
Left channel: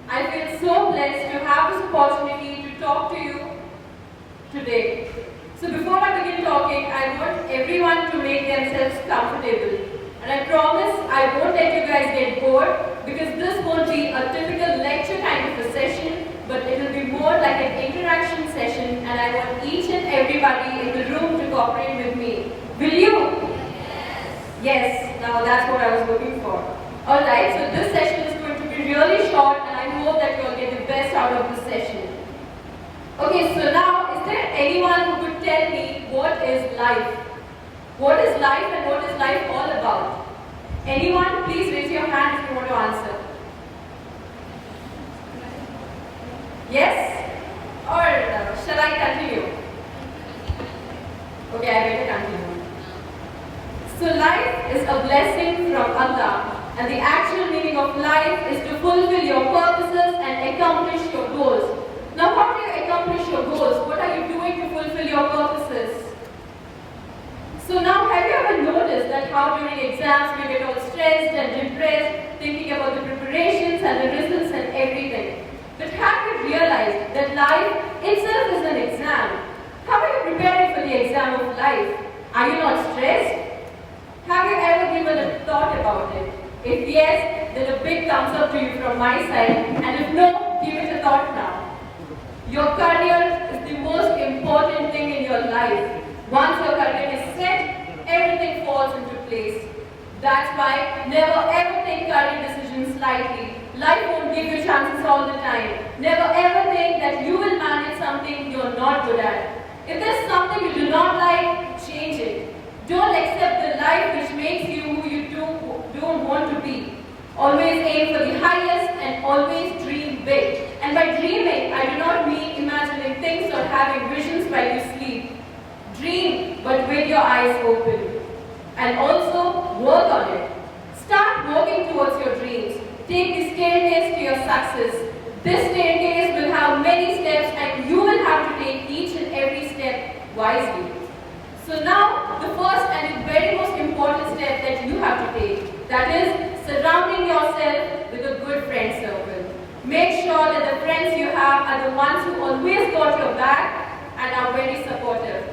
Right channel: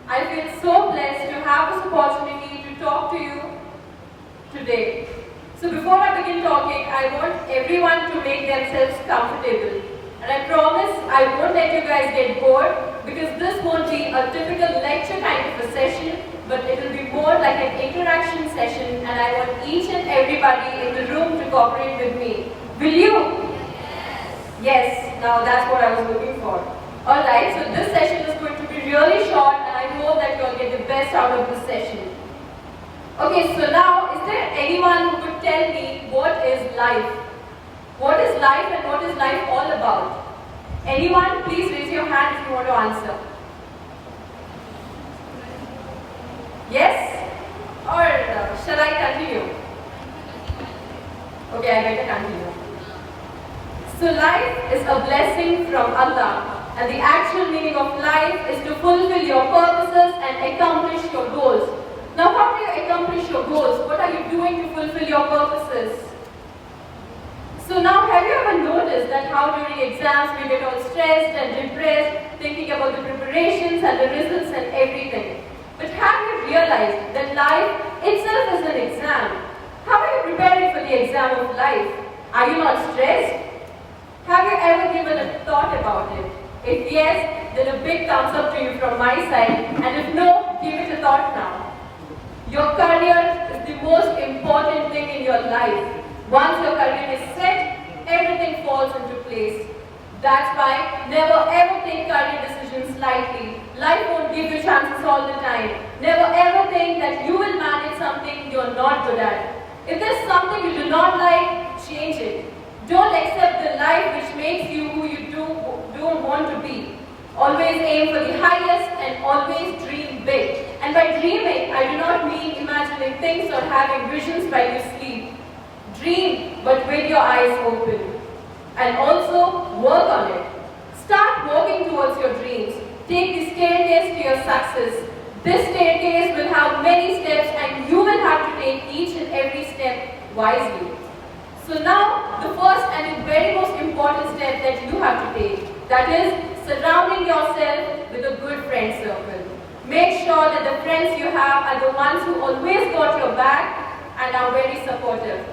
I feel so blessed to have this opportunity to talk to you today. So before I begin talking, I want everyone to make themselves comfortable. And And I promise I won't let you guys get bored because this won't be a typical lecture kind of a session, but it will be more like an interaction session, and I want each and everybody in the room to cooperate with me. Will you? Yes, now that's what I was looking for. Alright, so this session is going to be really short, and I hope that you all get the best out of this session. Okay, so now, is there anyone who could tell me what is life? What is life and what is life all about? Anyone? Please raise your hand if you want to answer. Yes? Or shall I continue? Okay, I better continue. So life is a blessing from Allah, and the actual meaning of life is to fulfill your purposes and accomplish your goals. Now, how do you accomplish your goals? What are you doing to fulfill your purposes? So now, have you ever noticed that how during exams we get all stressed and depressed, thinking about the preparations and the results and everything? But have you realized that life itself is an exam? How are you preparing for the exam of life? Are you not stressed? Have you ever given a thought about it? If yes, then a big thumbs up to you from my side, and if no, give it a thought now. Your career is the most important thing in your life. Once your career is set, everything falls into place. That's why never ever take career decisions lightly. Life won't give you chances all the time. Never ever think that you will manage something you're not good at. If there's something you do not like, change it. Don't accept the life which makes you who you don't want to be. Always aim for the highest and always dream big. And by dreaming, I do not mean imagining things or having visions while you sleep. Dream, but with your eyes open. And also, work on it. Start walking towards your dreams. Take the staircase to your success. This staircase will have many steps, and you will have to take each and every step wisely. So now, the first and the very most important step that you have to take, that is surrounding yourself with a good friend circle. Make sure that the friends you have are the ones who always got your back and are very supportive.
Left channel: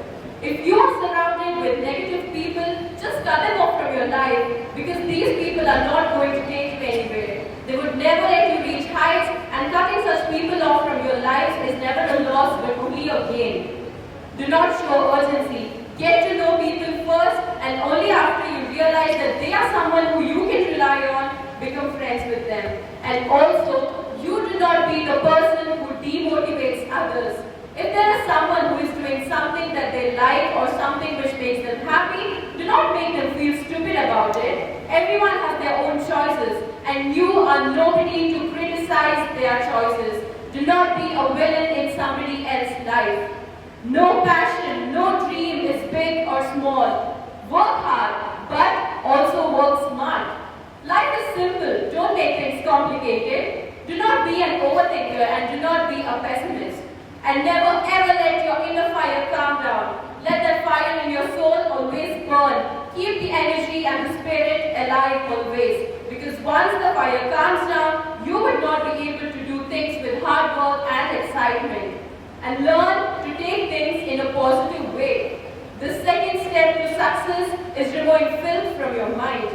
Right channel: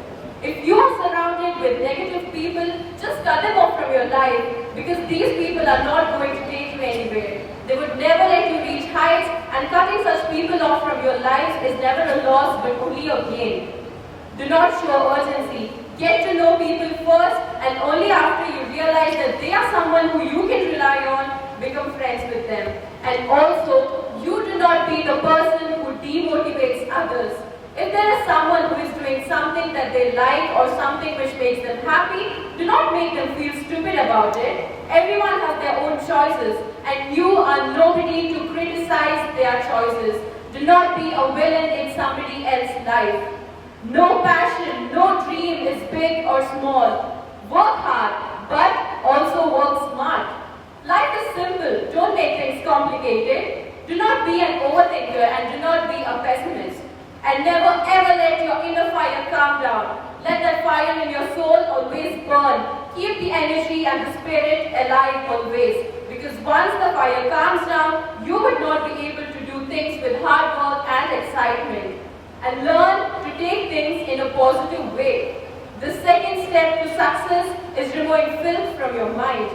If you are surrounded with negative people, just cut them off from your life, because these people are not going to take you anywhere. They would never let you reach heights, and cutting such people off from your life is never a loss but only a gain. Do not show urgency. Get to know people first, and only after you realize that they are someone who you can rely on, become friends with them. And also, you do not be the person who demotivates others. If there is someone who is doing something that they like or something which makes them happy, do not make them feel stupid about it. Everyone has their own choices, and you are nobody to criticize their choices. Do not be a villain in somebody else's life. No passion, no dream is big or small. Work hard, but also work smart. Life is simple. Don't make things complicated. Do not be an overthinker and do not be a pessimist. And never ever let your inner fire calm down. Let that fire in your soul always burn. Keep the energy and the spirit alive always. Because once the fire calms down, you would not be able to do things with hard work and excitement. And learn to take things in a positive way. The second step to success is removing filth from your mind.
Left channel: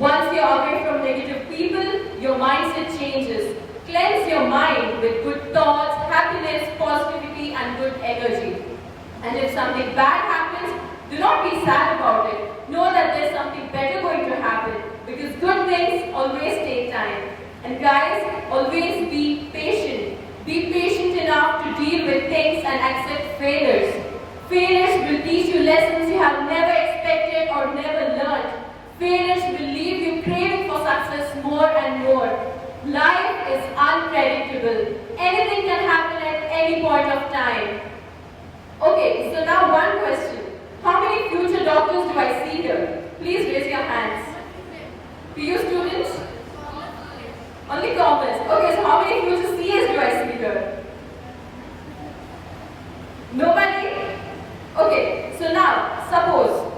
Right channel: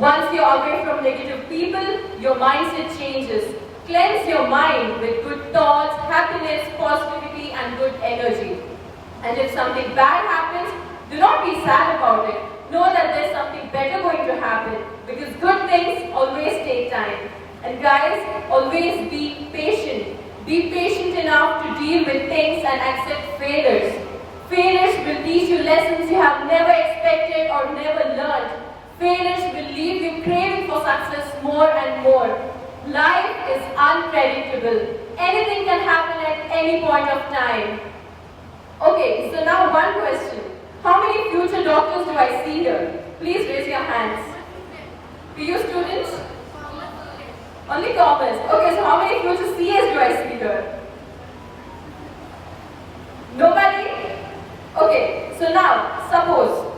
Once you're away from negative people, your mindset changes. Cleanse your mind with good thoughts, happiness, positivity, and good energy. And if something bad happens, do not be sad about it. Know that there's something better going to happen, because good things always take time. And guys, always be patient. Be patient enough to deal with things and accept failures. Failures will teach you lessons you have never expected or never learned. Failures will leave you craving for success more and more. Life is unpredictable. Anything can happen at any point of time. Okay, so now one question. How many future doctors do I see here? Please raise your hands. PU students? Only commerce. Okay, so how many future CAs do I see here? Nobody? Okay, so now, suppose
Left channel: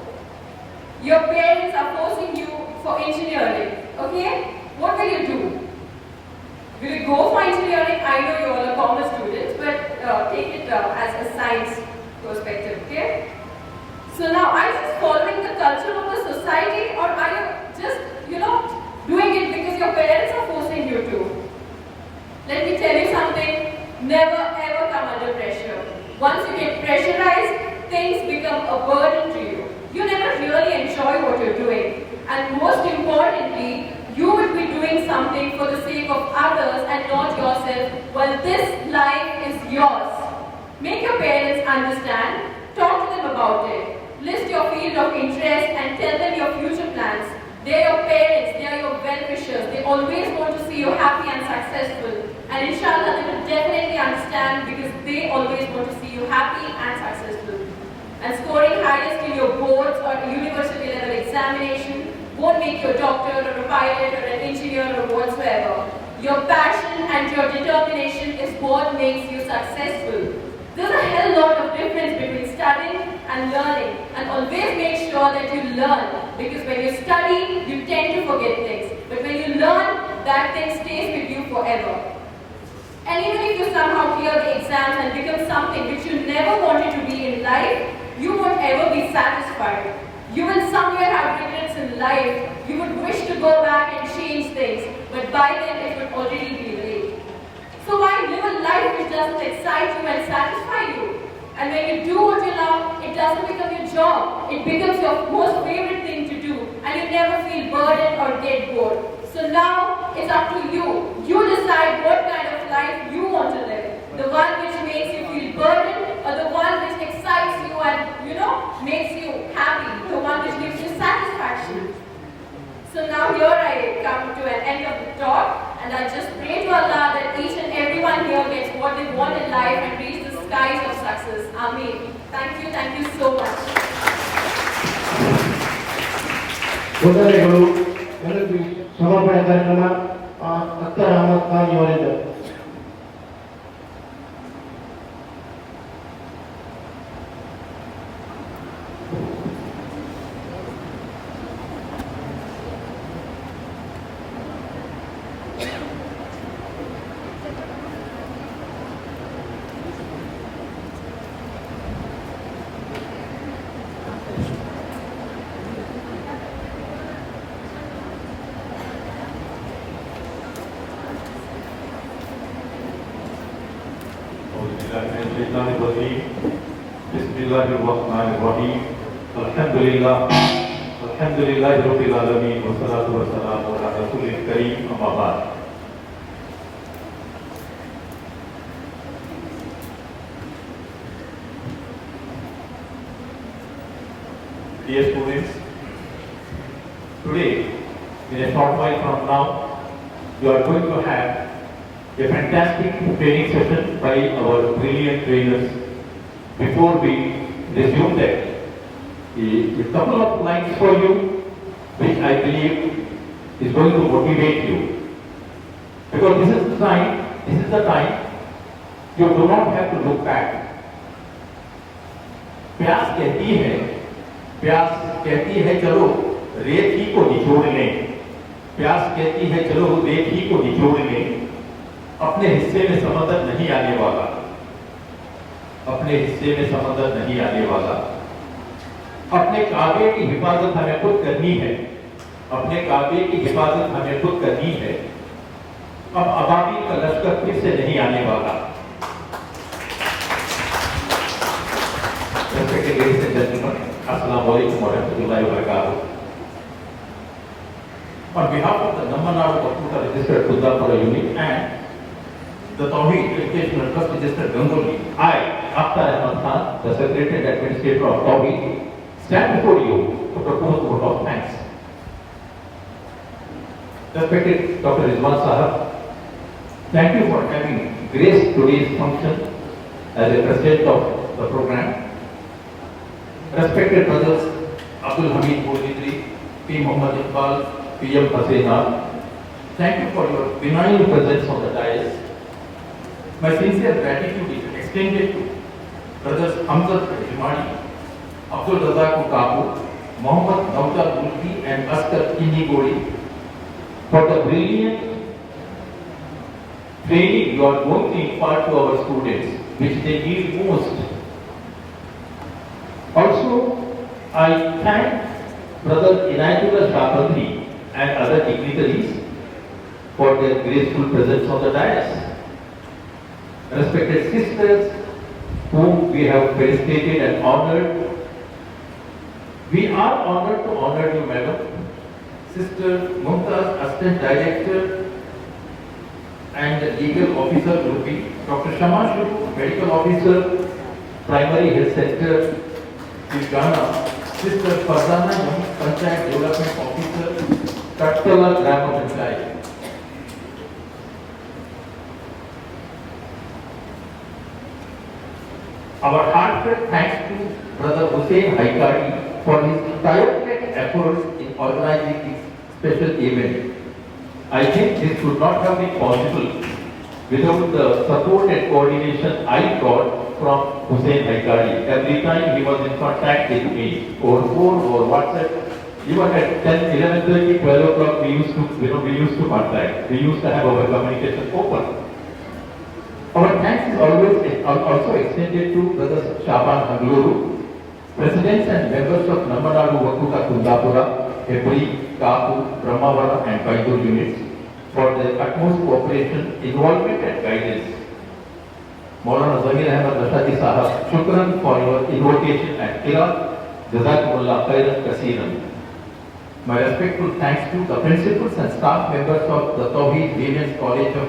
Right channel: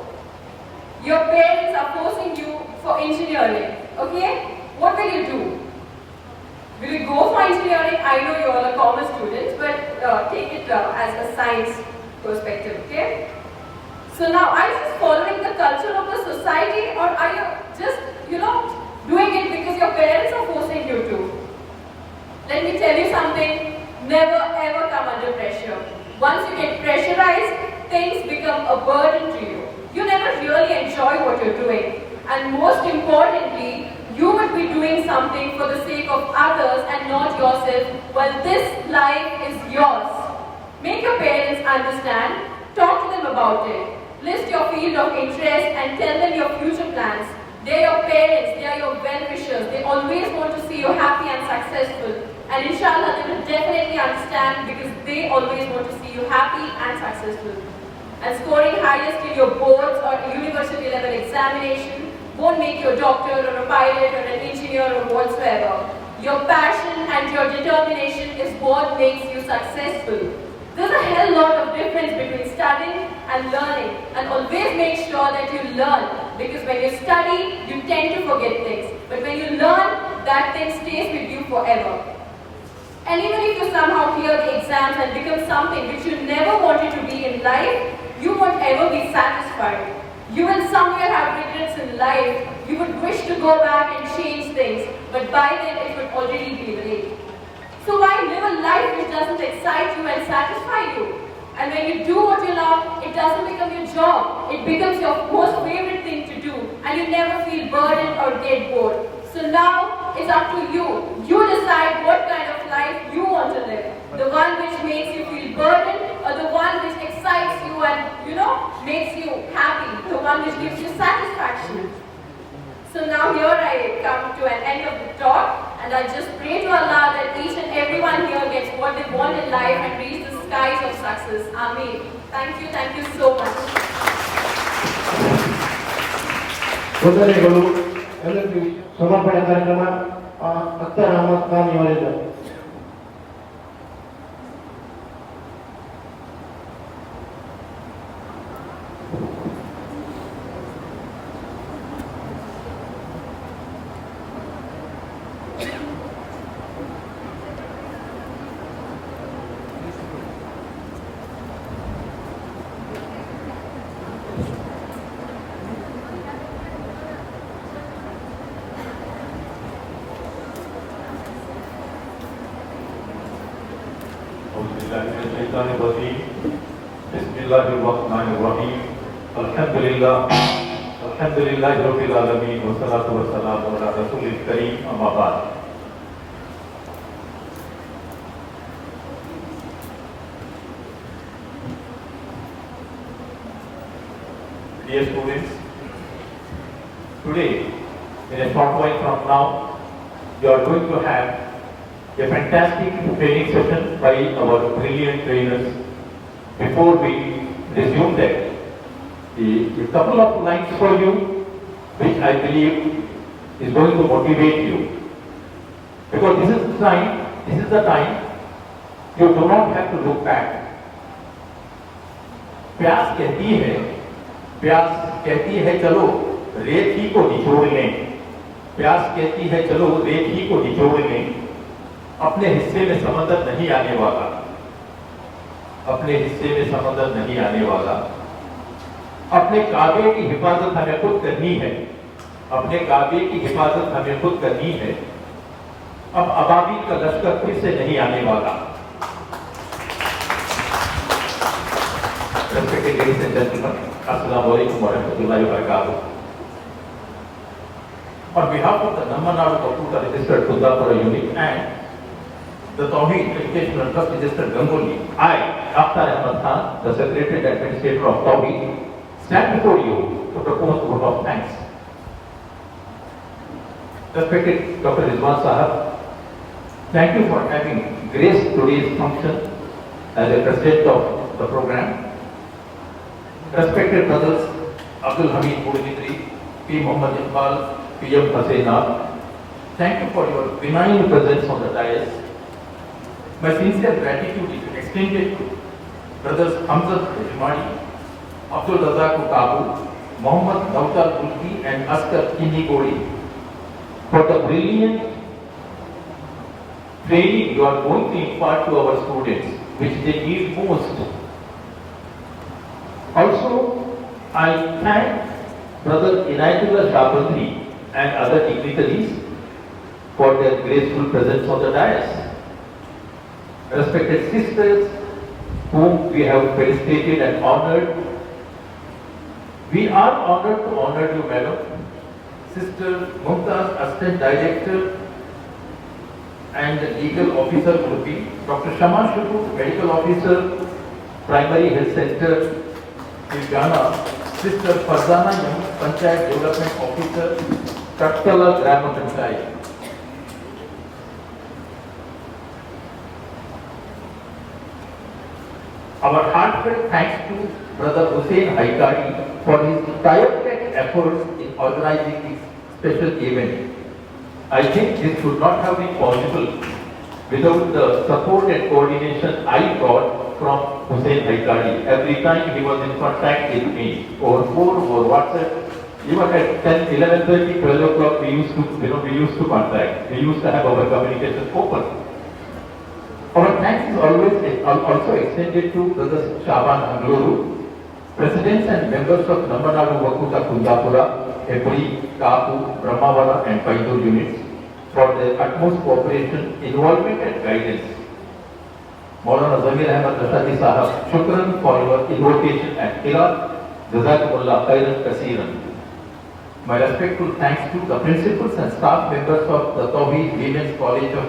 your parents are forcing you for engineering. Okay? What will you do? Will you go for engineering? I know you all are commerce students, but take it as a science perspective, okay? So now, are you just following the culture of the society, or are you just Never ever come under pressure. Once you get pressurized, things become a burden to you. You never really enjoy what you're doing. And most importantly, you would be doing something for the sake of others and not yourself. Well, this life is yours. Make your parents understand. Talk to them about it. List your field of interest and tell them your future plans. They are your parents, they are your well-wishers. They always want to see you happy and successful. And inshallah, they will definitely understand because they always want to see you happy and successful. And scoring highest in your boards or university level examination won't make you a doctor or a pilot or an engineer or whatsoever. Your passion and your determination is what makes you successful. There's a hell lot of difference between studying and learning, and always make sure that you learn, because when you study, you tend to forget things, but when you learn, that thing stays with you forever. And even if you somehow clear the exams and become something which you never wanted to be in life, you won't ever be satisfied. You will somewhere have regrets in life. You would wish to go back and change things, but by then it would already be late. So why live a life which doesn't excite you and satisfy you? And when you do what you love, it doesn't become your job. It becomes your most favorite thing to do, and you never feel burdened or get bored. So now it's up to you. You decide what kind of life you want to live. The one which makes you feel burdened, or the one which excites you and, makes you happy. The one which gives you satisfaction. So now here I come to an end of the talk, and I just pray to Allah that each and everyone here gets what they want in life and reach the skies of success. Ameen. Thank you so much. ಸೋದರಿಗಳು ಎಲ್ಲರಿಗೂ ಸಮರ್ಪಣೆ ಕಾರ್ಯಕ್ರಮ ಅಖ್ತರ್ ಅಹಮದ್ ಖಾನ್ ಇವರಿಂದ. Bismillahirrahmanirrahim. Alhamdulillah. Alhamdulillah Rabbil Alamin. Wassalatu wassalamu ala Rasulil Kareem. Amma ba'd. Dear students, today, in a short while from now, you are going to have a fantastic training session by our brilliant trainers. Before we resume that, a couple of lines for you, which I believe is going to motivate you. Because this is the time you do not have to look back. प्यास कहती है चलो रेत ही को निचोड़ लें. प्यास कहती है चलो रेत ही को निचोड़ लें. अपने हिस्से में समंदर नहीं आने वाला. अपने हिस्से में समंदर नहीं आने वाला. अपने काबे की हिफाजत हमें खुद करनी है. अपने काबे की हिफाजत हमें खुद करनी है. अब अबाबी का लश्कर फिर से नहीं आने वाला. Respected ladies and gentlemen, Assalamu alaikum wa rahmatullahi wa barakatuh. On behalf of the Nammanadu Computer Registered Kuddapura unit and the Tawheed Educational Trust Registered Gangoli, I, Dr. Ahmad Khan, the Secretary and Administrator of Tawheed, stand before you to propose a vote of thanks. Respected Dr. Rizwan Sahab, thank you for having graced today's function as a president of the program. Respected brothers Abdul Hamid Boudidri, P. Muhammad Iqbal, P.M. Hasena, thank you for your benign presence on the dais. My sincere gratitude is extended to brothers Hamzat Himani, Abdul Razak Kabu, Muhammad Nawjad Bulki and Askar Kindigori for the brilliant training you are going to impart to our students, which they need most. Also, I thank Brother Inayatullah Shahbandri and other dignitaries for their graceful presence on the dais. respected sisters whom we have felicitated and honored. We are honored to honor you, Madam. Sister Mumtaz, Assistant Director and Legal Officer will be Dr. Shama Shuru, Medical Officer, Primary Health Center, Ghana. Sister Farzana Yum, Panchayat Development Officer, Tattala Grama Panchayat. Our heartfelt thanks to Brother Hussein Haikari for his tireless efforts in organizing this special event. I think this would not have been possible without the support and coordination I got from Hussein Haikari. Every time he was in contact with me over phone, over WhatsApp, even at 10, 11:30, 12 o'clock, we used to contact. We used to have our communication open. Our thanks is always also extended to Brother Shaban Mangaluru, presidents and members of Namanadu Vakuta Kundapura, Hebri, Kapu, Brahmawala and Paidur units for their utmost cooperation, involvement and guidance. Maulana Zamir Ahmad Rashadi Sahab, shukran for your invocation and Ira, Jazakumullah Khairan Kasiran. My respectful thanks to the principals and staff members of the Tawheed Women's College of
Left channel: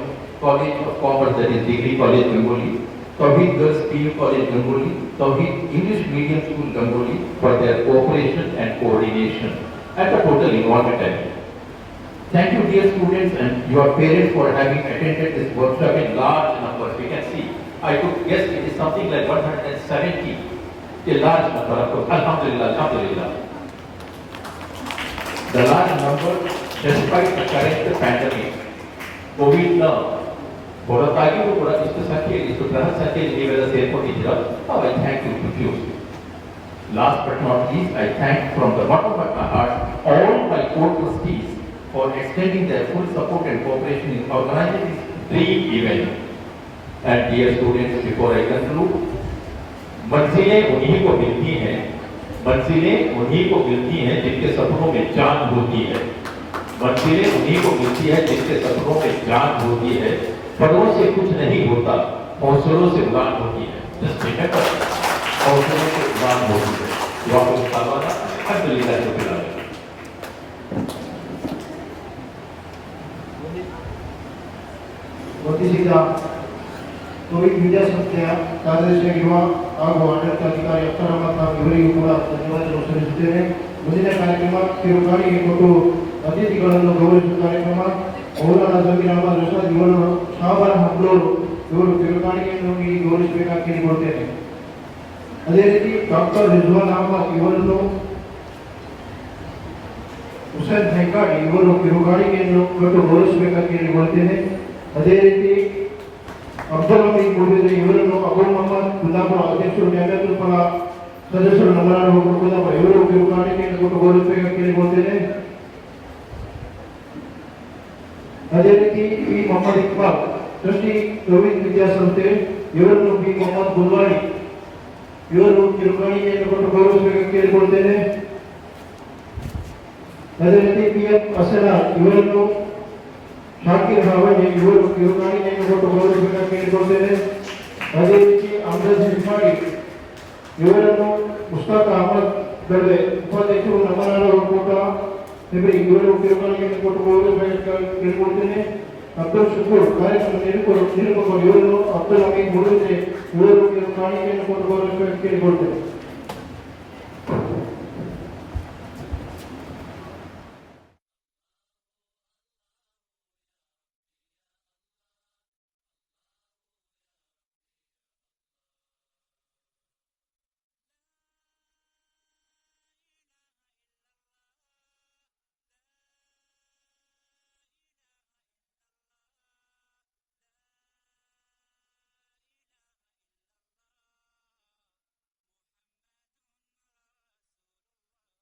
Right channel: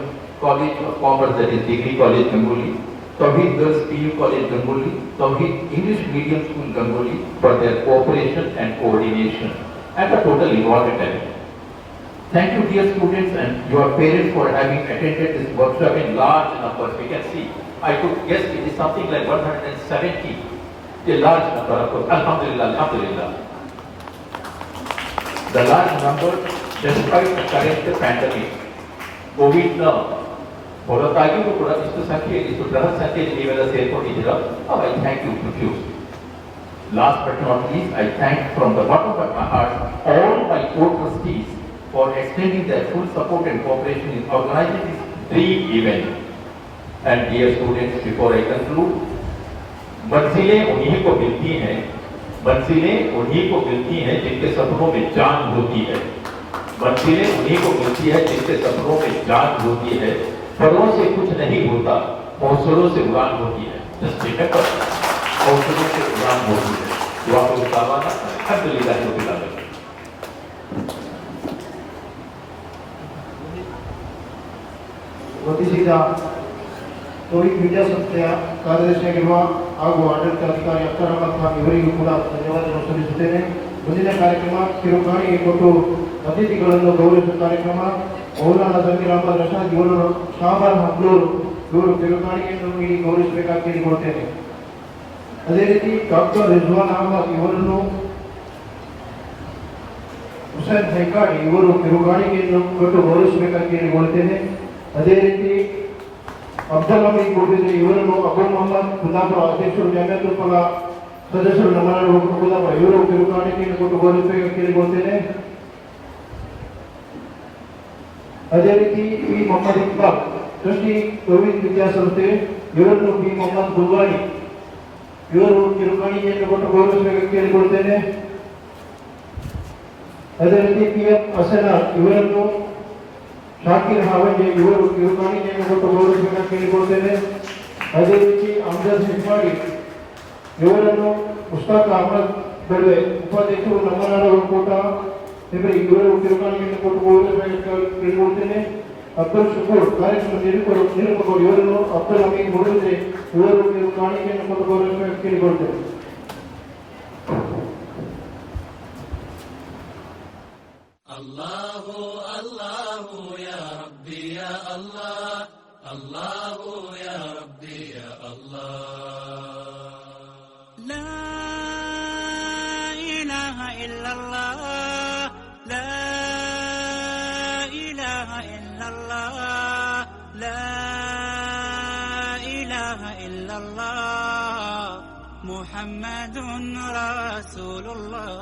Commerce, that is Degree College Gangoli, Tawheed Girls PU College Gangoli, Tawheed English Medium School Gangoli for their cooperation and coordination and the total involvement. Thank you dear students and your parents for having attended this workshop in large numbers. We can see, I could guess it is something like 170, a large number of course. Alhamdulillah, Alhamdulillah. The large number despite the current pandemic, COVID now. ಹೊರತಾಗಿ ಕೂಡ ಇಷ್ಟು ಸಂಖ್ಯೆ ಇಷ್ಟು ಗ್ರಹ ಸಂಖ್ಯೆ ನೀವೆಲ್ಲ ಸೇರ್ಕೊಂಡಿದ್ದೀರಾ. I thank you profusely. Last but not least, I thank from the bottom of my heart all my co-trustees for extending their full support and cooperation in organizing this dream event. And dear students, before I conclude, मंजिलें उन्हीं को मिलती हैं, मंजिलें उन्हीं को मिलती हैं जिनके सपनों में जान होती है, मंजिलें उन्हीं को मिलती है जिनके सपनों में जान होती है. फलों से कुछ नहीं होता, हौसलों से उड़ान होती है. Just remember, हौसलों से उड़ान होती है. वापस बताना, अल्हम्दुलिल्लाह रब्बिल आलमीन. ವತಿಸಿದ ಕೋವಿಡ್ ವಿದ್ಯಾಸಂಸ್ಥೆಯ ಕಾರ್ಯದರ್ಶಿಯಾಗಿರುವ ಹಾಗೂ ಆಡಳಿತಾಧಿಕಾರಿ ಅಖ್ತರ್ ಅಹಮದ್ ಖಾನ್ ಇವರಿಗೂ ಕೂಡ ಧನ್ಯವಾದಗಳನ್ನು ಸಲ್ಲಿಸುತ್ತೇನೆ. ಮುಂದಿನ ಕಾರ್ಯಕ್ರಮ ಕಿರುಕಾಣಿಗೆ ಕೊಟ್ಟು ಅತಿಥಿಗಳನ್ನು ಗೌರವಿಸುವ ಕಾರ್ಯಕ್ರಮ. ಮೌಲಾನಾ ಜಮೀರ್ ಅಹಮದ್ ರಶಾದ್ ಇವರು ಶಾಬಾನ್ ಹಂಗ್ಲೂರು ಇವರು ಕಿರುಕಾಣಿಗೆಯನ್ನು ನೀಡಿ ಗೌರವಿಸಬೇಕಾಗಿ ಕೇಳಿಕೊಳ್ತೇನೆ. ಅದೇ ರೀತಿ ಡಾಕ್ಟರ್ ರಿಜ್ವಾನ್ ಅಹಮದ್ ಇವರನ್ನು ಹುಸೇನ್ ಹೈಕಾಡಿ ಇವರು ಕಿರುಕಾಣಿಗೆಯನ್ನು ಕೊಟ್ಟು ಗೌರವಿಸಬೇಕಾಗಿ ಕೇಳಿಕೊಳ್ತೇನೆ. ಅದೇ ರೀತಿ ಅಬ್ದುಲ್ ಹಮೀದ್ ಗುಡಿದ್ರೆ ಇವರನ್ನು ಅಬು ಮೊಹಮ್ಮದ್ ಕುಂದಾಪುರ ಅಧ್ಯಕ್ಷರು ನ್ಯಾಯತಂತ್ರ ಸದಸ್ಯರು ನಮ್ಮನ್ನು ಕುಂದಾಪುರ ಇವರು ಕಿರುಕಾಣಿಕೆಯನ್ನು ಕೊಟ್ಟು ಗೌರವಿಸಬೇಕಾಗಿ ಕೇಳಿಕೊಳ್ತೇನೆ. ಅದೇ ರೀತಿ B Mohammed Iqbal trustee Covid ವಿದ್ಯಾಸಂಸ್ಥೆ ಇವರನ್ನು ಬಿ ಮೊಹಮ್ಮದ್ ಗುಲ್ವಾನಿ ಇವರು ಕಿರುಕಾಣಿಕೆಯನ್ನು ಕೊಟ್ಟು ಗೌರವಿಸಬೇಕಾಗಿ ಕೇಳಿಕೊಳ್ತೇನೆ. ಅದೇ ರೀತಿ ಪಿ ಎಫ್ ಹಸನ ಇವರನ್ನು ಶಾಕಿರ್ ಹಾವಣಿ ಇವರು ಕಿರುಕಾಣಿಕೆಯನ್ನು ಕೊಟ್ಟು ಗೌರವಿಸಬೇಕಾಗಿ ಕೇಳಿಕೊಳ್ತೇನೆ. ಅದೇ ರೀತಿ ಅಮ್ಜದ್ ಹಿಫಾಡಿ ಇವರನ್ನು ಮುಸ್ತಾಕ್ ಅಹಮದ್ ದಳ್ವೆ ಉಪಾಧ್ಯಕ್ಷರು ನಮ್ಮನಾಡು ಒಕ್ಕೂಟ ಇವರು ಕಿರುಕಾಣಿಕೆಯನ್ನು ಕೊಟ್ಟು ಗೌರವಿಸಬೇಕಾಗಿ ಕೇಳಿಕೊಳ್ತೇನೆ. ಅಬ್ದುಲ್ ಶುಕೂರ್ ಕಾರ್ಯಕ್ರಮ ನಿರೂಪಕರು ಇವರನ್ನು ಅಬ್ದುಲ್ ಹಮೀದ್ ಮುಡಿದ್ರೆ ಇವರು ಕಿರುಕಾಣಿಕೆಯನ್ನು ಕೊಟ್ಟು ಗೌರವಿಸಬೇಕಾಗಿ ಕೇಳಿಕೊಳ್ತೇನೆ. Allahu Allahu ya Rabbi ya Allah, Allahu ya Rabbi ya Allah. La ilaha illallah, la ilaha illallah, la ilaha illallah, Muhammadun Rasulullah.